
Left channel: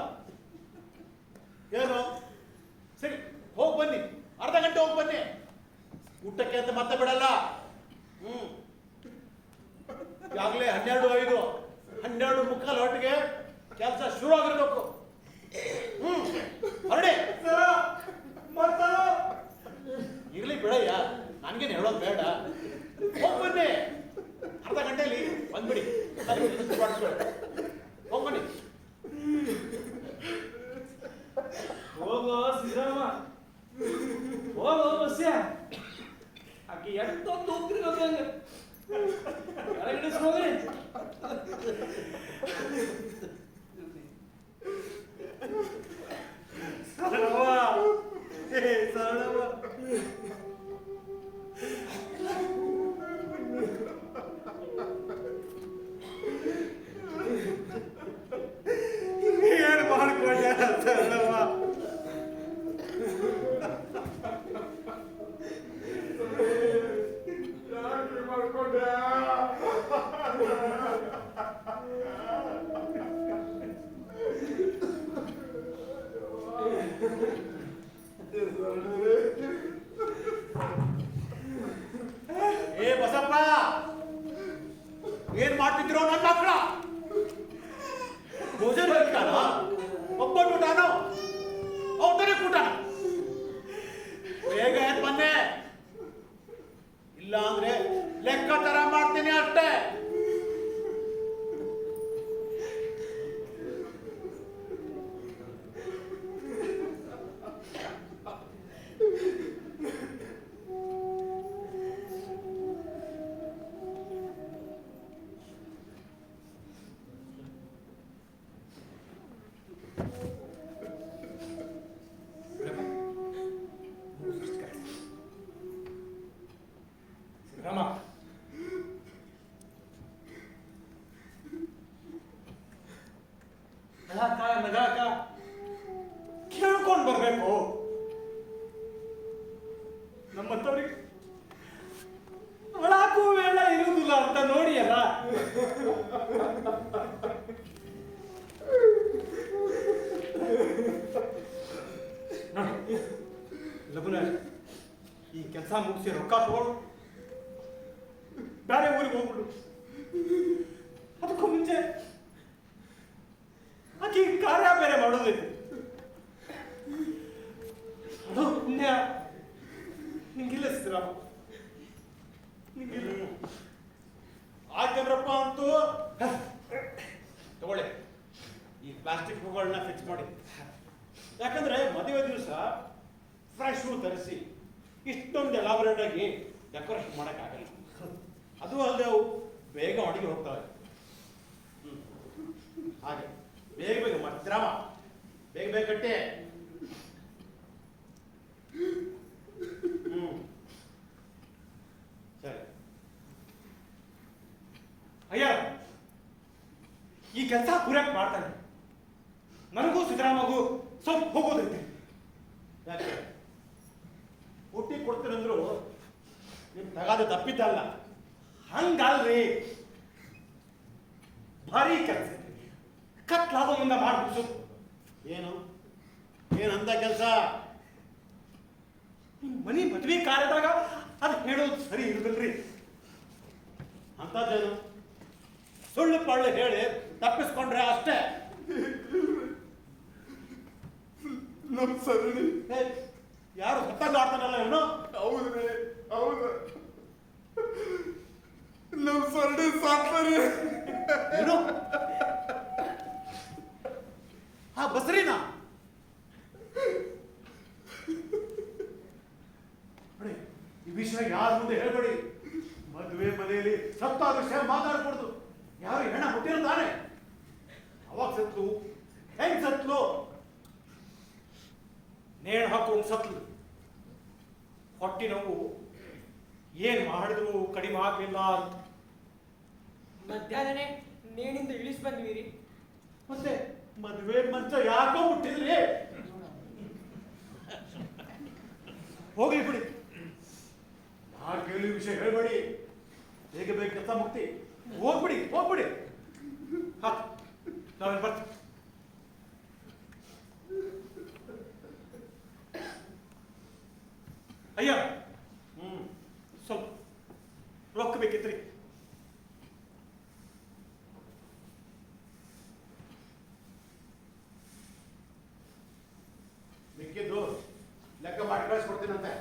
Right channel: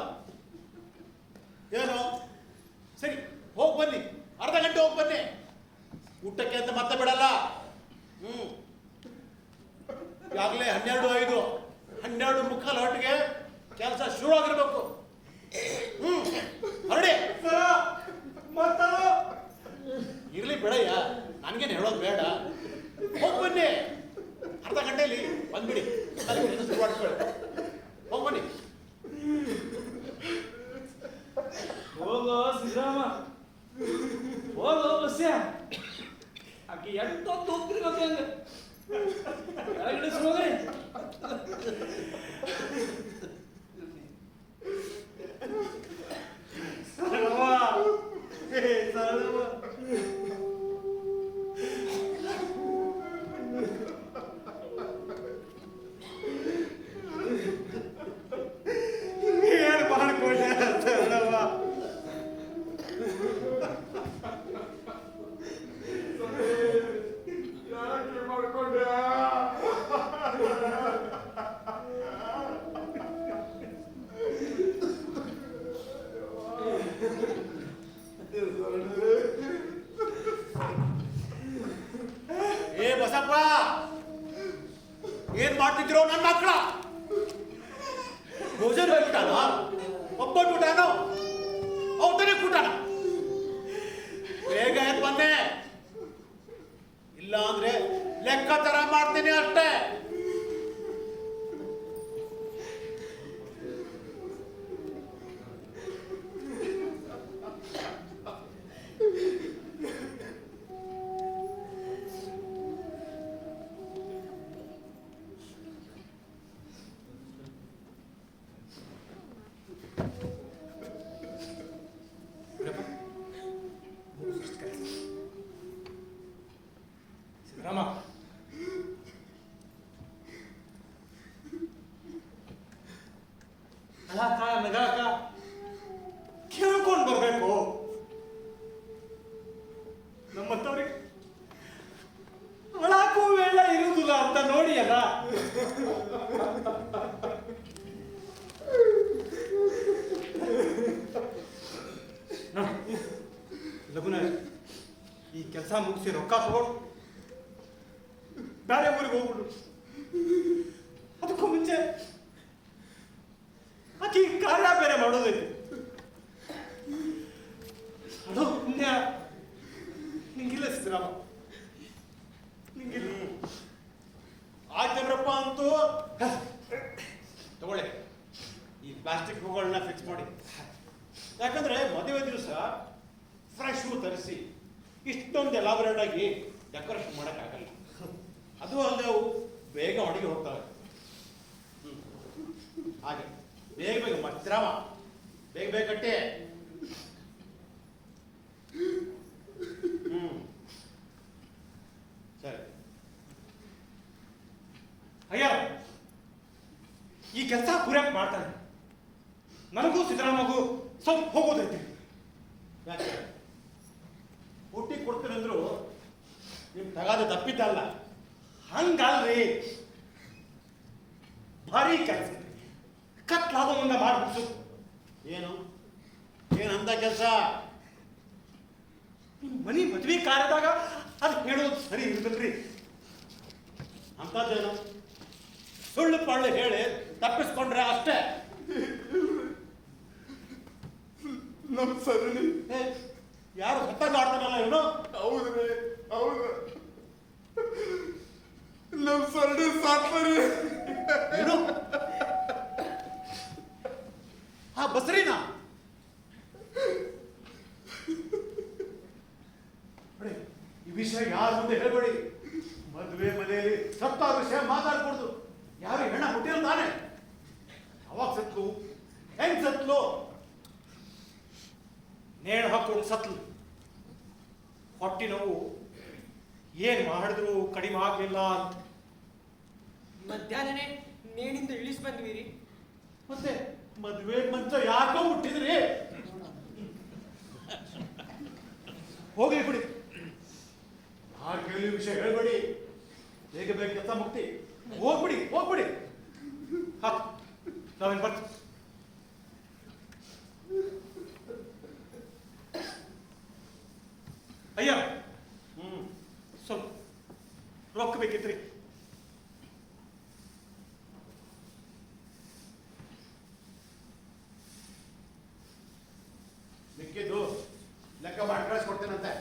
ಏನು ಸರಿ, ಹೋಗಿ ಬನ್ನಿ, ಅರ್ಧ ಗಂಟೆ ಹೋಗಿ ಬನ್ನಿ. ಊಟಕ್ಕೆ ಅಂತ ಮತ್ತೆ ಬಿಡಲ್ಲ. ಈಗಾಗಲೇ 12:05, 12:45 ಹೊತ್ತಿಗೆ ಕೆಲಸ ಶುರು ಆಗಿರ್ಬೇಕು. ಹೊರಡಿ. ಇರ್ಲಿ ಬಿಡಯ್ಯ, ನನ್ಗೇನು ಹೇಳೋದು ಬೇಡ. ಹೋಗಿ ಬನ್ನಿ, ಅರ್ಧ ಗಂಟೆಯಲ್ಲಿ ಬಂದ್ಬಿಡಿ. ಹೋಗಿ ಬನ್ನಿ. ಹೋಗೋ ಸಿದ್ದರಾಮ, ಹೋಗೋ ಬಸ್ಯ. ಆಕೆ ಎಂತೊಂದು ಹೋಗ್ತಿರ್ಬೇಕಂಗ ಕೆಳಗಡೆ ಹೋಗ್ರಿ. ಏ ಬಸಪ್ಪ, ಏನ್ ಮಾಡ್ತಿದ್ರೋ ನನ್ನ ಮಕ್ಕಳ? ಭೋಜನ ಊಟನ, ಒಬ್ಬಟ್ಟು ಊಟನೋ, ಔತಣ ಊಟನ? ಬೇಗ ಎದ್ದು ಬಂದೆ, ಇಲ್ಲ ಅಂದ್ರೆ ಲೆಕ್ಕಾಚಾರ ಮಾಡ್ತೀನಿ ಅಷ್ಟೇ. ಸಿದ್ದರಾಮ, ಅಳಾಕ ನಗಾಕ ಕೇಳ್ಕೊಂಡು ಬರ್ಬೇಕು. ನಮ್ಮಂತವ್ರಿಗೆ ಅಳಾಕು ವೇಳ ಇರುವುದಿಲ್ಲ ಅಂತ ನೋಡಿ ಅಲ್ಲ. ಲಗುನ ಈ ಕೆಲಸ ಮುಗಿಸಿ ರೊಕ್ಕ ತಗೊಂಡು ಬೇರೆ ಊರಿಗೆ ಹೋಗ್ಬಿಡು. ಅದಕ್ಕೂ ಮುಂಚೆ ಆಕಿ ಕಾರ್ಯ ಬೇರೆ ಮಾಡೋದೈತಿ. ಅದು ಪುಣ್ಯ ನಿಂಗಿಲ್ಲ ಸಿದ್ದರಾಮ, ನಿಂಗಿಲ್ಲ. ಆಯ್ತೇನ್ರಪ್ಪ ಅಂತೂ ತಗೊಳ್ಳಿ, ಈ ಪ್ಲಾಸ್ಟಿಕ್ ಹೂಗಳನ್ನ ಫಿಕ್ಸ್ ಮಾಡಿ. ಯಾಕಂದ್ರೆ ಮದುವೆ ದಿವಸ ಫ್ರೆಶ್ ಹೂ ತರಿಸಿ ಇಷ್ಟೊಂದು ಎಲಾಬರೇಟ್ ಆಗಿ ಡೆಕೋರೇಷನ್ ಮಾಡೋಕ್ಕಾಗಲ್ಲ. ಅದು ಅಲ್ಲದೆ ಅವು ಬೇಗ ಒಣಗಿ ಹೋಗ್ತವೆ. ಹಾಗೆ ಬೇಗ ಬೇಗ ಮತ್ತಿರಾಮ, ಬೇಗ ಬೇಗ ಕಟ್ಟೆ. ಸರಿ. ಅಯ್ಯ, ಈ ಕೆಲಸ ಪೂರೈಕೆ ಮಾಡ್ತಾನೆ. ನನಗೂ ಸಿದ್ದರಾಮಗೂ ಸ್ವಲ್ಪ ಹೋಗೋದೈತಿ. ಯಾಕೆ ಊಟಿ ಕೊಡ್ತೀರಂದ್ರು ನಿಮ್ ತಗಾದೆ ತಪ್ಪಿದ್ದಲ್ಲ. ಹಂಗಲ್ರಿ, ಭಾರಿ ಕೆಲಸ ಕತ್ಲಾದ ಮುಂದೆ ಮಾಡ್ಬಿಡ್ಸು. ಏನು ಏನಂತ ಕೆಲಸ? ಮನಿ ಮದ್ವೆ ಕಾರ್ಯದಾಗ ಅದು ಹೇಳೋದು ಸರಿ ಇರ್ಬೇಕ್ರಿ. ಅಂತದ್ದೇನು ಸುಳ್ಳು ಪಳ್ಳು ಹೇಳಿ ತಪ್ಪಿಸ್ಕೊಂಡ್ರೆ ಅಷ್ಟೇ. ನಮ್ ಸರಣಿ ಯಾರು ಸತ್ತ ಶಬ್ದ ಆಡ್ತಾನಲ್ಲ ಇವನು. ಹೌದ್ರಿ, ಹೌದು. ನಮ್ ಸರ್ಡಿ ಸಾಕ್ತಾರೆ. ಏನು? ಹಾ ಬಸ್ರಿನಾ? ನೋಡಿ, ಈ ವಿಷಯ ಯಾರ ಮುಂದೆ ಹೇಳ್ಬೇಡಿ. ಮದುವೆ ಮನೆಯಲ್ಲಿ ಸತ್ತ ವಿಷಯ ಮಾತಾಡ್ಕೊಡ್ದು. ಯಾರು ಹೆಣ್ಣ ಹುಟ್ಟಿರೋ ತಾನೆ? ಅವಾಗ ಸತ್ಲು, ಹೆಂಗ್ ಸತ್ಲು? ನೇಣು ಹಾಕೋದು ಸತ್ಲು. ಹೊಟ್ಟಿ ನೋವು ಏನ್ ಮಾಡಿದ್ರು ಕಡಿಮೆ ಆಗ್ಲಿಲ್ಲ ಅಂತ. ಮಧ್ಯಾಹ್ನನೇ ನೇಣಿಂದ ಇಳಿಸ್ ಬಂದ್ವಿ. ಮತ್ತೆ ಮದುವೆ ಮಂಚ ಯಾಕೋ ಮುಟ್ಟಿದ್ರಿ? ಹೋಗ್ಲಿ ಬಿಡಿ, ಯಾರ ಕೇಳಿ ವಿಷಯ ಹೇಳ್ಬೇಡಿ. ಹೇಗೆ ಬೇಕು ಕೆಲಸ ಮುಕ್ತಿ. ಹೋಗ್ಬಿಡಿ ಹೋಗ್ಬಿಡಿ. ನಾವೇನ್ ಬರ್ತೀವಿ. ಅಯ್ಯ, ಸ್ವಲ್ಪ ರೊಕ್ಕ ಬೇಕಿತ್ರಿ. ಮಿಕ್ಕಿದ್ದು ಲೆಕ್ಕ ಮಾಡಿ ಕಳಿಸ್ಕೊಡ್ತೀನಂತೆ.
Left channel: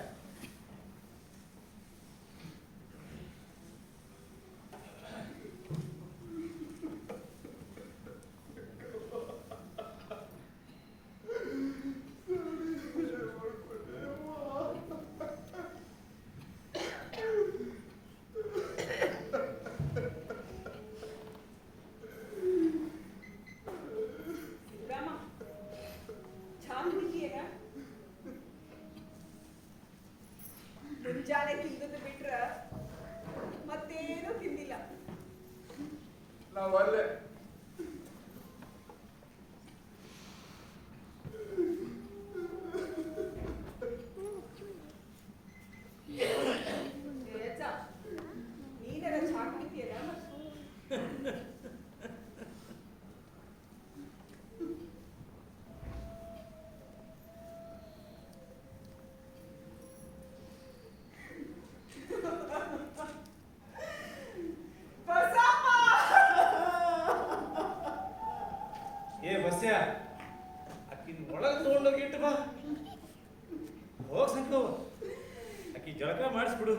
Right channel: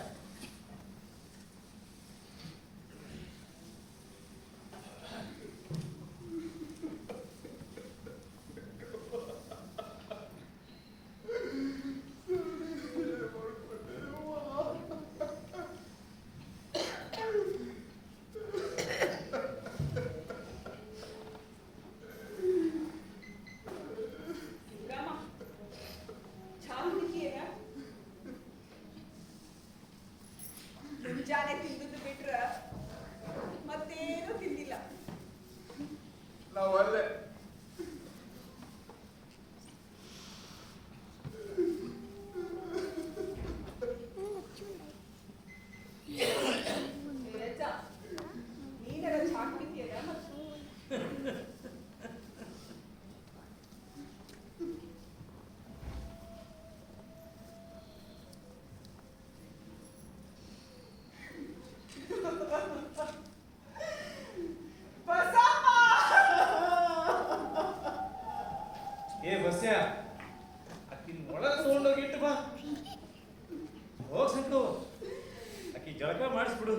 ಮುಂಜಾನೆ ತಿಂದದ್ದು ಬಿಟ್ರ ಮತ್ತೇನು ತಿಂದಿಲ್ಲ. ನಾವು ಅಲ್ಲೇ ನೀನೆಲ್ಲ ಚಾ ಕುಡಿತೀಯಲ್ಲ? ಏ ಬಸ್ಯ, ಅಕ್ಕಿನ ಒಳಗೆ ತಗೊಂಡೋಗಿ ಇಟ್ಟು ಬಾ. ಹೋಗ್ ಸಿಟ್ಟು, ಅಕ್ಕಿ ಜಳಕ ಮಾಡಿಸ್ಬಿಡು.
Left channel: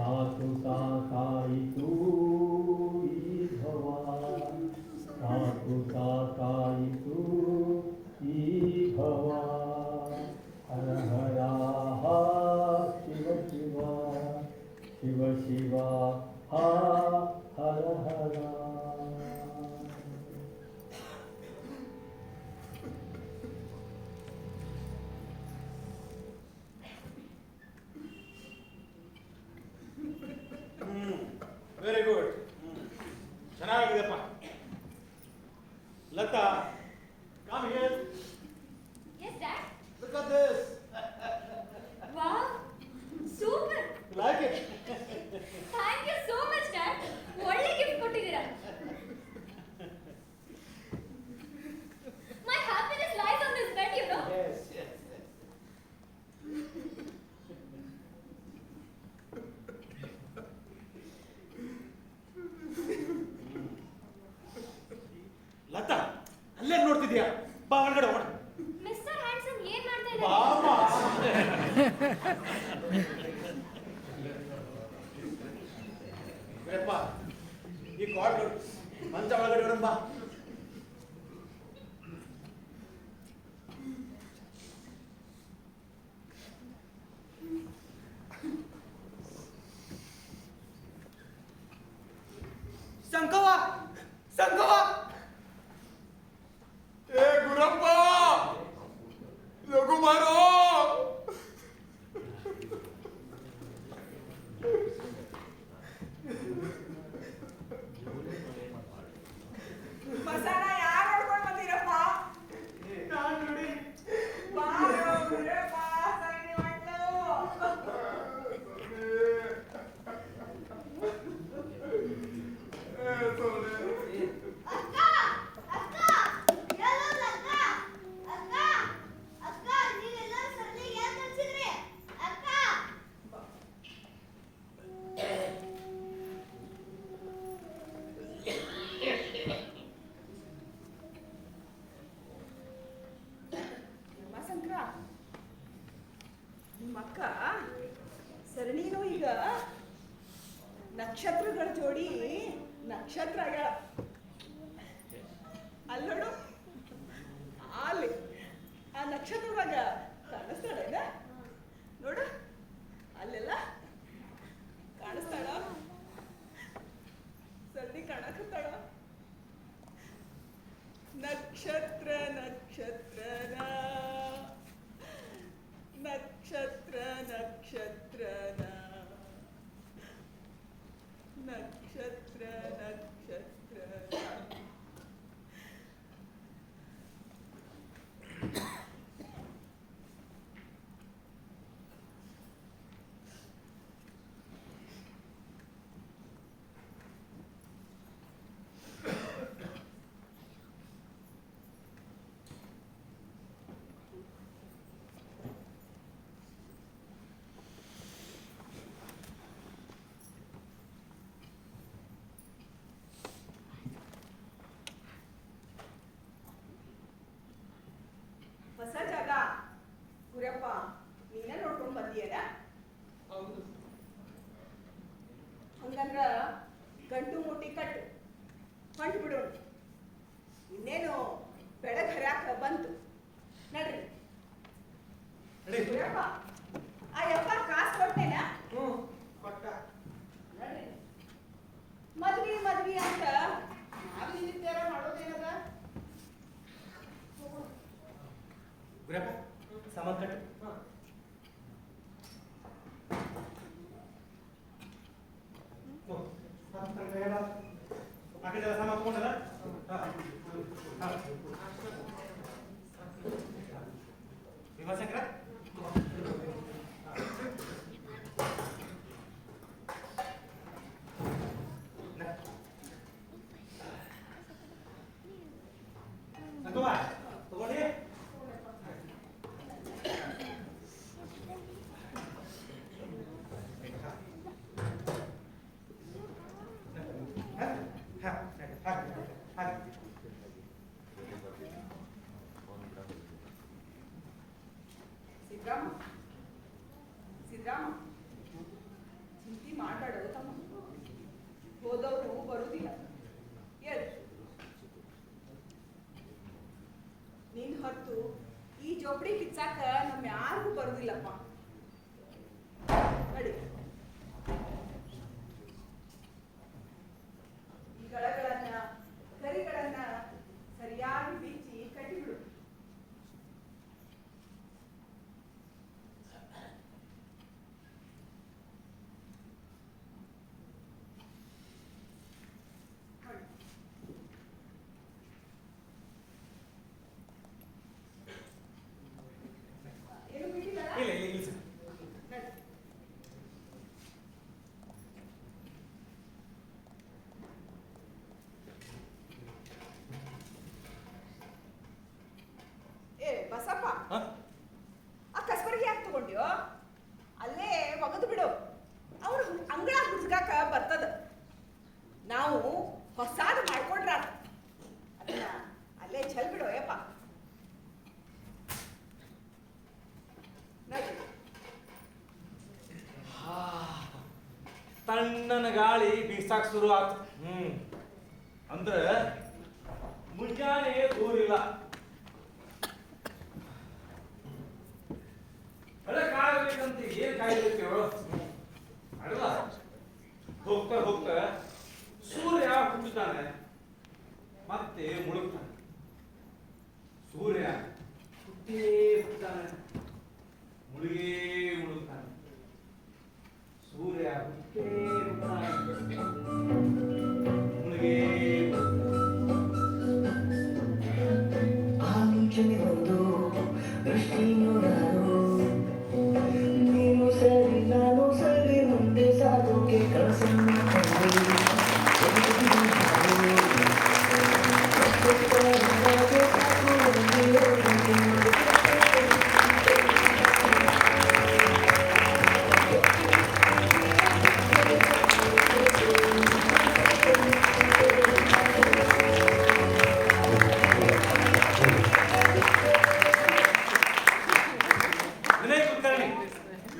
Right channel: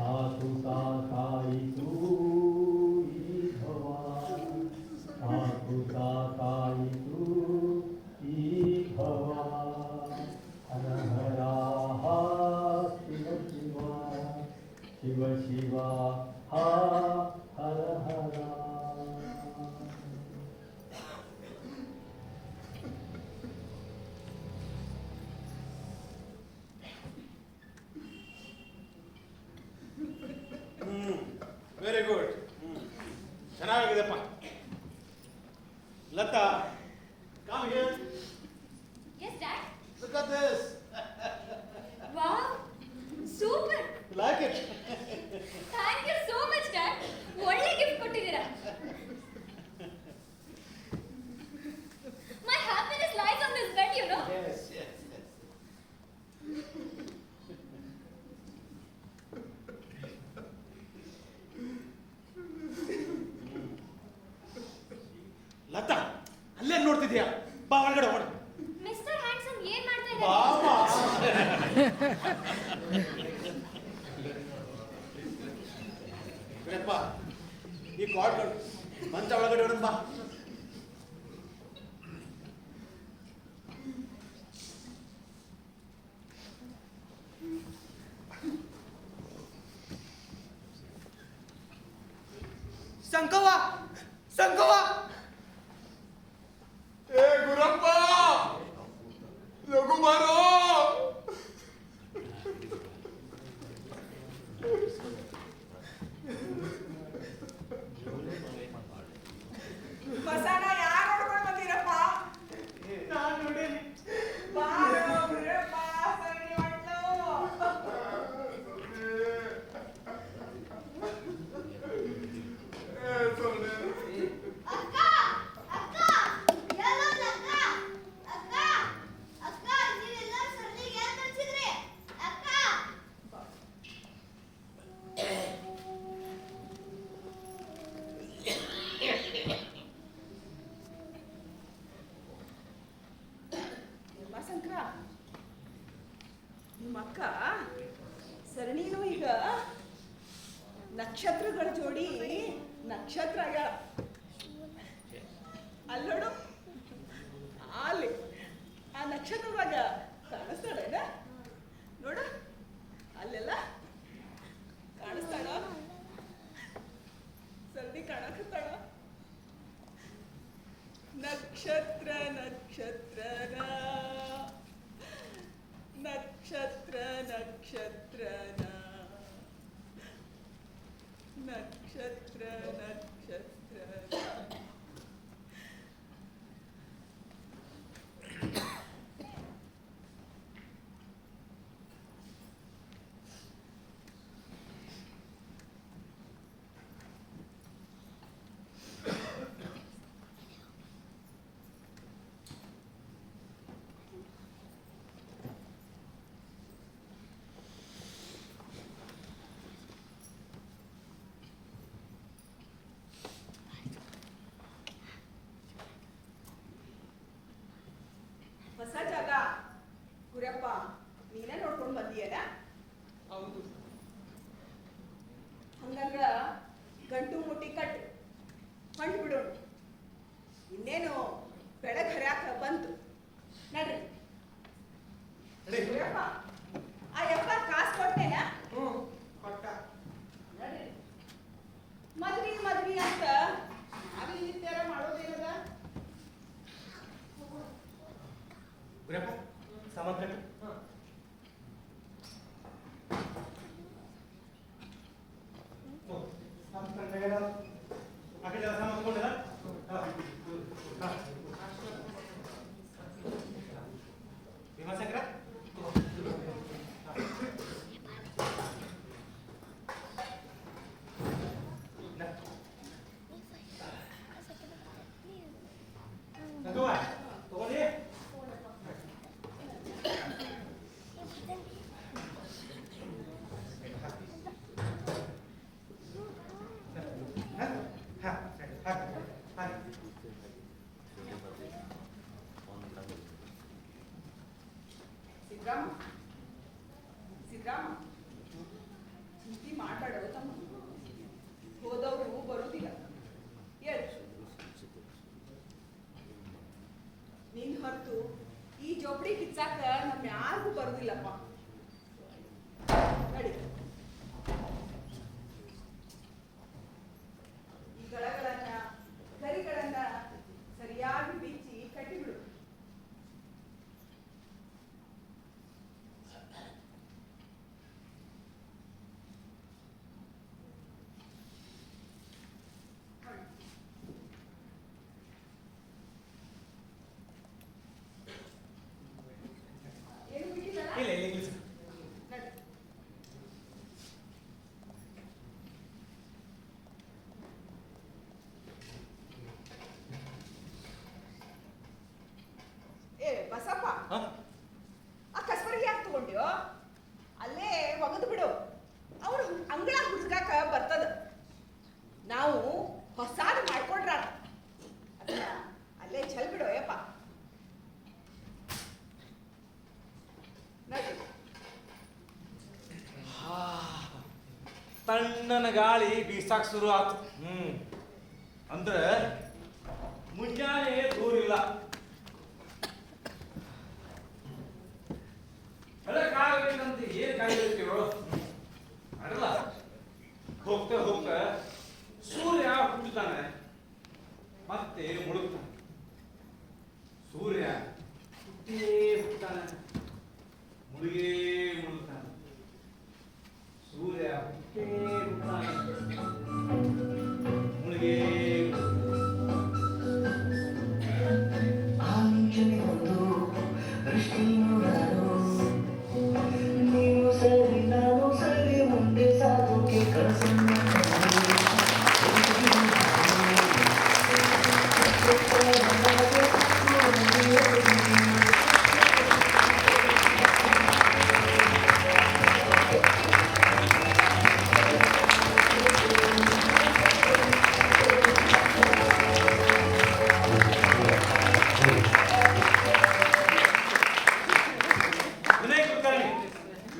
ಸಾಕು ಸಾಕಾಯಿತು ಚೆನ್ನಾಗಿದೆಪ್ಪ. Latha, come here. Yes, Dad. Look at this. Wow. Super. You like it? Thank you so much, Dad. ಒಳ್ಳೆ ಗಿಫ್ಟ್ ಕೊಟ್ಟಿದ್ದೀರಾ. My happiness lies on this bed, you know. Yes, yes, yes. Lata, ಅಲ್ಲೇ ನೋಡ್ತಿದ್ಯಾ? ಬಾ ಒಳಗಡೆ ಹೋಗೋಣ. ಮಿಸ್ಟರ್ ಹ್ಯಾಂಡ್ಸಮ್ ಏನ್ ಮಾಡ್ತಾ ಬಾಮ್ಮ. ಬಿಡಪ್ಪ, ಈ ಕಾರ್ಡ್ಗಳು ಮಂಚ ಒಳಗಡೆ ಇಡೋಣ ಬಾ. ಸಂಕವ ಸಂಕವ ಏ ಗುರಪ್ಪ, ಲಘು ಮಾರೋ. ಬಸನ ಯಾರು ನೋಡ್ಕೊಂಡು ಬಂದಿರಪ್ಪ? ನಾನ್ ನೋಡಿ ಬಾರೋ ಗುರಪ್ಪ, ಸರಣಿ ಮಾಡ್ಲು. ಅಕ್ಕ ಅಕ್ಕ ಎಲ್ಲೋದ್ಲ ಅಕ್ಕ ಅಕ್ಕ ಅಕ್ಕ ನೀವೆಲ್ಲರೂ ಸರ್ಲಿಗೆ ಏನ್ ಕಳ್ಸಿದ್ರಿ ಅಕ್ಕ ಶಂಕರ, ನಿಮ್ಮ ಅಕ್ಕ ಸರಣಿನೂ ಈಗ ನಕ್ಷತ್ರಗಳ ಜೋಡಿ ನಕ್ಷತ್ರ ಆಗ್ಯಾಳ. ಅಲ್ಲಿ ನೋಡು, ಅಲ್ಲಿ ಆ ನಕ್ಷತ್ರದಾಗ ಕಾಣಿಸ್ತಾಳ ನೋಡು, ಅಲ್ಲೆಲ್ಲ ಕಾಣಿಸ್ತಾಳ. ಸರದಿ ಕಾಣಕತ್ತಾಳ. ನಕ್ಷತ್ರ ನಕ್ಷತ್ರನ ನಕ್ಷತ್ರ ನಕ್ಷತ್ರನ ನಕ್ಷತ್ರ ನಕ್ಷತ್ರನ. ಹೊಸ ಜಾಗ ಗುರಪ್ಪ, ನೀನೇ ನೋಡ್ಕೊಂಡು ಬಂದಿಯಲ್ಲ? ಹೌದು. ಹಂಗಂದ್ರ ಗಂಟು ಮುಟ್ಟಿ ಕಟ್ಟು, ಹೊಂಟು ಬಿಡೋಣ. ಇನ್ನೇನು ಬೆಳಗ್ಗೆ ಹರ್ಯಾಕ ಬಂತು, ನಡ್ರಿ. ಗುರಪ್ಪ, ಆ ಯಪ್ಪ ಕಾಸು ಕೊಟ್ಟೇನಾ? ಕೊಟ್ಟ. ನಡ್ರಿ. ಮದ್ವಿ ಮದ್ವಿ ಅಂತ ನಾವೇ ನಿತ್ಯಾರ ಮಾಡೋದೇನದ? ಗುರಪ್ಪ, ಸಾಮಾನ್ ಕಟ್ಟು. ಆ ಕಡೆ ಸಾಮಾನು ತಗೊಂಡಲ್ಲ? ಭೀಮಾಶಂಕರ, ಸಂಗವ್ವ, ತಗೊಳ್ಳಿ. ಸಿದ್ರಾಮ, ಸಿದ್ರಾಮ, ಚಿಂತೆ ಮಾತಾಡೋ ತಮ್ಮ. ಹೋದವರು ಬರುವುದಿಲ್ಲ. ಹೇಳು, ನೀನ್ ಹೊರತು ಈ ಜೋಬಡಿ ಕಿಚ್ಚಾಕ ನಮ್ ಯಾರಿಗೂ ಬರುದಿಲ್ಲಪ್ಪ. ನಡಿ. ಈ ಗಳಗಳನ್ನ ಗರಿಗಳನ್ನ ಸರಿಯಾಗಿ ಬಿಚ್ಚಿ ಕಟ್ಟಿಬಿಡು. ತಣ್ಣನ ಗಾಳಿ ಬೀಸಾಕ್ ಶುರು ಆತು. ಅಂದ್ರೆ ಮುಂಜಾನೆ ದೂರ ಇಲ್ಲ. ಎಲ್ಲ ಕಾಯ್ಬೇಕಂತ ಏನ್ ಕಾಯ್ಬೇಕೋ ಅಲ್ಲ. ಹೋಗ್ತಾ ಹೋಗ್ತಾ ಸೂರ್ಯ ಹುಟ್ಟುತ್ತಾನೆ ಮತ್ತೆ ಮುಳುಗ್ತಾನೆ. ಸೂರ್ಯ ಹುಟ್ಟೇ ಹುಟ್ಟುತ್ತಾನೆ, ಮುಳುಗೇ ಮುಳುಗ್ತಾನೆ. ಸೂರ್ಯ ಹುಟ್ಟೇ ಹುಟ್ಟುತ್ತಾನೆ, ಮುಳುಗೇ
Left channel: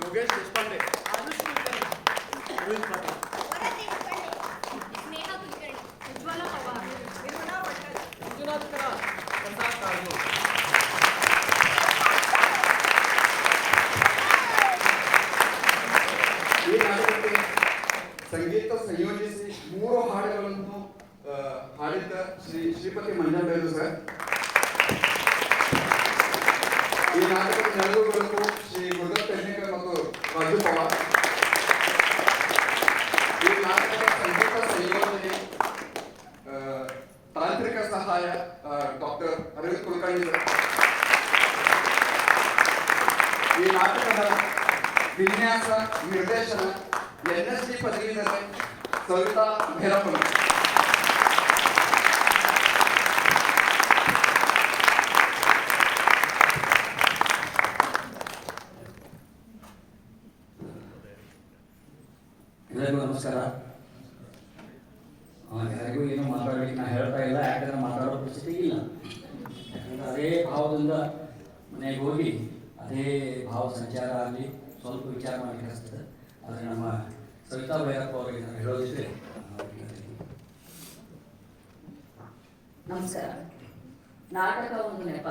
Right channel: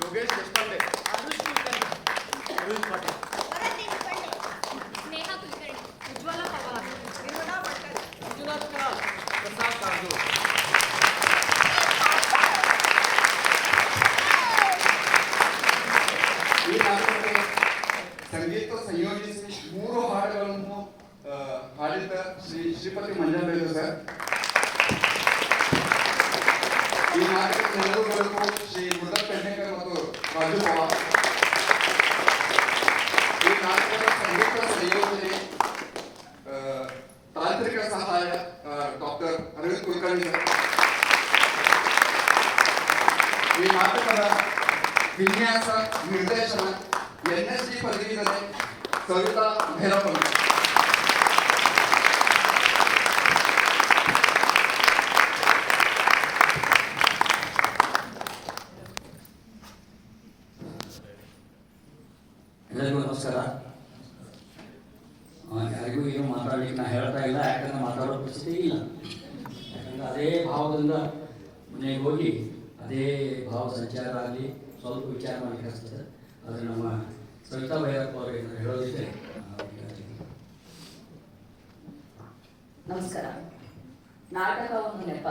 ಯೋಗೇಶ್ ದೇಶಪಾಂಡೆ, ಆರುಷ್ ಕುಲಕರ್ಣಿ, ಅರವಿಂದ್ ಪಾಟೀಲ್. ವರದಿ ಕುಲಕರ್ಣಿ, ಸ್ನೇಹ ಕುಲಕರ್ಣಿ, ಉಜ್ವಲ ಪವಾರ್, ನಿರ್ಮಲಾ ಭಟ್ಕರ್, ಮಂಜುನಾಥ್ ಕರಾಲ್, ಪ್ರಸಾದ್ ಕಾಜು. ಈ ನಾಟಕಕ್ಕೆ ಸಂಗೀತ ಸಂಯೋಜಿಸಿ 3 ಹಾಡುಗಳನ್ನು ಹಾಡಿದ್ದ ಶ್ರೀಪತಿ ಮಂಜಾಬೈಲು ಸರ್. ಈ ನಾಟಕದ ನೆರವುಗಳು ಶ್ರೀ ಮುರುಘಾ ಪೆಡ್ನೇಕರ್ ಮತ್ತು ರಾಜು ಪವಾರ್. ಈ ನಾಟಕದ ಸಂಗೀತ ಸಂಯೋಜನೆ ತಾಂತ್ರಿಕ ಸಹಾಯ ಡಾಕ್ಟರ್ ಅರವಿಂದ್ ಕುಲಕರ್ಣಿ ಸರ್. ಈ ನಾಟಕದ ವಿನ್ಯಾಸ ನಿರ್ದೇಶನ NSD ಪದವೀಧರೆ ಸವಿತಾ ಭೈರಪ್ಪನ್. ಎಲ್ಲರಿಗೂ ನಮಸ್ಕಾರ. ಯಾರಿಗೂ ಏನು ಮಾತಾಡ್ಲಿಕ್ಕೆ ನಾ ಹೇಳ್ತಾ ಇಲ್ಲ, ಯಾಕಂದ್ರೆ ಮಾತಾಡೋ ಪರಿಸ್ಥಿತಿ ಇಲ್ಲ. ಯಾಕಂದ್ರೆ ಅದೇ ಭಾವದಿಂದ ಮನೆಗೆ ಹೋಗಿ ಅದೇ ಭಾವ ಸಂಚಾರ ಆಗಲಿ ಸ್ವಲ್ಪ ವಿಚಾರ ಮಾಡಿ ಕಳಿಸ್ತದೆ. ಆದರೆ ನಮ್ಮ ಸವಿತಾ ಭೈರಪ್ಪ ಅವರಿಗೆ ನಾನು ಹೇಳೋದಿದೆ. ನಮಸ್ಕಾರ. ನಾಟಕ ಒಂದು ನೆಪ,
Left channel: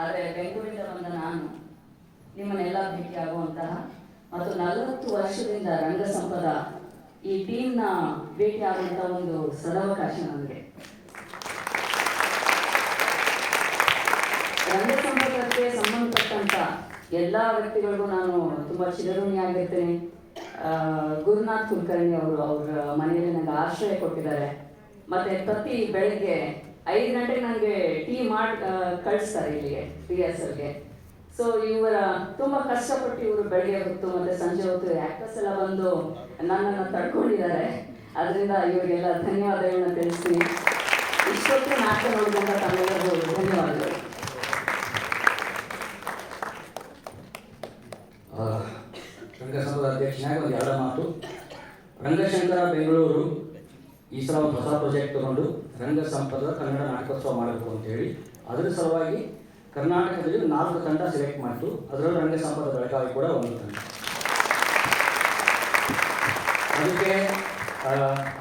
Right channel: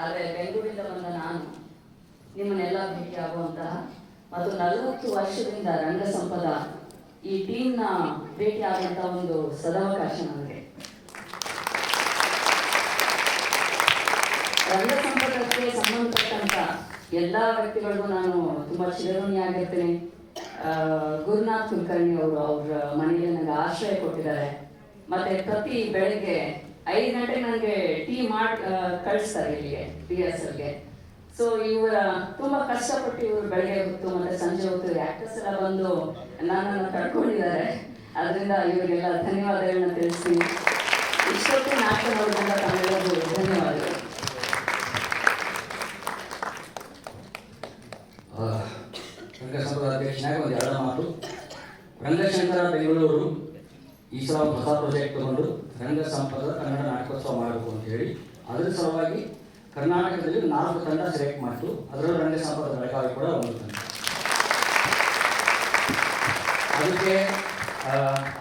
ಆದರೆ ಬೆಂಗಳೂರಿಂದ ಬಂದ ನಾನು ನಿಮ್ಮನ್ನೆಲ್ಲ ಭೇಟಿಯಾಗುವಂತಹ ಮತ್ತು 40 ವರ್ಷದಿಂದ ರಂಗ ಸಂಪದ ಈ ಟೀಮ್ನ ಭೇಟಿಯಾಗುವಂಥ ಒಂದು ಸದಾವಕಾಶ ನನಗೆ. ರಂಗ ಸಂಪರ್ಕಕ್ಕೆ ಸಂಬಂಧಪಟ್ಟಂತ ಎಲ್ಲ ವ್ಯಕ್ತಿಗಳಿಗೂ ನಾನು ತುಂಬ ಚಿರಋಣಿಯಾಗಿರ್ತೇನೆ. ಗುರುನಾಥ್ ಕುಲಕರ್ಣಿ ಅವರು ಅವ್ರ ಮನೆಯಲ್ಲಿ ನನಗೆ ಆಶ್ರಯ ಕೊಟ್ಟಿದ್ದಾರೆ. ಮತ್ತೆ ಪ್ರತಿ ಬೆಳಗ್ಗೆ 5 ಗಂಟೆಗೆ ನನಗೆ ಟೀ ಮಾಡಿ ಕಳಿಸ್ತಾರೆ ಇಲ್ಲಿಗೆ ರಿಹರ್ಸಲ್ಗೆ. ಸೊ ಇವರ ತುಂಬ ಕಷ್ಟಪಟ್ಟು ಇವರು ಬೆಳಗ್ಗೆ ಹೊತ್ತು ಮತ್ತೆ ಸಂಜೆ ಹೊತ್ತು ಆಕ್ಟರ್ಸ್ ಎಲ್ಲ ಬಂದು ನನ್ನನ್ನು ತಡ್ಕೊಂಡಿದ್ದಾರೆ. ಅದರಿಂದ ಇವರಿಗೆಲ್ಲ ಧನ್ಯವಾದಗಳನ್ನ ತಿಳಿಸ್ತೀನಿ. ಇಷ್ಟೊತ್ತು ನಾಟಕ ನೋಡಿದಂಥ ತಮ್ಮೆಲ್ಲರಿಗೂ ಧನ್ಯವಾದಗಳು. ರಂಗಸಂಘದ ಅಧ್ಯಕ್ಷನಾಗಿ ಒಂದು 2 ಮಾತು. ರಂಗಶಂಕರ ಬೆಂಗಳೂರು ಈ ಸಲ ಒಂದು ಹೊಸ ಪ್ರಾಜೆಕ್ಟ್ ತಗೊಂಡು ರಂಗ ಸಂಪದ ಕನ್ನಡ ನಾಟಕೋತ್ಸವ ಮಾಡಬೇಕು ಅಂತ ಹೇಳಿ ಅದರ ಸಲುವಾಗಿ ಕರ್ನಾಟಕದಲ್ಲಿ 4 ತಂಡ ಸೆಲೆಕ್ಟ್ ಮಾಡಿತು. ಅದರಲ್ಲೂ ರಂಗ ಸಂಪದ ಬೆಳಗಾವಿ ಕೂಡ ಒಂದು ತಂಡ. ಅದಕ್ಕೆ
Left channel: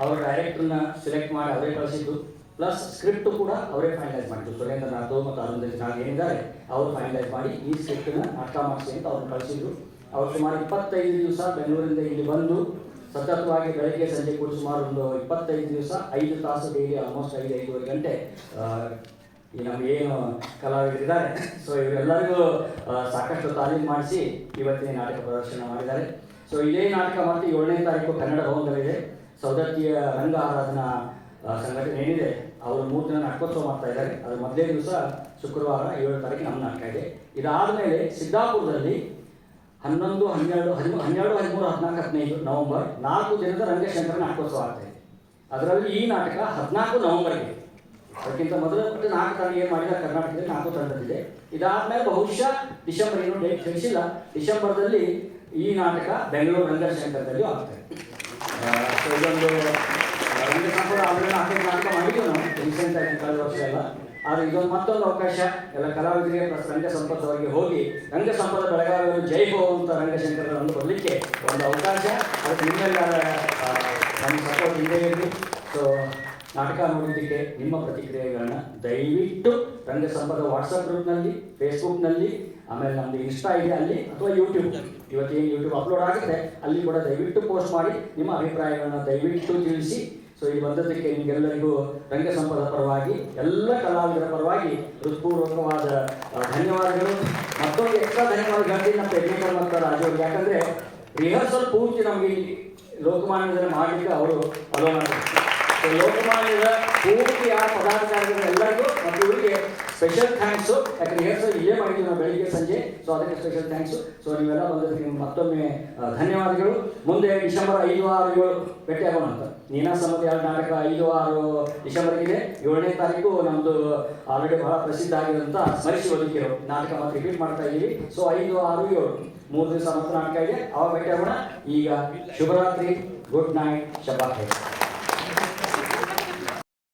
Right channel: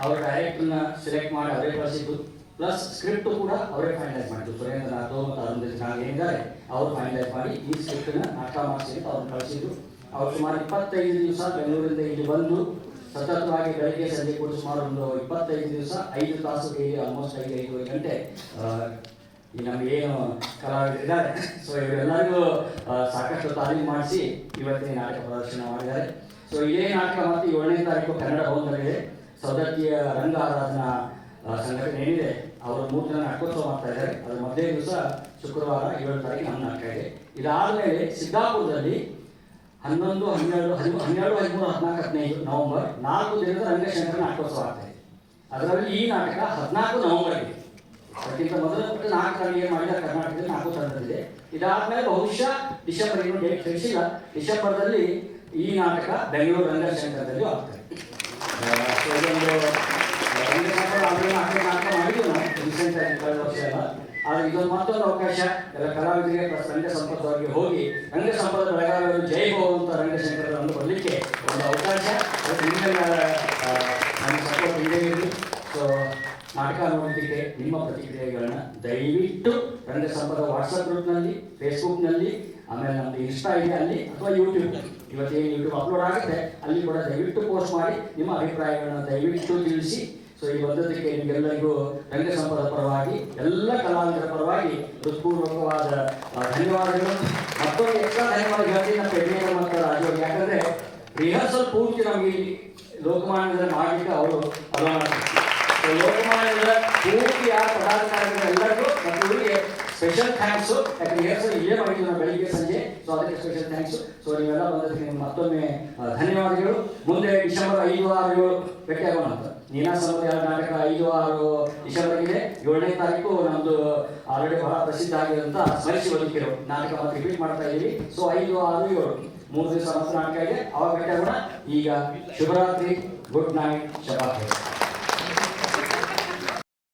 ಅವರ ಡೈರೆಕ್ಟರ್ನ ಸೆಲೆಕ್ಟ್ ಮಾಡಿ ಅವರೇ ಕಳಿಸಿದ್ದು, ಪ್ಲಸ್ ಸ್ಕ್ರಿಪ್ಟ್ ಕೂಡ ಅವರೇ ಫೈನಲೈಸ್ ಮಾಡಿದ್ದು. ಸುರೇಂದ್ರ ನಾಥೋ ಮತ್ತು ಅರುಣ್ ನಾಗ್ ಏನಿದ್ದಾರೆ ಅವರು ಫೈನಲೈಸ್ ಮಾಡಿ ಈ ಸ್ಕ್ರಿಪ್ಟನ್ನು ನಾಟಕ ಮಾಡಿಸಿ ಅಂತ ಅವ್ರು ಕಳಿಸಿದ್ರು. ಅವ್ರು ಸುಮಾರು 25 ದಿವಸ ಬೆಂಗಳೂರಿಂದ ಇಲ್ಲಿ ಬಂದು ಸತತವಾಗಿ ಬೆಳಗ್ಗೆ ಸಂಜೆ ಕೂಡ ಸುಮಾರು ಒಂದು 25 ದಿವಸ 5 ತಾಸು ಡೈಲಿ ಆಲ್ಮೋಸ್ಟ್ 5-5 ಗಂಟೆ ಈ ನಮಗೇನು ಕಲಾವಿದರಿದ್ದಾರೆ ಸೊ ಇವರೆಲ್ಲರಿಗೂ ಸಾಕಷ್ಟು ತಾಲೀಮು ಮಾಡಿಸಿ ಇವತ್ತಿನ ನಾಟಕ ಪ್ರದರ್ಶನ ಮಾಡಿದ್ದಾರೆ. ಸೊ ಇದೇ ನಾಟಕ ಮತ್ತು 7ನೇ ತಾರೀಕು ಕನ್ನಡ ಭವನದಲ್ಲಿದೆ. ಸೌದತ್ತಿಯ ರಂಗ ಆರಾಧನಾ ಸಂಘಟನೆ ಏನಿದೆ ಅವರು 3 ದಿನ ನಾಟಕೋತ್ಸವ ಮಾಡ್ತಾ ಇದ್ದಾರೆ. ಅದ್ರ ಮೊದಲೇ ದಿವಸ ಶುಕ್ರವಾರ 7 ತಾರೀಕು ನಮ್ಮ ನಾಟಕ ಇದೆ. ಇದಾದಮೇಲೆ ಸಿದ್ದಾಪುರದಲ್ಲಿ 11, 12, 13, 14, 15 ನವೆಂಬರ್ 4 ದಿನದ ರಂಗಶಂಕರ ನಾಟಕೋತ್ಸವ ಆಗ್ತದೆ. ಅದರಲ್ಲಿ ಈ ನಾಟಕ 14 ನವೆಂಬರ್ಗೆ ಅದಕ್ಕಿಂತ ಮೊದಲು 4 ತಾರೀಕು ಏನು ಮಾಡಿದ ಕರ್ನಾಟಕದಲ್ಲಿ 4 ತಂಡದಿದೆ. ಇದಾದ್ಮೇಲೆ ಬಹುಶಃ ಡಿಸೆಂಬರ್ ಏನು ಡೇಟ್ ತಿಳಿಸಿಲ್ಲ, ಡಿಸೆಂಬರ್ದಲ್ಲಿ ಈ ನಾಟಕ ಬೆಂಗಳೂರು ರಂಗಶಂಕರದಲ್ಲಿ ಆಗ್ತದೆ. ಇದೊಂದು ನಾಟಕ ಮಾಡಿದ್ದು ನಾವು ರೀಸೆಂಟ್ ಆಗಿ ಕಳೆದ ವರ್ಷ ಎಲ್ಲ. ಆದರೆ ಇದೊಂದು ಮತ್ತೊಂದು ಅವಕಾಶ ಎಲ್ಲ ಕಲಾವಿದರಿಗೆ ಪ್ಲಸ್ ರಂಗ ಸಂಪದ ಅವರಿಗೆ ಹೋಗಿ ರಂಗ ಸಂಪದ ಬೆಳಗಾವಿಯನ್ನು ಜೈ ಹೋ ಅಂತ ರಂಗಶಂಕರನ್ನು ಕೊಡಲಿಕ್ಕೆ ಒಂದು ಅವಕಾಶ. ಅದು ನಿಮಗೆ ನಮಗೆ ಸಪೋರ್ಟ್ ಇದೇ ಇರಲಿ. ಸೊ ನಾಟಕ ನೋಡಲಿಕ್ಕೆ ನಿಮ್ಮ ಪ್ರತಿಕ್ರಿಯೆಗಳನ್ನ ದಯವಿಟ್ಟು ರಂಗ ಸಂಪದ ವಾಟ್ಸಪ್ ಗ್ರೂಪ್ನಲ್ಲಿ, ಫೇಸ್ಬುಕ್ನಲ್ಲಿ, ಆಮೇಲೆ ನಮ್ಮದು ಇನ್ಸ್ಟಾ ಇದೆ ಅಲ್ಲಿ, ಅಥವಾ ಯೂಟ್ಯೂಬ್ ಇವತ್ತಿಗೆ ಯೂಟ್ಯೂಬ್ ಅಪ್ಲೋಡ್ ಆಗುತ್ತೆ, ಅಲ್ಲಿ ಕೂಡ ದಯವಿಟ್ಟು ಪೋಸ್ಟ್ ಮಾಡಿ ನಿಮ್ಮ ಅಭಿಪ್ರಾಯಗಳನ್ನು ದಯವಿಟ್ಟು ತಿಳಿಸಿ. ಸೊ ಈ ಬಂದದಕ್ಕೆ ನಿಮಗೆಲ್ಲರಿಗೂ ರಂಗ ಸಂಪದ ಪರವಾಗಿ ಎಲ್ಲ ಕಲಾವಿದರ ಪರವಾಗಿ ಹೃತ್ಪೂರ್ವಕವಾದ ಧನ್ಯವಾದಗಳು. ಮತ್ತೊಂದು ಎಕ್ಸ್ಟ್ರಾ ಧನ್ಯವಾದಗಳು ನಮ್ಮ ಟೆಕ್ನಿಕಲ್ ಮತ್ತು ರಾಜವ್ರಿಗೆ. ಯಾಕಂದರೆ ರಿಹರ್ಸಲ್ ಪೂರ್ತಿ ನಮಗೆ ಲೋಕಮಾನ್ಯದಲ್ಲಿ ಮಾಡಲಿಕ್ಕೆ ಅವರು ಅನುವು ಮಾಡಿದ್ರು. ಲೋಕಮಾನ್ಯದ ಪೂರ್ತಿ ಯಾರು ಪದಾಧಿಕಾರಿಗಳು ಎಲ್ಲರಿಗೂ ಮತ್ತು ಇವರಿಗೆ ಸ್ಪೆಷಲ್ ಥ್ಯಾಂಕ್ಸು. ಯಾಕಂದ್ರೆ ರಿಹರ್ಸಲ್ ಇಲ್ಲೇ ಮಾಡಿದ್ವಿ ನಾವು ಬೆಳಿಗ್ಗೆ ಸಂಜೆ. ಸೊ ಅದಕ್ಕೆ ಸ್ಪೆಷಲ್ ಥ್ಯಾಂಕ್ಸು. ಸೊ ನೀವೆಲ್ಲ ಬಂದದಕ್ಕೆ ನಿಮ್ಗೆ ಮತ್ತೊಮ್ಮೆ ಧನ್ಯವಾದಗಳು. ಮುಂದೆ ಡಿಸೆಂಬರ್ 5, 6, 7 ಭೇಟಿಯಾಗೋಣ ಅಂತ. ನೀನಾಸಂಪದ ನಾಟಕ 5, 6 ಡಿಸೆಂಬರ್ಗಿದೆ. 7ನೇ ತಾರೀಕು ನಮ್ಮದು ಆಲ್ರೆಡಿ ಬಹಳ ಪ್ರಸಿದ್ಧ ಆಗಿರುವಂಥ ಸ್ಮರಿಸಿ ಹೋಲಿಕೆರು ನಾಟಕ ನಾವು ರಿಪೀಟ್ ಮಾಡ್ತಾ ಇದ್ದೀವಿ. ಸೊ 5, 6, 7 3 ದಿವಸ ಮಾತ್ರ ನಾಟಕ ಇದೆ. ಅವಾಗ ಭೇಟಿಯಾಗೋಣ. ಈಗ ಶುಭರಾತ್ರಿ, ಗುಡ್ ನೈಟ್, ಶಬಾತ್.